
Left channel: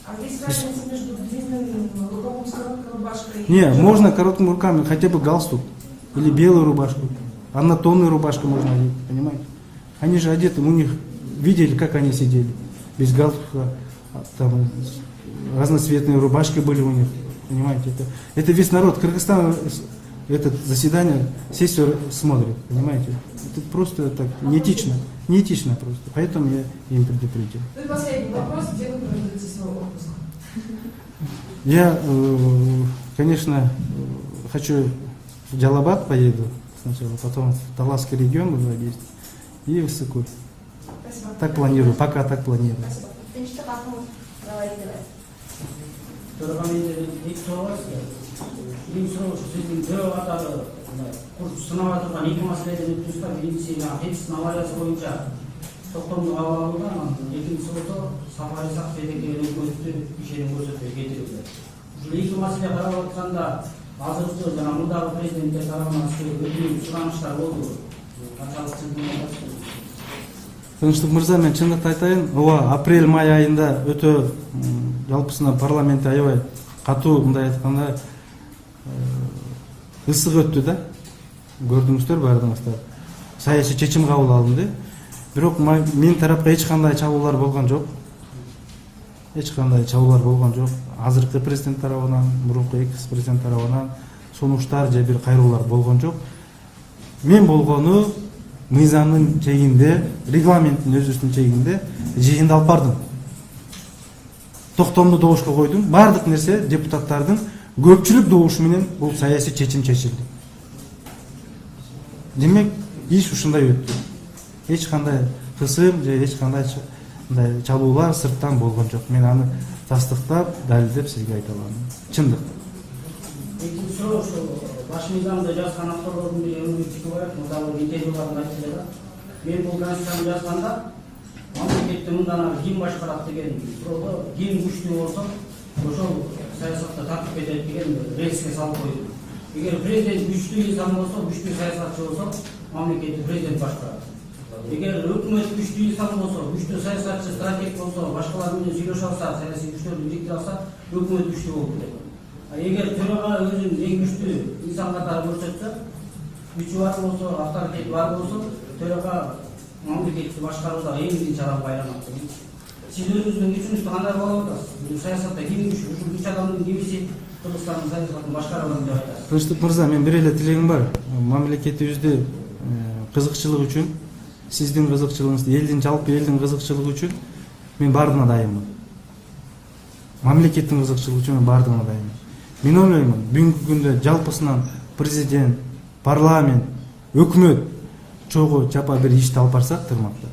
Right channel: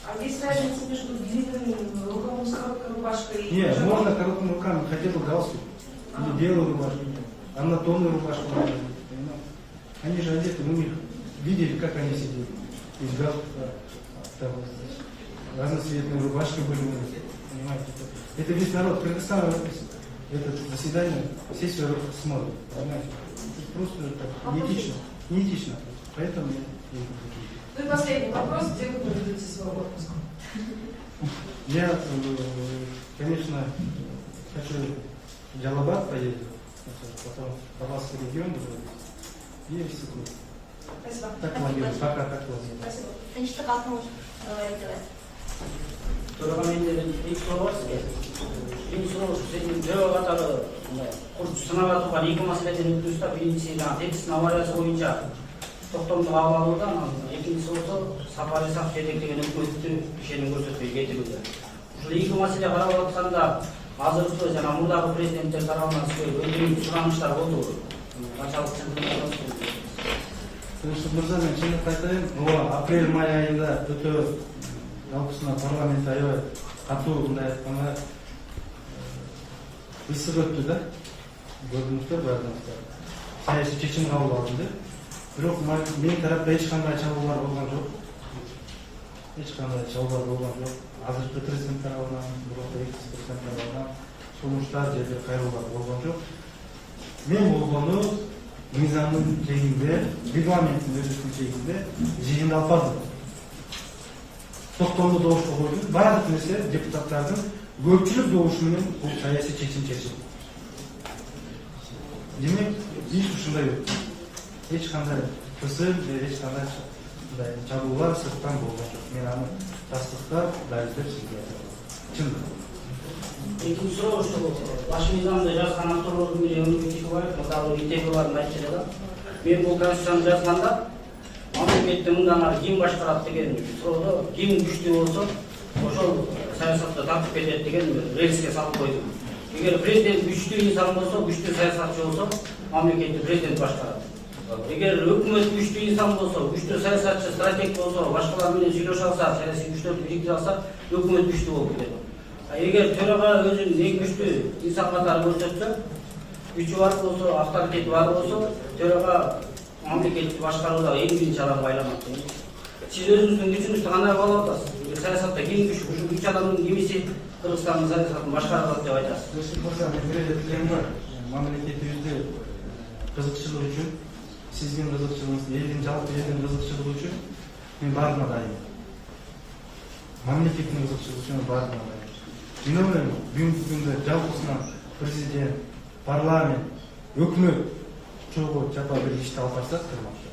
А есть разница между длинным рукавом с короткой рубашкой и... Не, можно короткими руками, хотя бы галстук. Или белую рубашку. Однотонную рубашку можно одеть, понимаете? Они же одеты, у них видели, как они сидели. Без галстука, там разноцветные рубашки были у них. Понимаете? Это весь народ Кыргызстана, это заседание, сессию смотрит, понимаете? Это просто так, неэтично. Неэтично просто. Поэтому я им предупредил. Ну и последний вопрос, где вы проведете свой отпуск? Я, конечно, хочу в Джалабад поеду сначала, потом в Таласский регион уже есть, и в Сыкуль. Спасибо. Так планирую, пока так планирую. Тынчтык атмыш говорите. Birinci soru senin cevap atarı sınava tutan ilk meseleden üstüste birincisi sınav arası boyunca toplum bağlılığından ikincisi olsa safari sak şeydeki hükümetli işlerin gösterdiği getirildi. Şu ilk mesele kararı atkanda hazırlıklı jana murdağı prezidentler tarafından ödülün сұраныштар oldu. Açalıq Тыныштык мырза, мен чындыкты айтайын, ооба апрель-май айында өтө жалпысынан парламентте аябай катуу, мындай айтканда ысык өттү да. Көрдүңүздөр баардыгыңыздар. Саясий чечим кабыл алынды. Бирок мен тарапка эч кандай чабуулар болгон жок. Эч кандай чабуулар болгон жок. Азыркы президент тарабынан, мурунку экс-президент тарабынан сунуштар же бир кайрылуулар болгон жок. Мен болгону мыйзамдын чегинде, регламенттин өзүнүн чегинде жыйынды алып бардым. Токтомду добушка койдум. Бардык нерсе депутаттардын көпчүлүк добушу менен бул саясий чечим чечилди. Демек, иш ушундай өттү. Эч кандай кысым же эч кандай чабуулар сырттан болгон жок. Мен аны тастыктап, далилдеп сизге айта алам. Чындык. Экинчи суроо ушу баш мыйзамда жазган авторлордун бири Өнүкү Чекебаев мурдагы итегиларын айтты да. Мен бул конституцияны жазганда мамлекетти мындан ары ким башкарат деген суроодо ким күчтүү болсо ошол саясатта тартып кетет деген рельске салып койдум. Эгер президент күчтүү инсан болсо, күчтүү саясатчы болсо, мамлекетти президент башкарат. Эгер өкмөт күчтүү инсан болсо, күчтүү саясатчы, стратег болсо, башкалар менен сүйлөшө алса, саясий күчтөрдү бириктире алса, өкмөт күчтүү болуп кетет. Эгер төрага өзүнүн эң күчтүү инсан катары көрсөтсө, күчү бар болсо, авторитети бар болсо, төрага мамлекетти башкарууда эң биринчи адамга айланат. Сиз өзүңүздүн күчүңүздү кандай каалап атасыз? Саясатта ким күч, ушул күч адамдын кимиси Кыргызстандын саясатын башкарган деп айтасыз? Тынчтык мырза, мен бир эле тилегим бар. Мамлекетибизде кызыкчылык үчүн, сиздин кызыкчылыгыңыз, элдин жалпы элдин кызыкчылыгы үчүн мен бардыгына дайынмын. Мамлекеттин кызыкчылыгы үчүн бардыгына дайынмын. Мен ойлоймун, бүгүнкү күндө жалпысынан президент, парламент, өкмөт чогуу чапа бир ишти алып барсак тырмакта,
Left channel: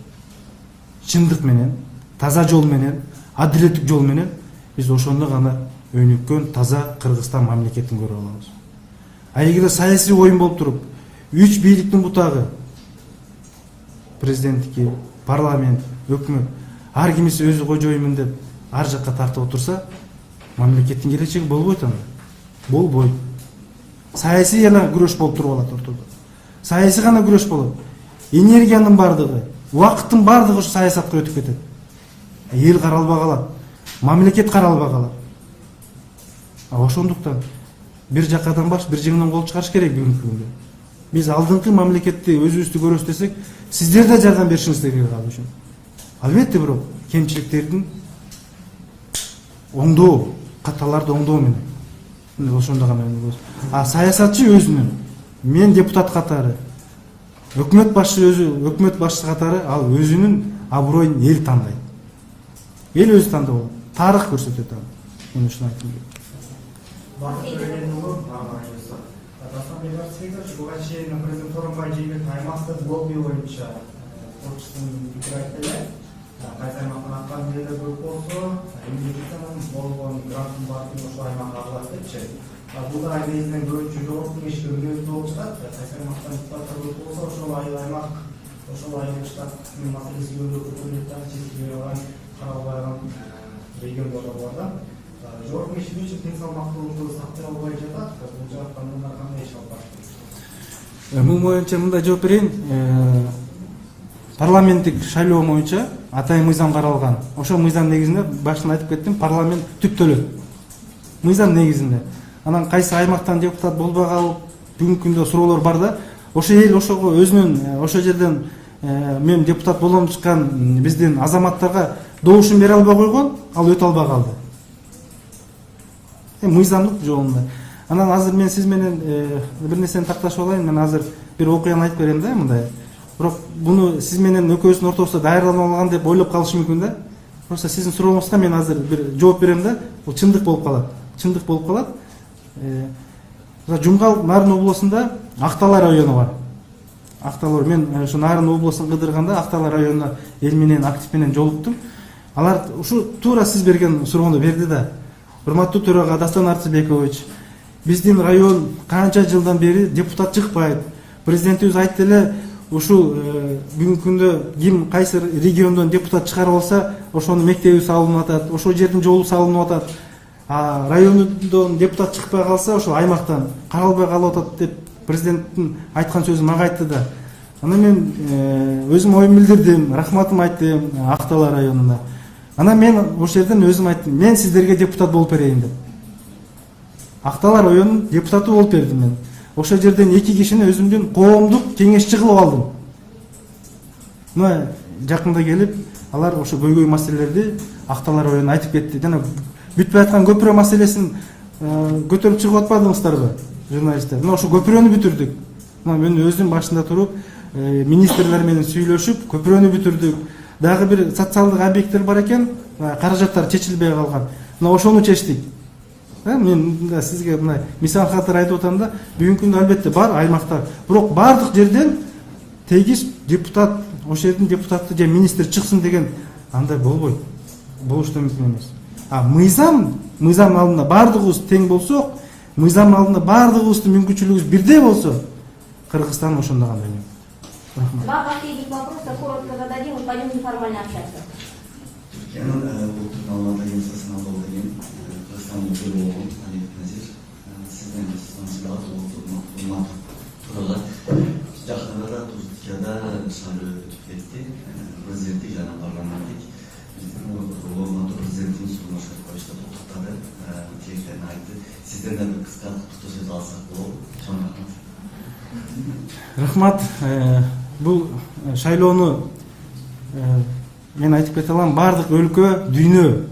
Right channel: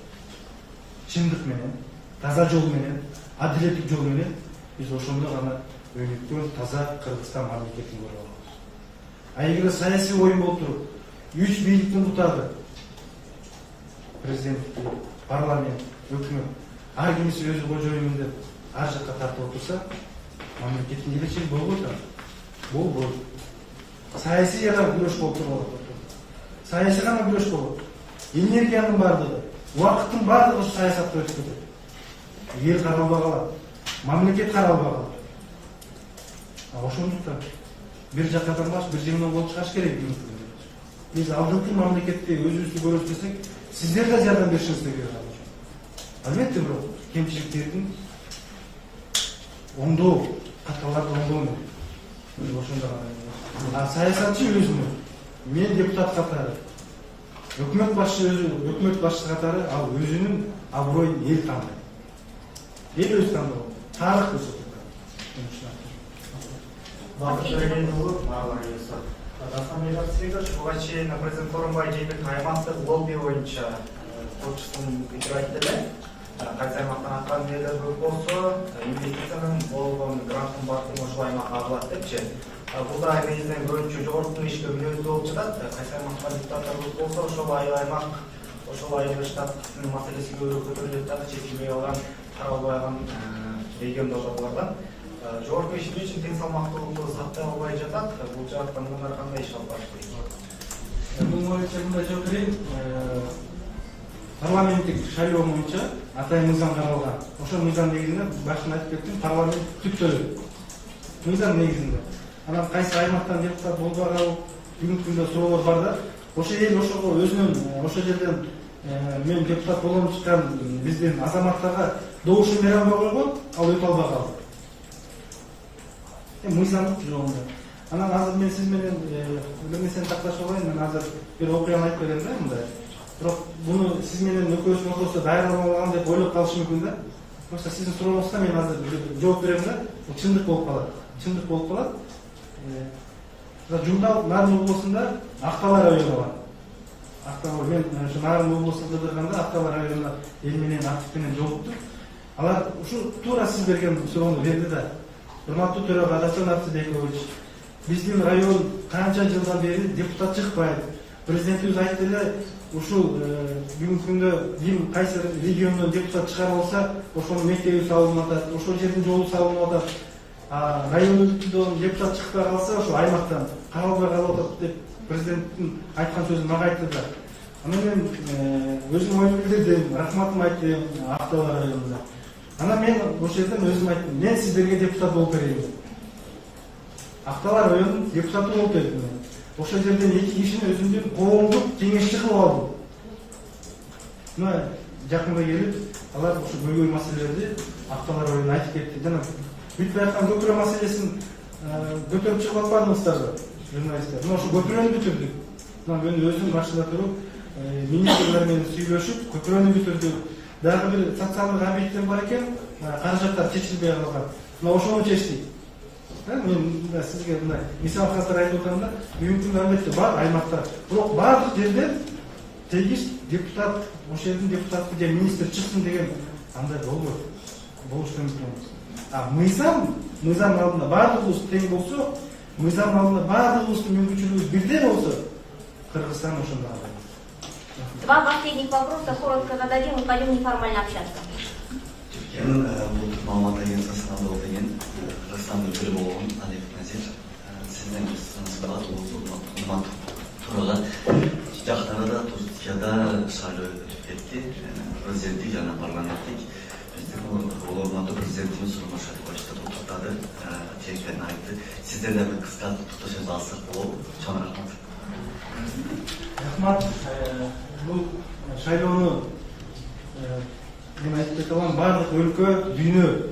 чындык менен, таза жол менен, адилеттик жол менен биз ошондо гана өнүккөн таза Кыргызстан мамлекетин көрө алабыз. А эгерде саясий оюн болуп туруп, 3 бийликтин бутагы президенттики, парламент, өкмөт ар кимиси өзү кожоюмун деп ар жакка тартып отурса, мамлекеттин келечеги болбойт анда. Болбойт. Саясий гана күрөш болуп туруп алат ортодо. Саясий гана күрөш болот. Энергиянын бардыгы, убакыттын бардыгы ушу саясатка өтүп кетет. Эл каралбай калат, мамлекет каралбай калат. Ошондуктан бир жакадан баш, бир жеңинен кол чыгарыш керек бүгүнкү күндө. Биз алдыңкы мамлекетти өзүбүздү көрөбүз десек, сиздер да жардам беришиңиз керек ал үчүн. Албетте бирок кемчиликтердин оңдоо, каталарды оңдоо менен. Ошондо гана. А саясатчы өзүнүн, мен депутат катары, өкмөт башчысы катары ал өзүнүн аброюн эл тандайт. Эл өзү тандоо. Тарых көрсөтөт аны. Мен ушуну айтам. Буга чейин президент Сооронбай Жээнбеков аймактык лобби боюнча отчусын пикир айтты эле. Кайсы аймактан аткан элер көп болсо, инвестициянын болгон гранттын баардыгы ошол аймакка агылат депчи. Бул да негизинен көбүнчө жогорку ишке мүнөздүү болуп чыгат. Кайсы аймакта депутаттар көп болсо, ошол аймак, ошол айыл штаттын маселеси көбүрөөк көтөрүлөт да, чечилбей калган, каралбай калган региондор бар. Жогорку иш үчүн тең салмактуулукту сактай албай жатат. Бул жактан мындай кандай иш алып барыш керек? Мун боюнча мындай жооп берейин. Парламенттик шайлоо боюнча атайын мыйзам каралган. Ошол мыйзам негизинде башында айтып кеттим, парламент түптөлөт. Мыйзам негизинде. Анан кайсы аймактан депутат болбой калып, бүгүнкү күндө суроолор бар да. Ошо эл ошого өзүнүн ошол жерден мен депутат болом чыккан биздин азаматтарга добушун бере албай койгон, ал өтө албай калды. Мыйзамдык жолунда. Анан азыр мен сиз менен бир нерсени такташып алайын. Мен азыр бир окуяны айтып берем да, мындай. Бирок буну сиз менен экөөбүздүн ортобузда даярданып алган деп ойлоп калышы мүмкүн да. Просто сиздин сурооңузга мен азыр бир жооп берем да. Бул чындык болуп калат. Чындык болуп калат. Жумгал Нарын облусунда Актала району бар. Актала, мен ушу Нарын облусун кыдырганда Актала районуна эл менен актив менен жолуктум. Алар ушу туура сиз берген суроону берди да. Урматтуу төрага Дастан Арцыбекович, биздин район канча жылдан бери депутат чыкпайт. Президентибиз айтты эле, ушул бүгүнкү күндө ким кайсы региондон депутат чыгарып алса, ошонун мектеби салынып атат, ошол жердин жолу салынып атат. А райондон депутат чыкпай калса, ошол аймактан каралбай калып атат деп президенттин айткан сөзү мага айтты да. Аны мен өзүм оюм билдирдим, рахматымды айттым Актала районуна. Анан мен ошол жерден өзүм айттым, мен сиздерге депутат болуп берейин деп. Актала районунун депутаты болуп бердим мен. Ошол жерден 2 кишини өзүмдүн коомдук кеңешчи кылып алдым. Мына жакында келип, алар ошо көйгөй маселелерди Актала районуна айтып кетти. Жана бүтпөй аткан көпүрө маселесин көтөрүп чыгып атпадыңыздарбы, журналисттер? Мына ошо көпүрөнү бүтүрдүк. Мына мен өзүм башында туруп, министрлер менен сүйлөшүп, көпүрөнү бүтүрдүк. Дагы бир социалдык объекттер бар экен, каражаттар чечилбей калган. Мына ошону чечтик. Мен сизге мына мисал катары айтып атам да, бүгүнкү күндө албетте бар аймакта, бирок бардык жерден тегиз депутат, ошол жердин депутаты же министр чыксын деген андай болбойт. Болушту мүмкүн эмес. А мыйзам алдында бардыгыбыз тең болсок, мыйзам алдында бардыгыбыздын мүмкүнчүлүгүбүз бирдей болсо, Кыргызстан ошондо кандай. Два последних вопроса коротко зададим и пойдем неформально общаться. Türkiye'nin bu Mağmada Yensası'na doğru gelen Kırgızistan'da öyle olan Alev Nazir sizden Kırgızistan'da olmak turada Jaktara da Türkiye'de şahiyo etti prezidenti yana parlamentik bizim olmadı prezidentin sunuşu başta tuttadı tekten aitti sizden de bir kısa söz alsak olur çok rahmat. Рахмат. Бул шайлоону мен айтып кете алам, бардык өлкө, дүйнө,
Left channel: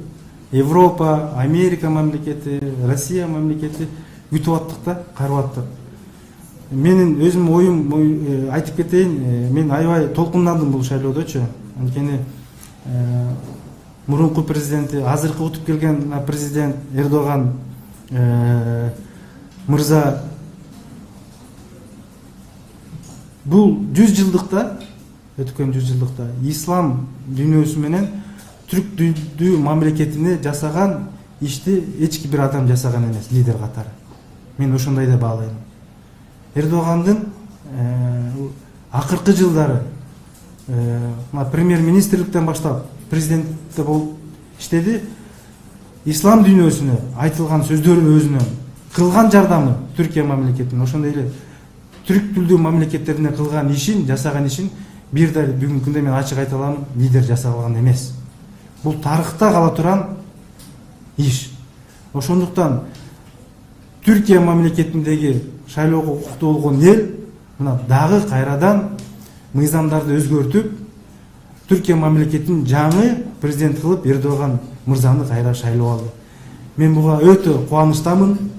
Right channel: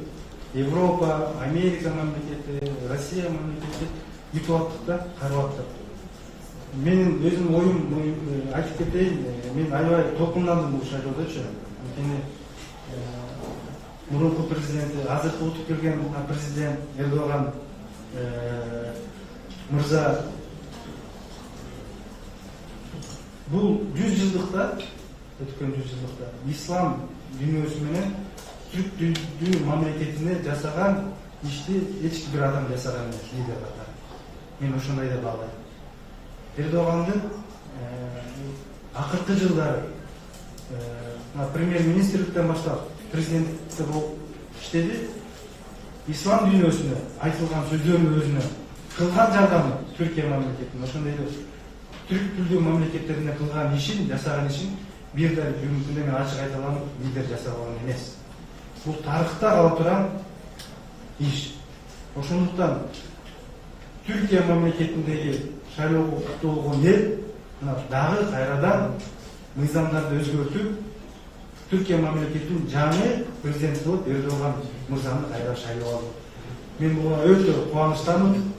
Европа, Америка мамлекети, Россия мамлекети күтүп аттык да, карап аттык. Менин өзүм оюм айтып кетейин, мен аябай толкундандым бул шайлоодочу. Анткени мурунку президенти, азыркы утуп келген президент Эрдоган мырза бул 100 жылдыкта, өткөн 100 жылдыкта ислам дүйнөсү менен түрк дүйдүү мамлекетине жасаган ишти эч бир адам жасаган эмес лидер катары. Мен ошондой деп баалайм. Эрдогандын акыркы жылдары премьер-министрликтен баштап президентте болуп иштеди. Ислам дүйнөсүнө айтылган сөздөрүнүн өзүнөн кылган жардамы Түркия мамлекетинин, ошондой эле түрк тилдүү мамлекеттерине кылган ишин, жасаган ишин бир да бүгүнкү күндө мен ачык айта алам, лидер жасап алган эмес. Бул тарыхта кала турган иш. Ошондуктан Түркия мамлекетиндеги шайлоого укуктуу болгон эл мына дагы кайрадан мыйзамдарды өзгөртүп, Түркия мамлекетинин жаңы президент кылып Эрдоган мырзаны кайра шайлоо алды. Мен буга өтө кубанычтамын.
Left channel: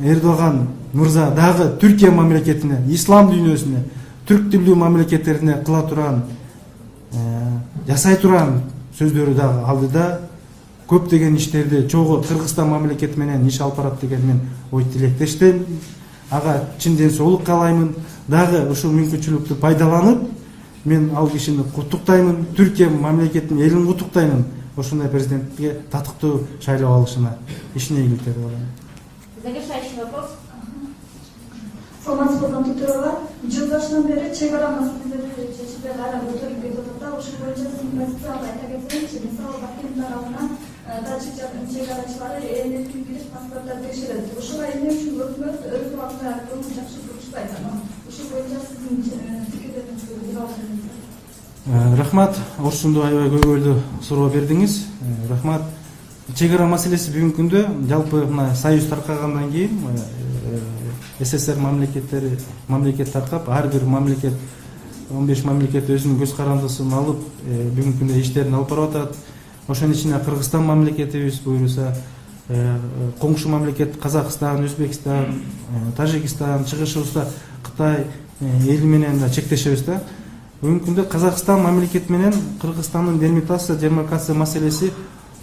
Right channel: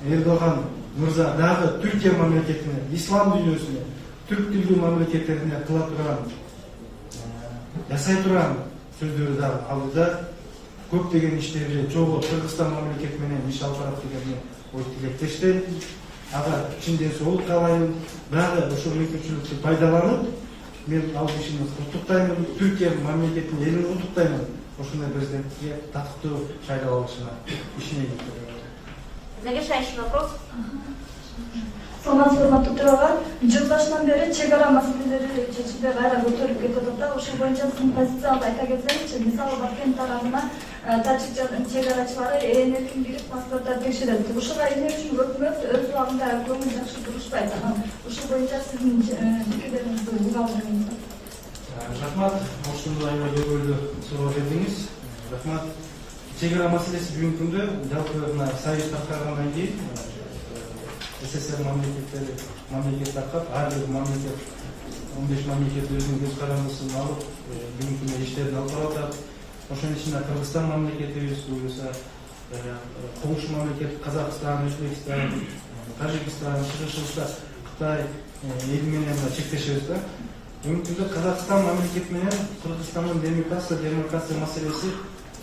Эрдоган мырза дагы Түркия мамлекетине, ислам дүйнөсүнө, түрк тилдүү мамлекеттерине кыла турган, жасай турган сөздөрү дагы алды да, көптөгөн иштерди чогуу Кыргызстан мамлекети менен иш алып барат деген мен ой тилектештем. Ага чын ден соолук каалаймын. Дагы ушул мүмкүнчүлүктү пайдаланып, мен ал кишини куттуктаймын, Түркия мамлекетинин элин куттуктаймын. Ошондой президентке татыктуу шайлоо алышына ишине ийгиликтер каалайм. Завершающий вопрос. Саламатсызбы, Урматтуу төрага. Жылдашынан бери чек ара маселелери чечилбей кайра көтөрүлүп кетип атат да. Ошол боюнча сиздин позицияңызды айта кетсеңизчи. Мисалы Башкент тарабына тажик чек арачылары эркин бирип паспорттарды текшерет. Ушуга эмне үчүн өкмөт өз убагында көңүл жакшы турушпайт? Ушул боюнча сиздин пикирлериңизди угабыз. Рахмат, ошондой аябай көйгөйлүү суроо бердиңиз. Рахмат. Чек ара маселеси бүгүнкү күндө жалпы мына союз таркагандан кийин СССР мамлекет таркап, ар бир мамлекет 15 мамлекет өзүнүн көз карандысын алып, бүгүнкү күндө иштерин алып барып атат. Ошонун ичинде Кыргызстан мамлекетибиз, буюрса коңшу мамлекет Казакстан, Өзбекстан, Тажикстан, чыгышыбызда Кытай эли менен чектешебиз да. Бүгүнкү күндө Казакстан мамлекети менен Кыргызстандын демаркация маселеси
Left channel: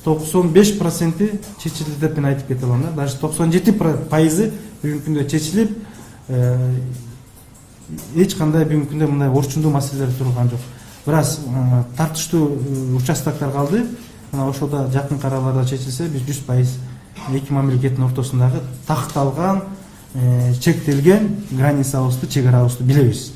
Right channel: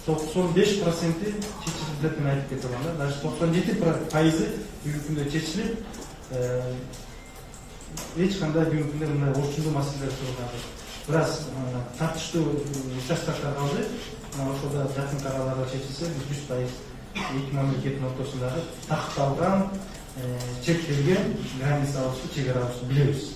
95% чечилди деп мен айтып кете алам да. Даже 97% бүгүнкү күндө чечилип, эч кандай бүгүнкү күндө мындай орчундуу маселелер турган жок. Бирок тартыштуу участоктор калды. Мына ошолда жакын араларда чечилсе, биз 100% эки мамлекеттин ортосундагы такталган, чектелген границабызды, чек арабызды билебиз.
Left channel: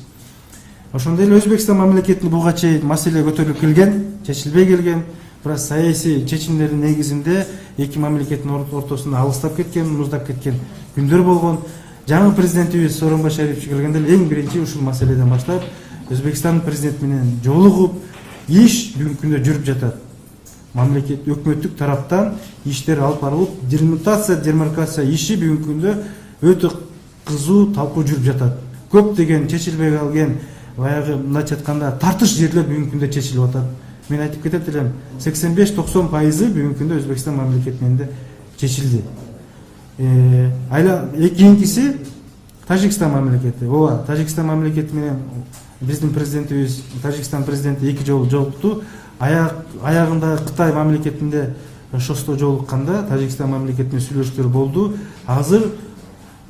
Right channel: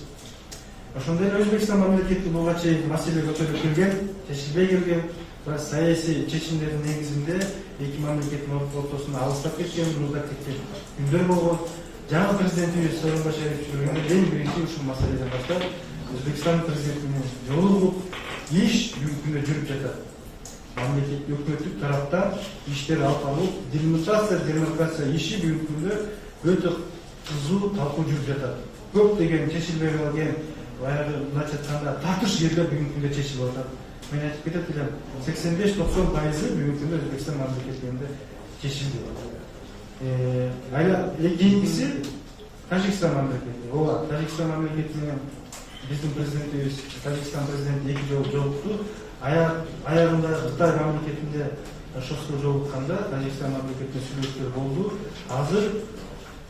Ошондой эле Өзбекстан мамлекетинде буга чейин маселе көтөрүлүп келген, чечилбей келген. Бирок саясий чечимдердин негизинде эки мамлекеттин ортосунда алыстап кеткен, муздап кеткен күндөр болгон. Жаңы президентибиз Сооронбай Шарипович келгенде эң биринчи ушул маселеден баштап Өзбекстан президенти менен жолугуп, иш бүгүнкү күндө жүрүп жатат. Мамлекет өкмөттүк тараптан иштер алып барылып, демаркация иши бүгүнкү күндө өтө кызуу талкуу жүрүп жатат. Көптөгөн чечилбей калган, баягы мындайча айтканда тартыш жерлер бүгүнкү күндө чечилип атат. Мен айтып кетет элем, 85-90% бүгүнкү күндө Өзбекстан мамлекети менен чечилди. Кийинкиси Тажикстан мамлекети. Ооба, Тажикстан мамлекети менен биздин президентибиз, Тажикстан президенти эки жолу жолукту. Аягында Кытай мамлекетинде шосто жолукканда Тажикстан мамлекетине сүйлөшүүлөр болду. Азыр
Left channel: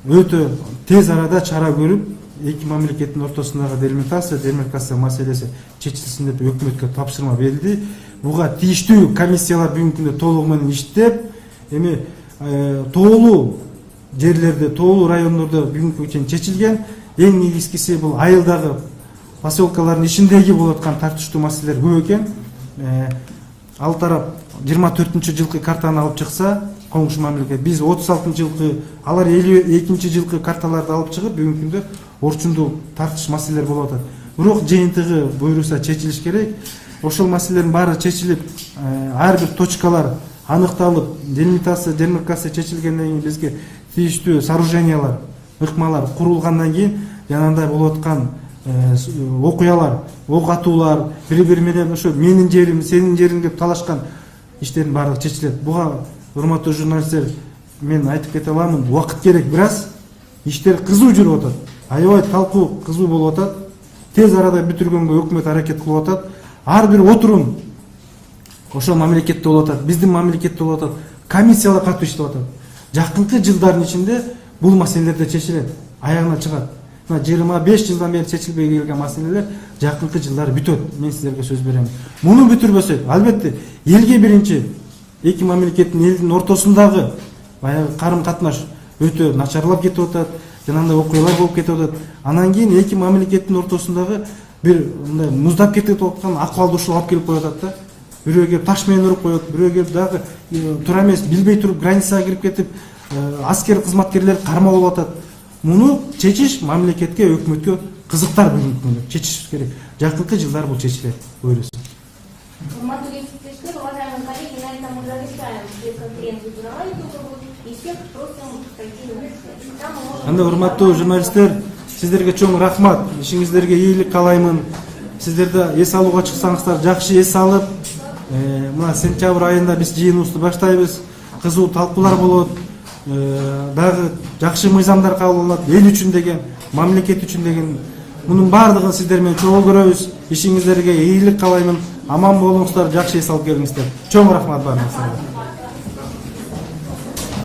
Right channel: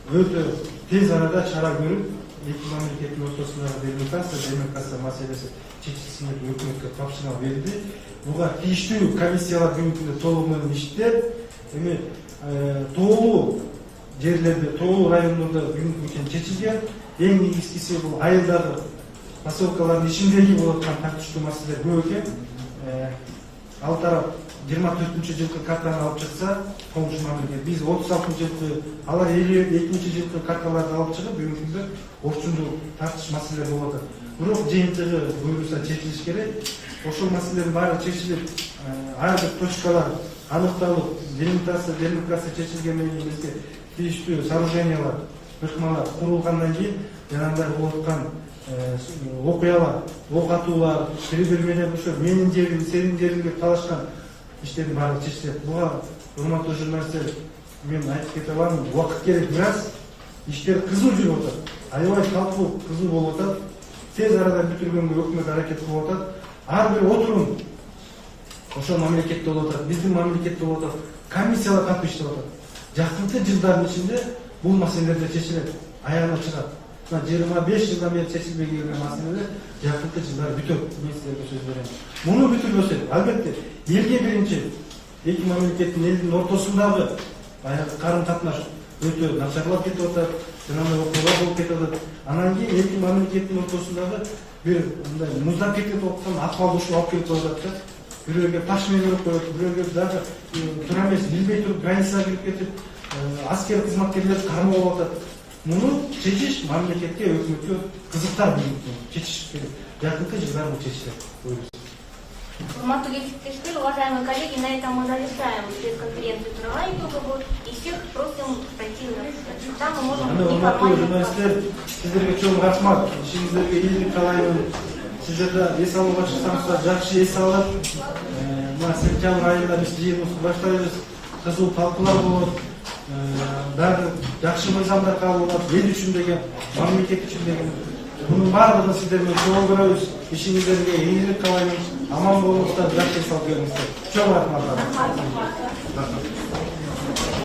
өтө тез арада чара көрүп, эки мамлекеттин ортосундагы демаркация маселеси чечилсин деп өкмөткө тапшырма берилди. Буга тийиштүү комиссиялар бүгүнкү күндө толугу менен иштеп, эми тоолуу жерлерде, тоолуу райондордо бүгүнкү күндө чечилген. Эң негизгиси бул айылдагы поселкалардын ичиндеги болуп аткан тартыштуу маселелер көп экен. Ал тарап 24-жылкы картаны алып чыкса, коңшу мамлекет, биз 36-жылкы, алар 52-жылкы карталарды алып чыгып, бүгүнкү күндө орчундуу тартыш маселелер болуп атат. Бирок жыйынтыгы буйруса чечилиш керек. Ошол маселелердин баары чечилип, ар бир точкалар аныкталып, демаркация чечилгенден кийин бизге тийиштүү сооружениялар, ыкмалар курулгандан кийин жанагындай болуп аткан окуялар, ок атуулар, бири-бири менен ошо менин жерим, сенин жериң деп талашкан иштердин баары чечилет. Буга урматтуу журналисттер, мен айтып кете аламын, убакыт керек, бир аз иштер кызуу жүрүп атат. Аябай талкуу кызуу болуп атат. Тез арада бүтүргөнгө өкмөт аракет кылып атат. Ар бир отурум ошол мамлекетте болуп атат, биздин мамлекетте болуп атат. Комиссиялар катуу иштеп атат. Жакынкы жылдардын ичинде бул маселелер да чечилет, аягына чыгат. мына 25 жылдан бeri чечилбей келген маселелер жакынкы жылдары бүтөт. Мен силерге сөз берем. Муну бүтүрбөсөк, албетте элге биринчи эки мамлекеттин элдин ортосундагы баягы карым-катнаш өтө начарлап кетип атат, жанагындай окуялар болуп кетип атат. Анан кийин эки мамлекеттин ортосундагы бир мындай муздап кетип аткан акыбалды ушул алып келип коюп атат да. Бирөө келип таш менен уруп коет, бирөө келип дагы туура эмес билбей туруп границага кирип кетип аскер кызматкерлер кармоо болуп атат. Муну чечиш мамлекетке, өкмөткө кызыктар бүгүнкү чечиш керек. Жакынкы жылдары бул чечилет. Буйрусун. Урматтуу кесиптештер, уважаемые коллеги, на этом мы завершаем пресс-конференцию Турала итоговую и всех просим пройти на заседание. Там мы можем... Анда урматтуу журналисттер, сиздерге чоң рахмат. Ишиңиздерге ийгилик каалаймын. Сиздер да эс алууга чыксаңыздар, жакшы эс алып, мына сентябрь айында биз жыйыныбызды баштайбыз. Кызуу талкуулар болот. Баары жакшы мыйзамдар кабыл болот. Эл үчүн деген, мамлекет үчүн деген. Мунун баардыгын сиздер менен чогуу көрөбүз. Ишиңиздерге ийгилик каалаймын. Аман болуңуздар, жакшы эс алып келиңиздер. Чоң рахмат баарыңызга.